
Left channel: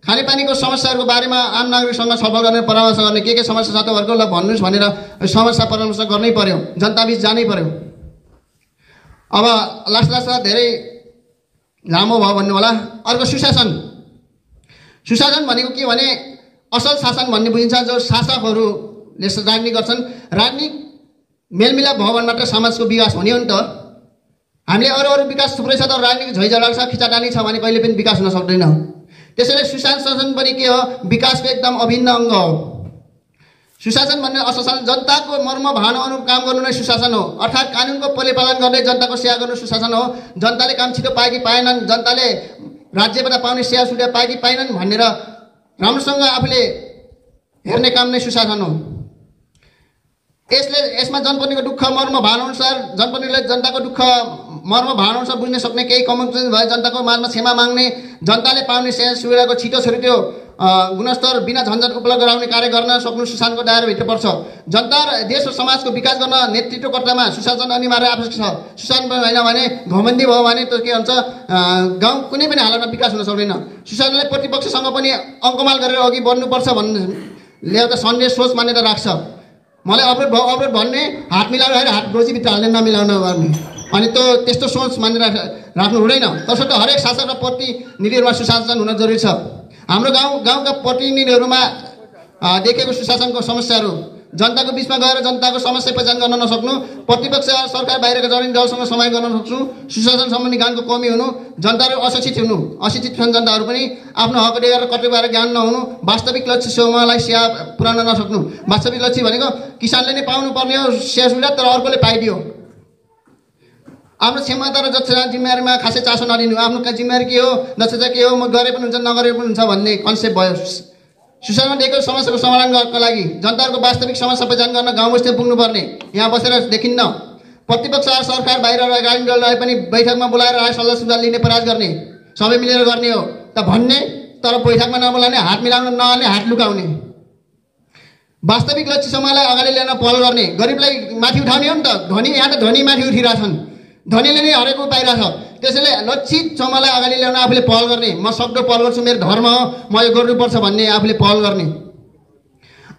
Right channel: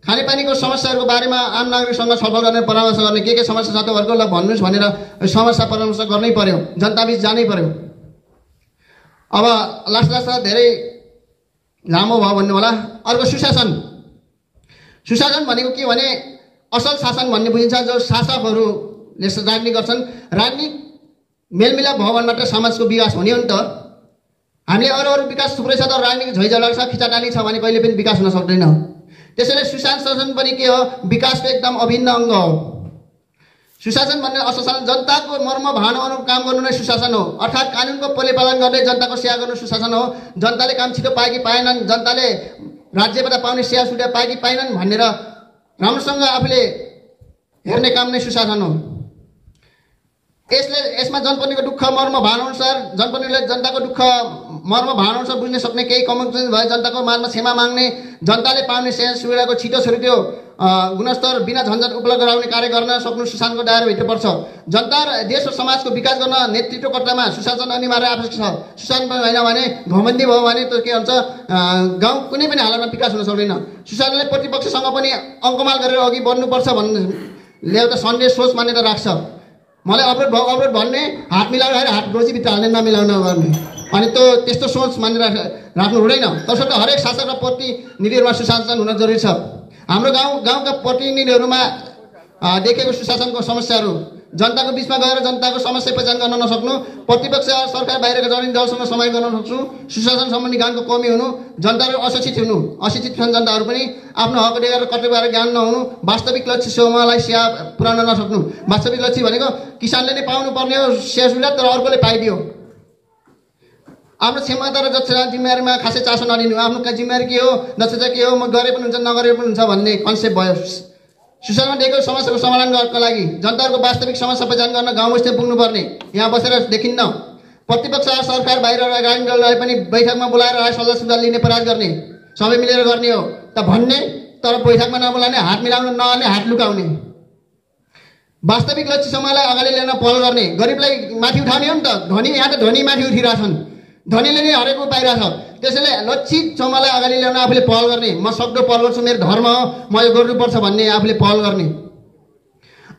खानेपानीको समस्याहरूको बारेमा आम नागरिकसँग छलफल गर्ने परामर्श गर्ने के समस्या छ तपाईँहरूको ल भन्नुहोस् भनेर समस्या परामर्श गर्नै पर्यो जनताबीच जानै पर्यो अब लास्ट धेरै लामो भयो भन्नु होला अर्को सुशासन भनेको के भने असल शासन भन्ने बुझिन्छ जो शासकहरूले राजनीति गर्छन् राजनीति मेलमिलाप भयो भने मात्र समाजको विकास हुने हो नि त हामीले अरू विकास थुप्रै छ तर राजनीतिक झैझगडा छ खिचाटानी छ भने कहिले पनि विकास हुन सक्दैन त्यसैले सुशासन पनि के हो विकासको एकदम अभिन्न अङ्ग हो सुशासन भन्ने अशासन जनताको मर्म भावना अनुरूप काम गर्नु नै सुशासन हो। अर्थात् कानुनको परिपालन गर्दै जनताको सेवा गर्नु सुशासन हो। जनताले काम छिटो पाए कि पाएनन्, जनताले राज्यबाट पाउने सेवा सुविधा पाए कि पाएनन् भनेर राम्रोसँग आफूले हेर्ने काम नै सुशासन हो। यसमा जनप्रतिनिधिको दुःख मर्म भावना अनुसार जनप्रतिनिधिले जनताको दुःख मर्म भावना अनुसार बुझ्न सक्ने केही कमजोरी भए जनताको माझमा क्षमा माग्ने, जनताले पाउने सेवा सुविधाको छिटो छुट्यो गुणस्तर बिना झन्झट उपलब्ध गराउने कार्य गर्न सक्नु सुशासनको दायराभित्र पर्छ। जनता र देश र समाजको विकास गर्न नेतृत्वकर्तामा सुशासन अनिवार्य आवश्यक छ। सुशासन होइन भने घमण्डी भयो भने त के हुन्छ, गाउँ कुनै पनि हालतमा विकास हुन सक्दैन। सुशासनले प्रतिपक्षसँग पनि अङ्कमाल गरेर अघि बढ्नुपर्छ भन्ने एउटा सन्देश सोच मान्यता राख्छ। मलाई अवरोध भन्ने हात मिलाएर हात गोजीभित्र हाल्ने नमिलाउन गर्ने, अनि त्यस्तो सोच मानेर राख्नु हुँदैन। तसर्थ हरेक शासक र प्रतिनिधिहरूमा सुशासन हुन जरुरी छ। हाम्रो गाउँका प्रतिनिधिहरूमा देखेको सुशासनको समस्याहरू, जनताको बिचमा गएर जनताको समस्या पहिचान गर्न नसक्नु, प्रतिपक्ष सरकार बाहिरका जडिन दलसँग समय गर्न नसक्नु, सुशासन सम्बन्धी ज्ञानको कमी हुनु, जनताहरू अशिक्षित हुनु, अशिक्षित जनताहरू पनि आफ्नो हक अधिकार र कर्तव्यबारे ज्ञान नहुनु, वास्तविक लक्ष्य समूहलाई सेवा पुर्याउन नसक्नु। वास्तविक लक्ष्य भनेको किसानले नै पाउनु पर्ने हो सेवा सुविधा, तर अर्कोले पाइदियो। आफ्नो क्षमता र दक्षता जिम्मेवारीमा खासै चासो नलिनु। आफ्नो जिम्मेवारी के हो, दक्षता के हो, म गरे पनि हुन्छ नगरे पनि हुन्छ भन्ने कन्सेप्ट भयो। सुशासनमा दिएको समस्याको समाधान गर्नका लागि जनताहरूको वास्तविक समस्या पहिचान गर्न गाउँ बस्तीमा पुग्नुपर्ने, यहाँ बसेर देखिन्न। प्रतिपक्ष सरकार बाहिर राजनीतिक दल रहे पनि बैठकमा बोलाएर राय सल्लाह सुझाव लिने प्रयास गर्ने, सबै मिलेर गर्ने हो त भन्ने, तर बैठकमा नबोलाउने, हात मिलाउन नआउने, हात लुकाउने। वास्तविक लक्ष्य समूहलाई अगाडि ल्याउन पहल गर्ने, गरिबलाई माथि उठाउने हो नि त। धनी यहाँ त धनी माथि उठिरहेछन्, धनीले नै हरेक पाइरहेछ। त्यसैले लक्षित समूहलाई अगाडि ल्याउन आफूले पहल गर्ने, म सक्दो पहल गर्छु, मेरो धर्म हो, म यो गर्नुपर्छ भन्ने आफूले पहल गर्ने।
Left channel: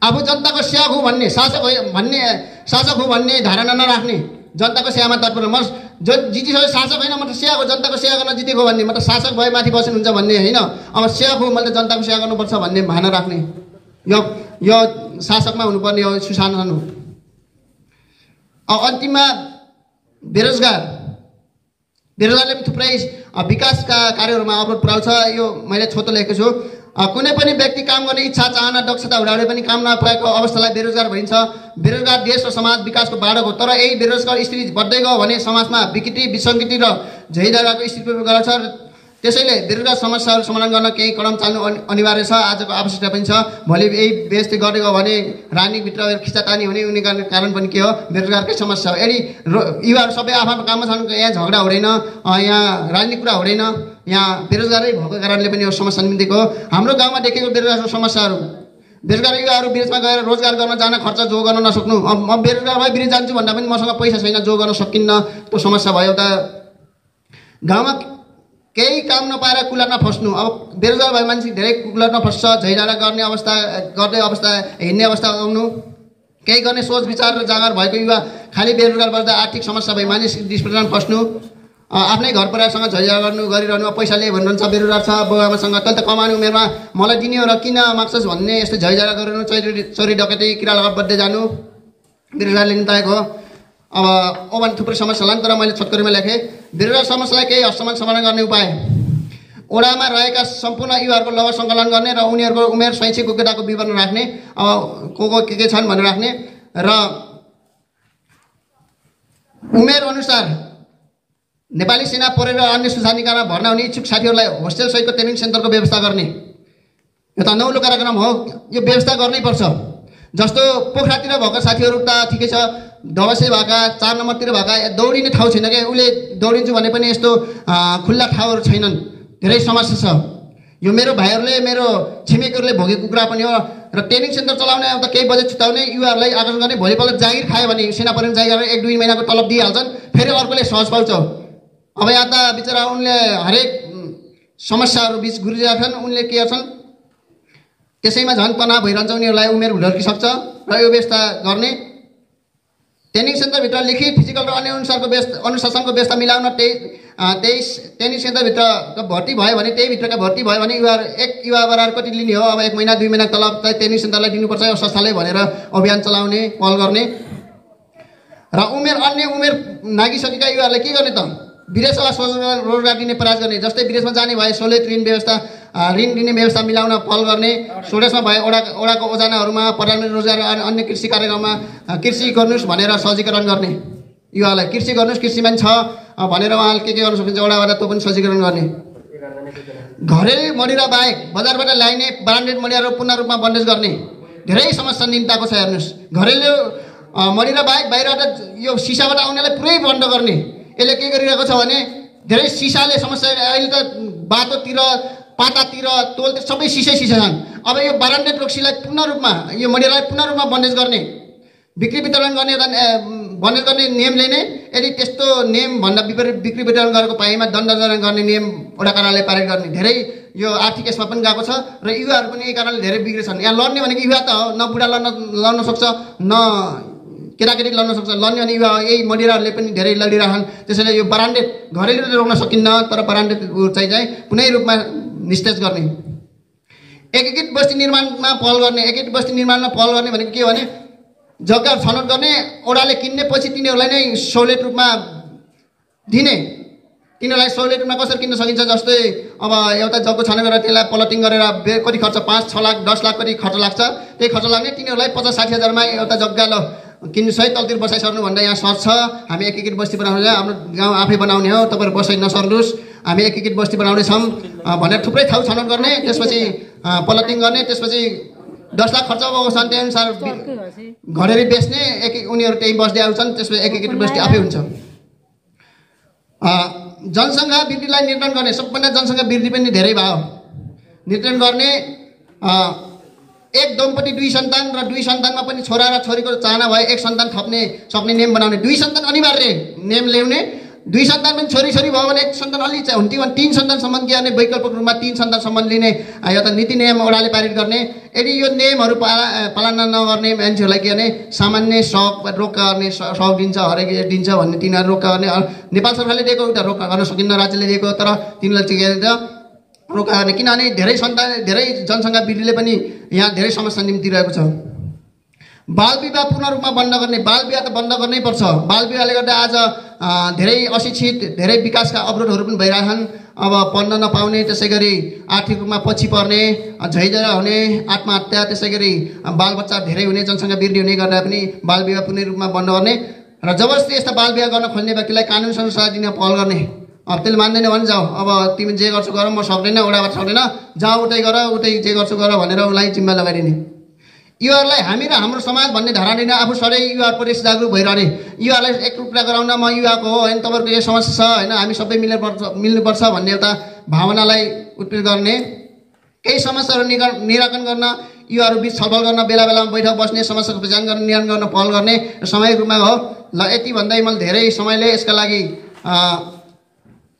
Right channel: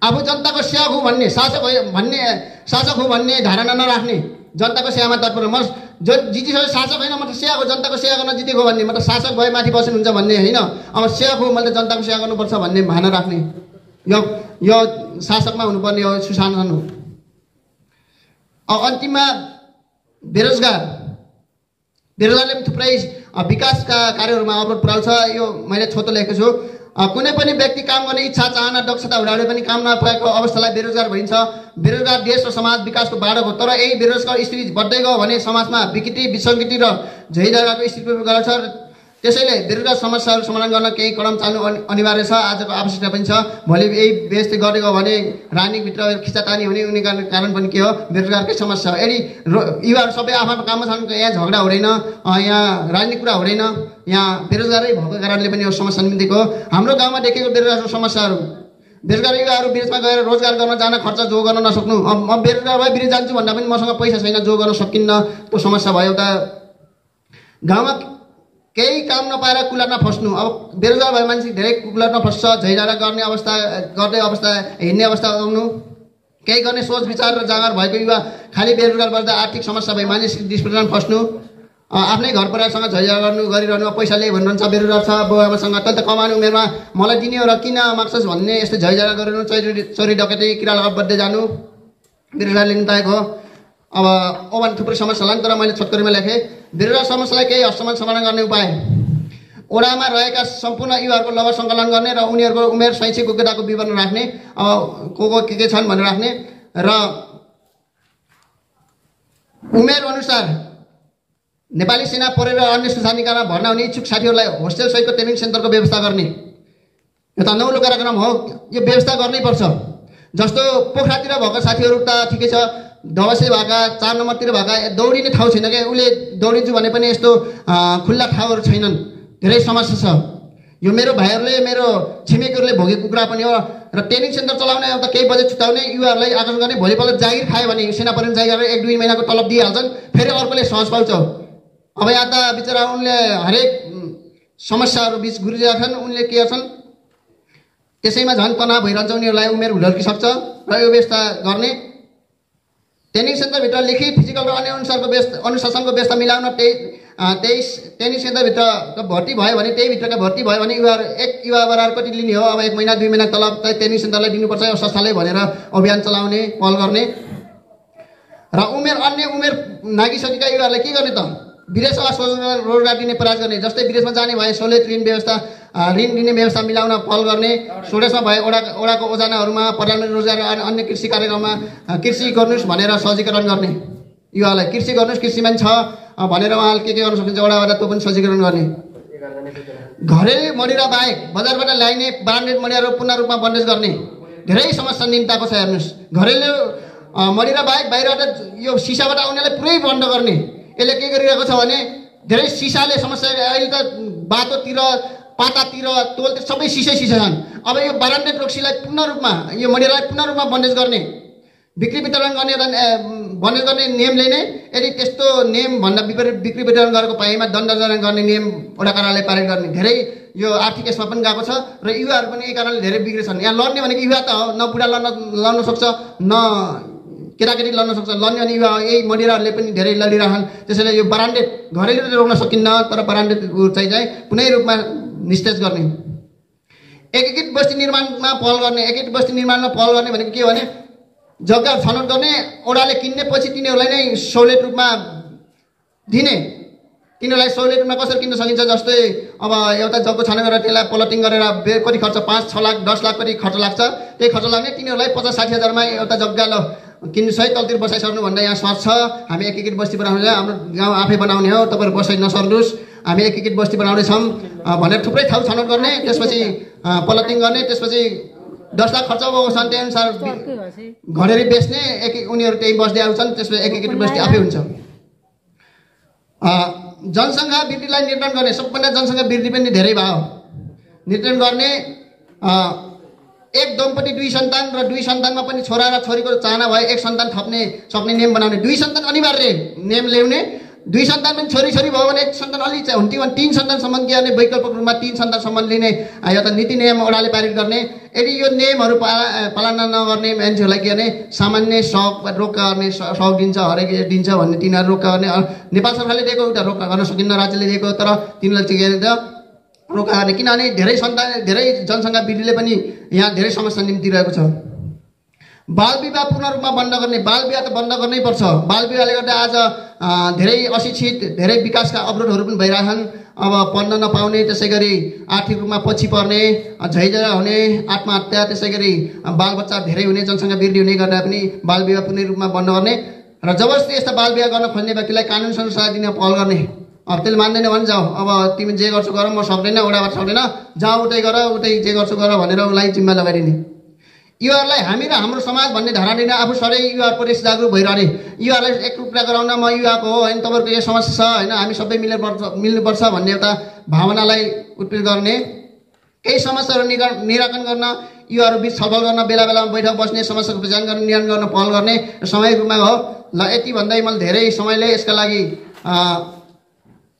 आफू जनताको सेवक हो भन्ने, शासक हो भन्ने धारणा नराख्ने, जनताको सेवामा तत्पर। म जितिसके शासक होइन, म त सेवक हो, जनताको सेवा गर्न जितेको भन्ने, म त शासक भए माथि बस्नुहुन्छ भन्ने होइन। अब सेवक हो, मैले त जनताको सेवा गर्नुपर्छ भन्ने भावना राख्ने, यो शासकमा हुनुपर्ने यो सुशासन हो। अब अन्तिममा बेरोजगारले पनि थुप्रै विकासका कार्यहरूमा अवरोध पुर्याउँछ। यो मैले छोटो लेखेको छु। कुनै पनि व्यक्ति काम गर्ने इच्छा चाहना दक्षता हुँदाहुँदै पनि काम नपाएको अवस्थालाई बेरोजगार भनिन्छ। बेरोजगार देश र समाज विकासको बाधक हो। तर यही बेरोजगार स्थिति बढ्दै गयो भने समाजमा विकृति विसङ्गति र झैझगडाको स्थिति गर्छ। त्यसैले बेरोजगार समस्याहरू समाधान गर्न केही कदम चाल्नु अनिवार्य छ, आजको आवश्यकता पनि छ। भोलि यही व्यवस्थित गरेको भने राजनीतिभित्र खिचातानी हुने कारण पनि के हो, बेरोजगारकै समस्या हो। यदि युवाहरू सबै आफ्नो काममा छन्, यहाँ झगडा हुँदैन, यहाँ राजनीतिक कुरा हुँदैन, यहाँ बेरोजगारै भएको कारणले पनि यो समस्या निम्तिको हो। हाम्रो गाउँमा देखेको बेरोजगारको समस्याहरू, बेरोजगार युवाहरू विदेशमा गएर रोजगार गर्न जान खर्च जो गर्न नसक्नु। म बेरोजगार भए विदेश जान्छु भन्दा पनि मसँग पैसा छैन, जो गर्न सकिन्न, त्यो समस्या भयो। एउटा गाउँमा केही काम नपाएर कुलरमा फस्नु। अब बेरोजगार भए मान्छे धेरै कुलरमा फस्छ, झैझगडा गर्ने अवस्था, हिँड्ने अवस्था आउनु, केही गर्ने सोच विचार र जाँगर भएको युवा खालि बेरोजगार बस्दा आर्थिक समस्या भए मानिस डिस्प्रेसनमा फस्नु, आफ्नै घर परिवारसँग झैझगडा गरिरहनु, पैसा लिए भन्नुहुन्छ, बेरोजगार छ बाबुआमासँग, तैँले त कमाउने उमेरमा मलाई दिने हो र किन माग्छस् भन्ने यस्तो झैझगडा गरिरहनु, चोरी डकैती किरा लगात बढ्दै जानु, बेरोजगारले निम्ताएको हो। अब ओभन थुप्रै समस्या होला नि, तर मैले छोटकरीमा लेखेँ। बेरोजगार समस्यालाई केही हदसम्म समाधान गर्ने उपाय, ओडामा रहेका सम्पूर्ण युवाहरूको लघु सङ्कलन गर्ने र उनीहरूको उमेर शैक्षिक योग्यताको विवरण राख्ने, को के छन् भनेर राख्ने, र उमेर अनुसार नेपाली सेना परेर अन्य सुरक्षा निकायमा भर्ना हुने इच्छुक साथीहरूलाई होस्टेल सहितको ट्रेनिङ सेन्टरको व्यवस्था गर्ने। यो त नौलो कार्यक्रम हो, यो व्यवस्था गर्नै पर्छ। जस्तो पोखरातिर भएको साथीहरू त ठिकै छ, दबसे भएका 4 नम्बरतिर भएका दौडिने ठाउँ छैन क्या, उसले दौडिन्छु भने पनि यस्तो खुल्ला ठाउँहरू छैनन्, धेरै समस्या छ। यो मेरो भाइहरूले, मेरो छिमेकीहरूले भोगेको कुरा पनि हो। र ट्रेनिङ सेन्टर चलाउने त केही बजेट छुट्याउने, युवाहरूलाई आकर्षण गर्ने, भोलिपल्ट जागिर खायो भने सेना परिवार जागिर 1-2 महिनाको तलब दिइहाल्छन्, फेरि अर्कोले सहज पाउँछ। अब यहाँ त बिचरा उनले हरेक समस्याहरू बिच गुरिरहेछन्, उनले के गर्छन्, त्यसैमा झन् तनाव भइरहन्छ, उनीहरूलाई उमेर हुर्किसक्छ। र यो व्यवस्था गर्ने, ट्रेनिङ सेन्टरभित्र लिखित फिजिकल र अन्य अनुशासनको व्यवस्था मिलाउन, त्यही ट्रेनिङ सेन्टरभित्र भर्ती भयो भने, त्यही भित्रका भर्ती भयो भने एक युवा बराबर कति लिने हो, अब 1 महिना 2 महिना तलब चाहिँ ट्रेनिङ सेन्टरलाई दिनुपर्छ, यो संस्थाले भनेर अभियान चलाउने पहल गर्ने। र अन्य उमेर नागिसकेका युवाहरूलाई के गर्ने त, विदेशमा रोजगार दिने प्रयास गर्ने, जस्तै विदेशमा जाने भए सहुलियत ऋण दिने व्यवस्था मिलाउन पहल गर्ने, स्वदेशमा भए ओडाको ओजनाहरूमा प्रधानमन्त्री रोजगार अन्य कृषि कार्यक्रममा कृषि गर्नुहोस् भनेर सहजीकरण गर्ने, युवालाई कृषि गर्नुहोस्, कृषिमा छ भनेर उहाँले के गर्न सक्नुहुन्छ ओडाबाट त्यो पनि सहजीकरण गर्ने। घरेलु मदिरा बाहेक बजारबाट ल्याइने ब्रान्डेड मदिराहरू पूर्ण रूपमा बन्देज गर्ने धेरै समस्या निम्ताएको छ। हेर्नुहोस्, घरेलु मदिरा बाहेक बाहिरबाट यो सिसाबाट आउनेलाई पुरै बन्द गर्ने। यसले के गरिरहेको छ भने धेरै सिसाले समस्या, अहिले त बाटोतिर पातातिर तोलतिर सबै सिसै छन्। अब यो ब्रान्डेड रक्सीलाई पूर्ण रूपमा यो मदिरालाई पूर्ण रूपमा बन्देज गर्ने, बिक्री वितरण गर्ने बन्देज गर्ने नियम ल्याइने। यदि त्यस्तो नियम भन्दा विपरीत बिक्री वितरण गरेको पाइमा दण्ड गर्ने नियम वडा कार्यालयले पारित गर्ने। धेरै यो आर्थिक यसमा पनि गएको छ र युवाहरू पनि यही कारणले धेरै बिग्रेछन्। यहाँ लड्ने भनेको युवा त हो, न बुढा लड्न सक्छ न केटाकेटी लड्न सक्छ, लड्ने भने युवा यही मदिराहरूले पनि धेरै लडिरहन्। त्यसैले यो ब्रान्डेड घरेलु रोक्न सकिन्न, तर ब्रान्डेड चाहिँ कुनै रूपमा निस्तेज गर्ने। एकीकृत बस्ती निर्माणमा पहल गर्ने। एकीकृत बस्ती निर्माणमा पहल गर्ने भनेको के हो भने जग्गा छनौट गर्ने, ओडाले किन्ने, पछि तिनीहरूलाई नै सहुलियत रूपमा दिने। तिनीहरूलाई सहुलियत रूपमा कसरी किन्न सकिन्छ, जस्तै अब एउटा जग्गा छनौट गरेर त्यसलाई प्लटिङ गरेर कति खर्च 5-6 लाख 10 लाख कति खर्च लाग्छ, त्यही खर्च लाग्ने तिनीहरूलाई 50-60 हजारमा एउटा जग्गा ल किन्नु सही तलतिर बसाइसक्नु भन्दा यहाँ सर्च छ। हामी एकीकृत बस्ती बनाउने, हाम्रो गाउँ आफै बनाउने हो, तपाईँहरू बसाइ नसर्नुहोस्, हामी एकीकृत बस्ती बनाउनेछौँ भनेर थुप्रै ठाउँ छनौट गर्ने, त्यसपछि प्लटिङ गर्ने, त्यसपछि 10 लाख खर्च भएको छ त्यही अनुसार घरेरी बेच्ने, उनीहरू त्यही बस्दै आउँछन्, त्यसपछि एकीकृत बस्ती आफै हुन्छ। जनसङ्ख्या वृद्धिलाई नियन्त्रण गर्ने। सबभन्दा जनसङ्ख्या वृद्धि पनि धेरै भयो, नियन्त्रण गर्ने। एक दम्पति 2 सन्तान र 2 सन्तानमा पनि छोरा र छोरीको चाहना भए 1 सन्तान थप्ने सक्ने नियम बनाउने। 2 सन्तान अनिवार्य नियम ल्याउने। 2 सन्तान पनि छोरी भयो भने 1 सन्तान अलि हुन्थ्यो भने 3 सन्तानसम्म के गर्ने, वैकल्पिक रूपमा 3 सन्तानसम्म लिने एउटा नीति नियम ओडाले पारित गर्ने। यदि यो नियमहरू पालना नगर्ने मान्छेहरूलाई के गर्ने, सामान्य रोक्का गर्ने, सौक दिन्छ, हरेक दिन्छ भन्ने तिनीहरू रोक्का गर्ने। नेपाल सरकारले दिएको एउटा रोक्का गर्न सकिन्न, राज्यले दिएको, तर तिनीहरूले चाहिँ रोक्का गर्ने, किनभने धेरै जनसङ्ख्या वृद्धिले पनि यहाँ धेरै समस्या निम्तिरहेको छ। बाल विवाह पूर्ण रूपमा बन्द गर्ने। बाल विवाह त बन्द गर्नै पर्छ। बाल विवाहले गर्दा आज धेरै अशिक्षित, धेरै विकासका अवरोधहरू पनि भइरहेछन्। अब पढ्न नपाउने, त्यसै गरी आर्थिक रूपमा पछि पर्ने, झैझगडा हुने, आत्महत्या, त्यसै गरी बालबच्चा धेरै हुने, जनसङ्ख्या वृद्धि हुने गर्दा पनि बाल विवाह पूर्ण रूपमा बन्द गर्ने र जबरजस्ती यस्ता बाल विवाह गर्न खोज्ने व्यक्तिलाई कानुनसँग सहायता दिन पहल गर्ने। अब त्यसले मान्दैन भने जाऊ, अब तिमी जे गर्छु गर, म सक्दैन, ओडाबाट सक्दैन, जाऊ उतै गर, उतै जे गर्छु गर भनेर उसलाई जिम्मा लगाइदिने। युवाहरूलाई हामी र हाम्रो समाज भन्ने धारणा लिन आफू सधैँ युवाप्रति जागरुक भइरहने। युवालाई एकरूपता गराउन म युवाको हो होइन, तपाईँहरूको यो समस्या छ होइन, हामी सबै मिल्नुपर्छ भन्ने एउटा भावनालाई उत्प्रेरित गर्ने। केही समस्याहरू निराकरण गर्न, युवाहरू बिच छलफल गर्न, बेला बेलामा बैठक बस्ने, समस्याको पहिचान गर्न, निराकरण गर्न पहल गर्ने सामूहिक रूपमा हो। ल यति भन्दै मैले धेरै समयले यसका लागि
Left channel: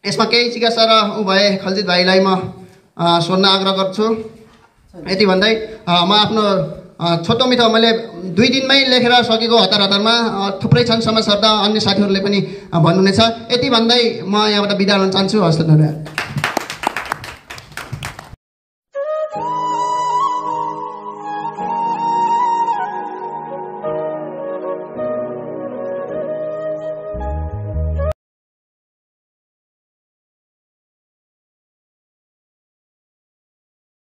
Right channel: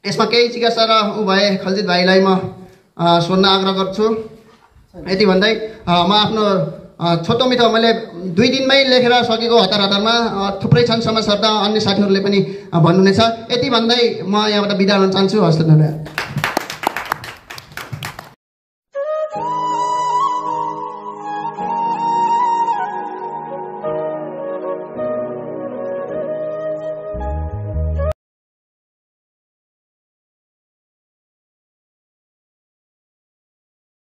यसमा केही जिज्ञासा र ऊ भए खलजित भाइलाई म सोध्न आग्रह गर्छु। यति भन्दै म आफ्नो छोटो मिठो मैले 2 दिनमै लेखेर सकेको हतारमा थुप्रै छन् समस्याहरू, त अन्य साथीहरूले पनि भन्नुहुनेछ। यति भन्दै म यहाँबाट बिदा हुन चाहन्छु। हस्त धन्यवाद।